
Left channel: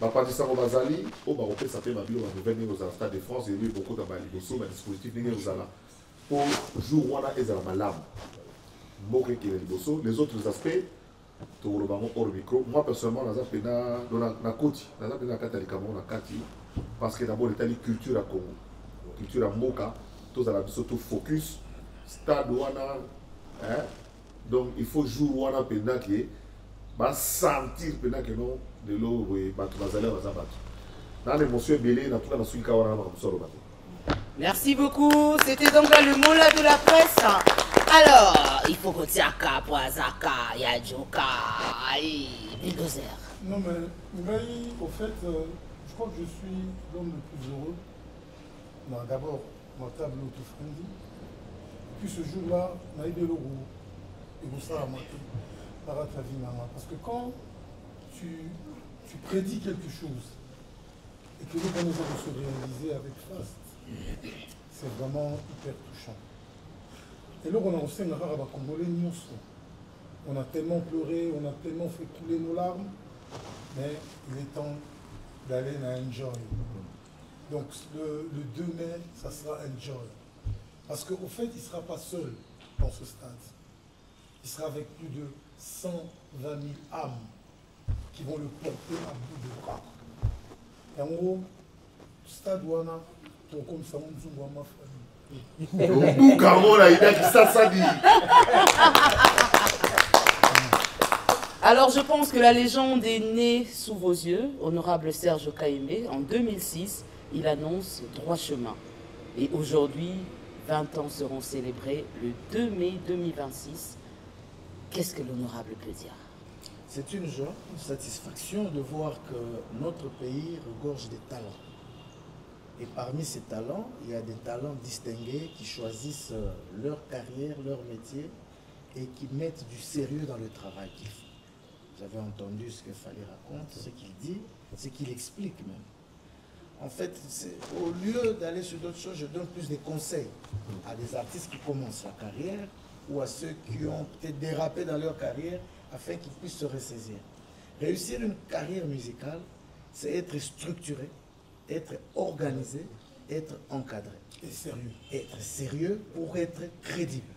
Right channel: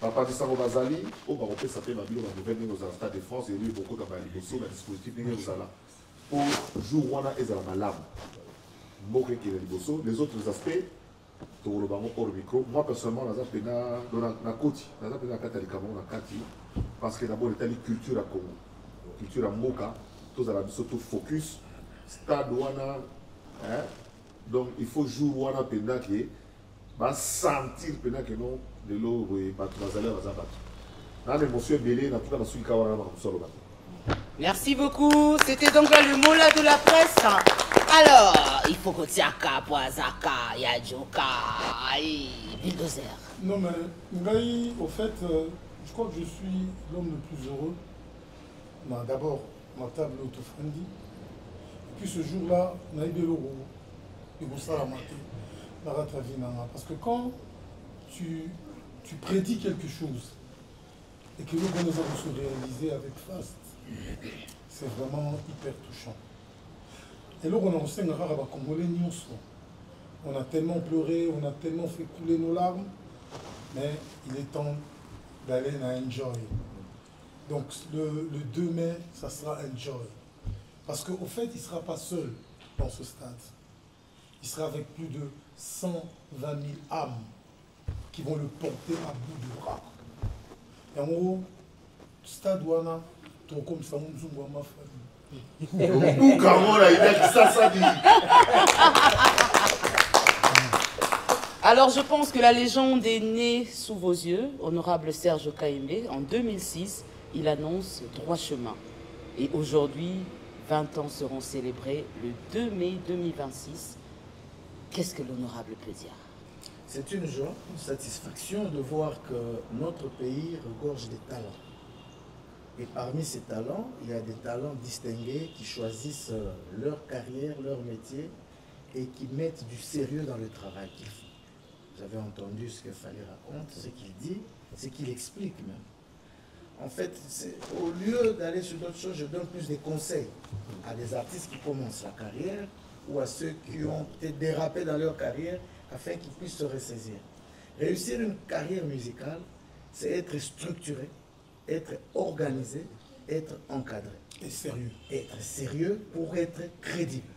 Papa dit ça au Bazali, au Baroque, ça fait ma vie, on va venir au Stade de France, il y a eu beaucoup de dispositifs, pour jour où on a des lames. Les autres aspects, hors micro. Moi personnellement, parce que d'abord, il y a une culture à Congo, culture à Moka, tous à la surtout focus, stade wana, hein, donc il faut jouer wana pendant que, va sentir pendant que non, de l'eau, oui, bazalé, dans l'émotion belée, dans tout cas, dans ce cas, on a Merci beaucoup. C'était donc là le mot là de la presse. Alors, il faut que tu aies Poazaka, Yadjoka, Bulldozer. Non, mais Ngaï, au fait, je crois que je suis l'homme le plus heureux. D'abord, ma table autofrendi. Puis ce jour-là, on a eu de l'euro. Et vous ça, parce que quand tu prédis quelque chose et que nous allons se réaliser avec Fast, c'est vraiment hyper touchant. Et là, on a aussi un rare Congolais, on a tellement pleuré, on a tellement fait couler nos larmes, mais il est temps d'aller à Enjoy. Donc le 2 mai, ça sera Enjoy. Parce qu'au fait, il ne sera pas seul dans ce stade. Il sera avec plus de 120 000 âmes qui vont le porter à bout de bras. Et en gros, stade Wana, ton comme ça, on va Alors je pense que la légende est née sous vos yeux, honorable Serge Kaimbe. En 2006, il annonce droit chemin. Et aujourd'hui, 20 ans seront célébrés le 2 mai 2026. Qu'est-ce que l'honorable peut dire? C'est une joie, une satisfaction de voir que notre pays regorge des talents. Et parmi ces talents, il y a des talents distingués qui choisissent leur carrière, leur métier et qui mettent du sérieux dans le travail qu'ils font. Vous avez entendu ce que Fally raconte, ce qu'il dit, ce qu'il explique même. En fait, au lieu d'aller sur d'autres choses, je donne plus des conseils à des artistes qui commencent la carrière ou à ceux qui ont peut-être dérapé dans leur carrière afin qu'ils puissent se ressaisir. Réussir une carrière musicale, c'est être structuré, être organisé, être encadré. Et sérieux. Être sérieux pour être crédible.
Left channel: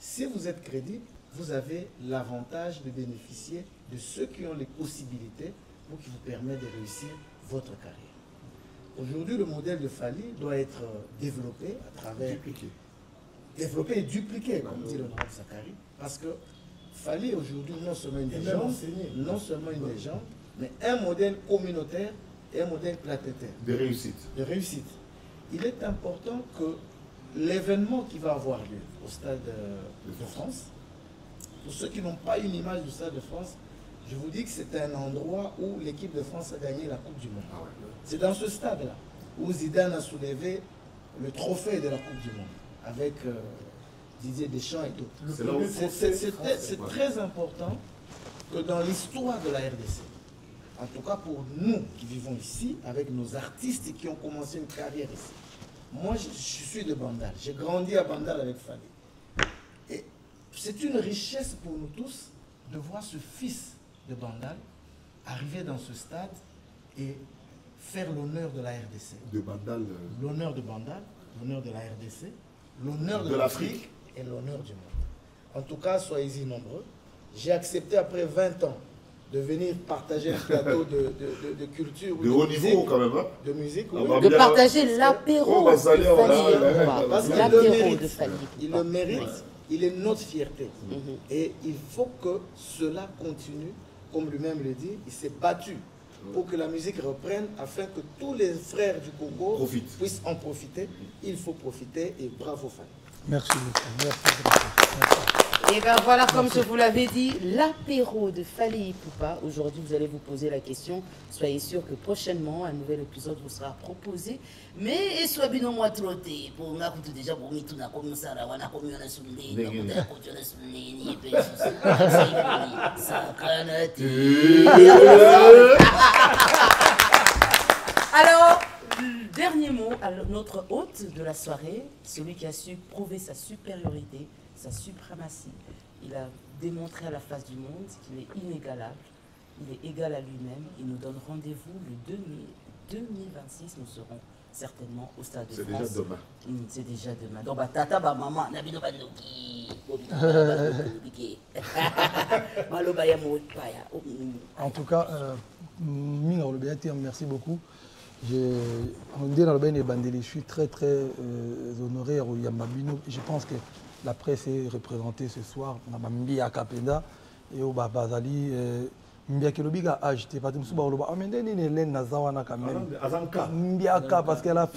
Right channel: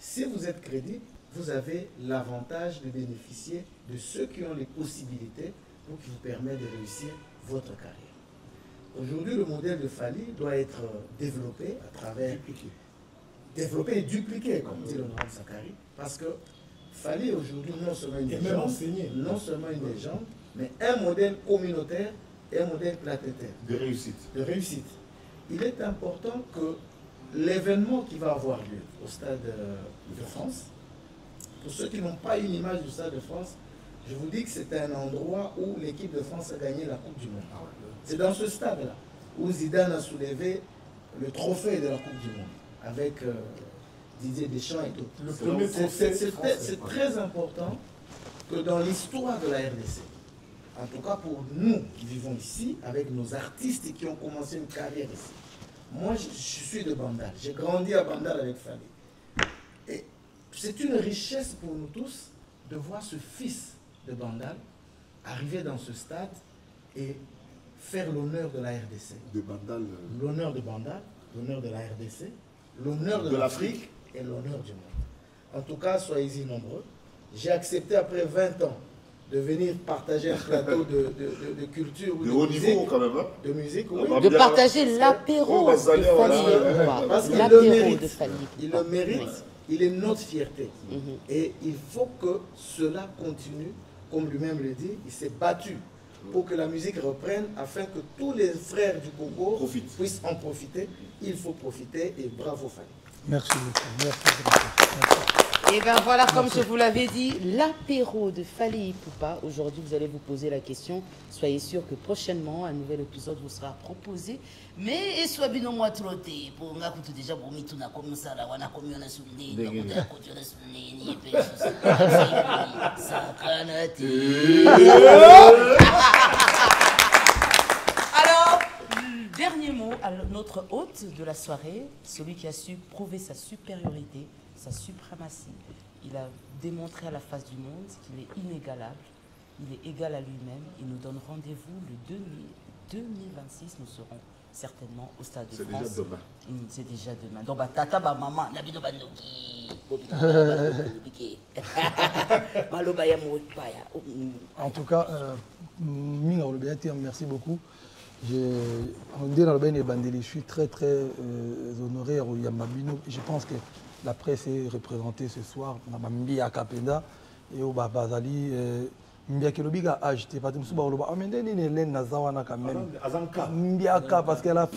Si vous êtes crédible, vous avez l'avantage de bénéficier de ceux qui ont les possibilités pour qui vous permettent de réussir votre carrière. Aujourd'hui, le modèle de Fally doit être développé à travers... Développé et dupliqué, comme dit l'honorable Sakari, parce que Fally aujourd'hui non seulement une légende, mais un modèle communautaire et un modèle planétaire. De réussite. De réussite. Il est important que l'événement qui va avoir lieu au Stade de France, pour ceux qui n'ont pas une image du Stade de France, je vous dis que c'est un endroit où l'équipe de France a gagné la Coupe du Monde. C'est dans ce stade-là où Zidane a soulevé le trophée de la Coupe du Monde avec Didier Deschamps et d'autres. C'est très important que dans l'histoire de la RDC, en tout cas pour nous qui vivons ici, avec nos artistes qui ont commencé une carrière ici. Moi, je suis de Bandal. J'ai grandi à Bandal avec Fally. Et c'est une richesse pour nous tous de voir ce fils de Bandal arriver dans ce stade et faire l'honneur de la RDC. De Bandal. L'honneur de Bandal, l'honneur de la RDC, l'honneur de l'Afrique et l'honneur du monde. En tout cas, soyez-y nombreux. J'ai accepté après 20 ans de venir partager un plateau de culture ou de haut niveau quand même, hein? De musique, oui. De partager l'apéro de Fally. Parce qu'il le mérite, il le mérite, il est notre fierté. Et il faut que cela continue, comme lui-même le dit, il s'est battu pour que la musique reprenne, afin que tous les frères du Congo puissent en profiter. Il faut profiter et bravo Fally. Merci beaucoup. Merci. Et bien voilà, comme je vous l'avais dit, l'apéro de Fally Ipupa. Aujourd'hui, vous allez vous poser la question. Soyez sûr que prochainement, un nouvel épisode vous sera proposé. Mais soit bien au moins trotté. Pour nga kutu déjà pour mitu na comme ça là, wana comme on a soulé, on a continué soulé, ni peu ça Alors, dernier mot à notre hôte de la soirée, celui qui a su prouver sa supériorité, sa suprématie. Il a démontré à la face du monde qu'il est inégalable, il est égal à lui-même. Il nous donne rendez-vous le 2 mai 2026. Nous serons certainement au Stade de France. C'est déjà demain. C'est déjà demain. Donc, tata, maman, en tout cas, merci beaucoup. Je suis très honoré au Yamabino. Je pense que la presse est représentée ce soir. Mbia Kapenda et au Bazali. Mbia Kelobiga a acheté. Parce qu'elle a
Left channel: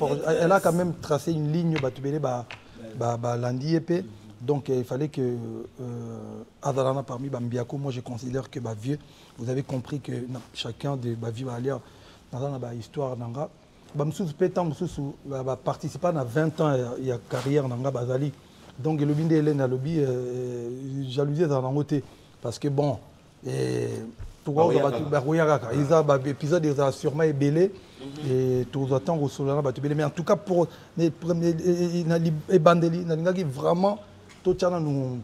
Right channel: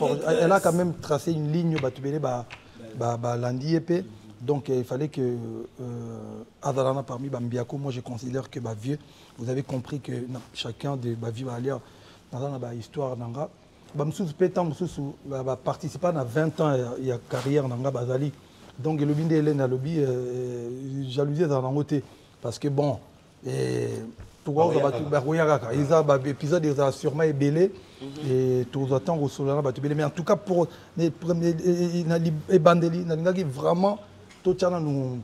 quand même tracé une ligne Landiepe. Donc il fallait que Azalana parmi Bambiako, moi je considère que vieux, vous avez compris que chacun de Bavi va aller dans la histoire Nanga. Bamsous Pétan va participer à 20 ans il y a carrière Nanga Bazali. Donc le binde Hélène a lobby jalousie dans côté parce que bon tout épisode ils ont sûrement ébélé et tout attend au Solana mais en tout cas pour les bandeli vraiment tout ça nous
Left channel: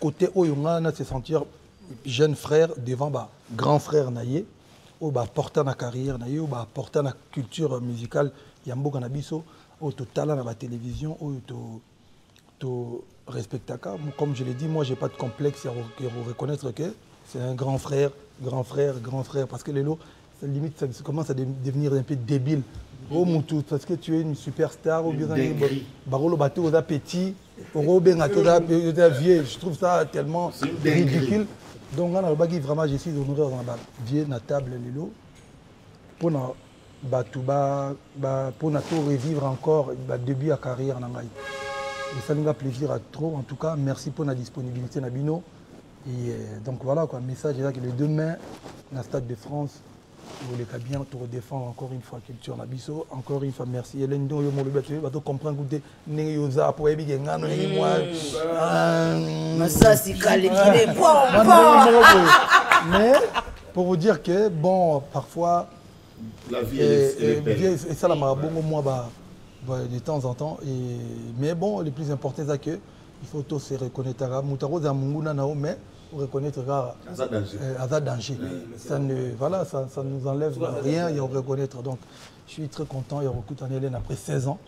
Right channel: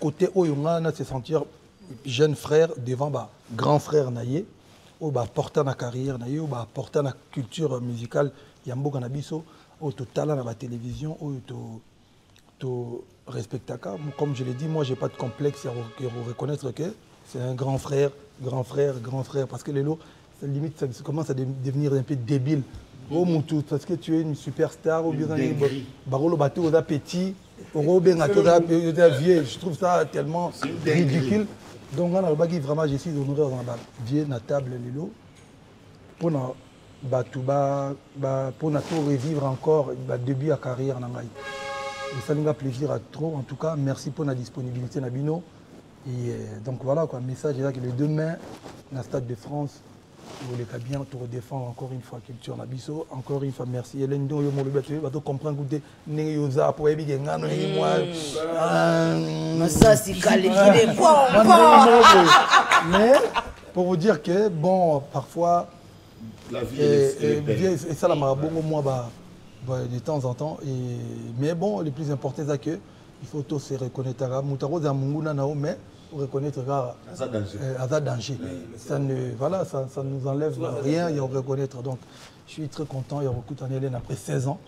côté où on a se sentir jeune frère devant grand frère naïe ou porter la carrière naïe ou porter la culture musicale yambo canabiso au total à la télévision ou tout respecter comme je l'ai dit moi j'ai pas de complexe à reconnaître que c'est un grand frère parce que les lots limite ça commence à devenir un peu débile. Oh mon tout parce que tu es une superstar ou bien barolo bateau aux petits je trouve ça tellement ridicule. Donc on a vraiment je suis honoré dans la vieux na table lelo pour revivre encore début à carrière na ngai. Et ça nous a plaisir à trop en tout cas merci pour la disponibilité Nabino et donc voilà quoi message est là que les demain dans le Stade de France vous les bien pour défendre encore une fois culture Nabiso encore une fois merci Hélène do yo mo le tu vas comprendre goûter né yo za pour ebi ngano ni moi ça c'est calé mais pour vous dire que bon parfois la vie et ça la marabongo moi de temps en temps mais bon le plus important c'est que il faut tous se reconnaître mutaro za munguna nao mais reconnaître à danger. Ça nous enlève rien et on reconnaître. Donc je suis très content et on recrute en Hélène après 16 ans.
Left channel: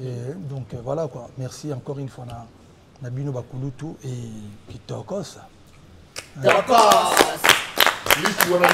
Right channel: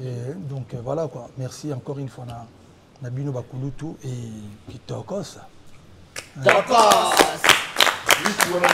Et donc voilà quoi. Merci encore une fois Nabino Bakulutu et Kitokos. Litouana.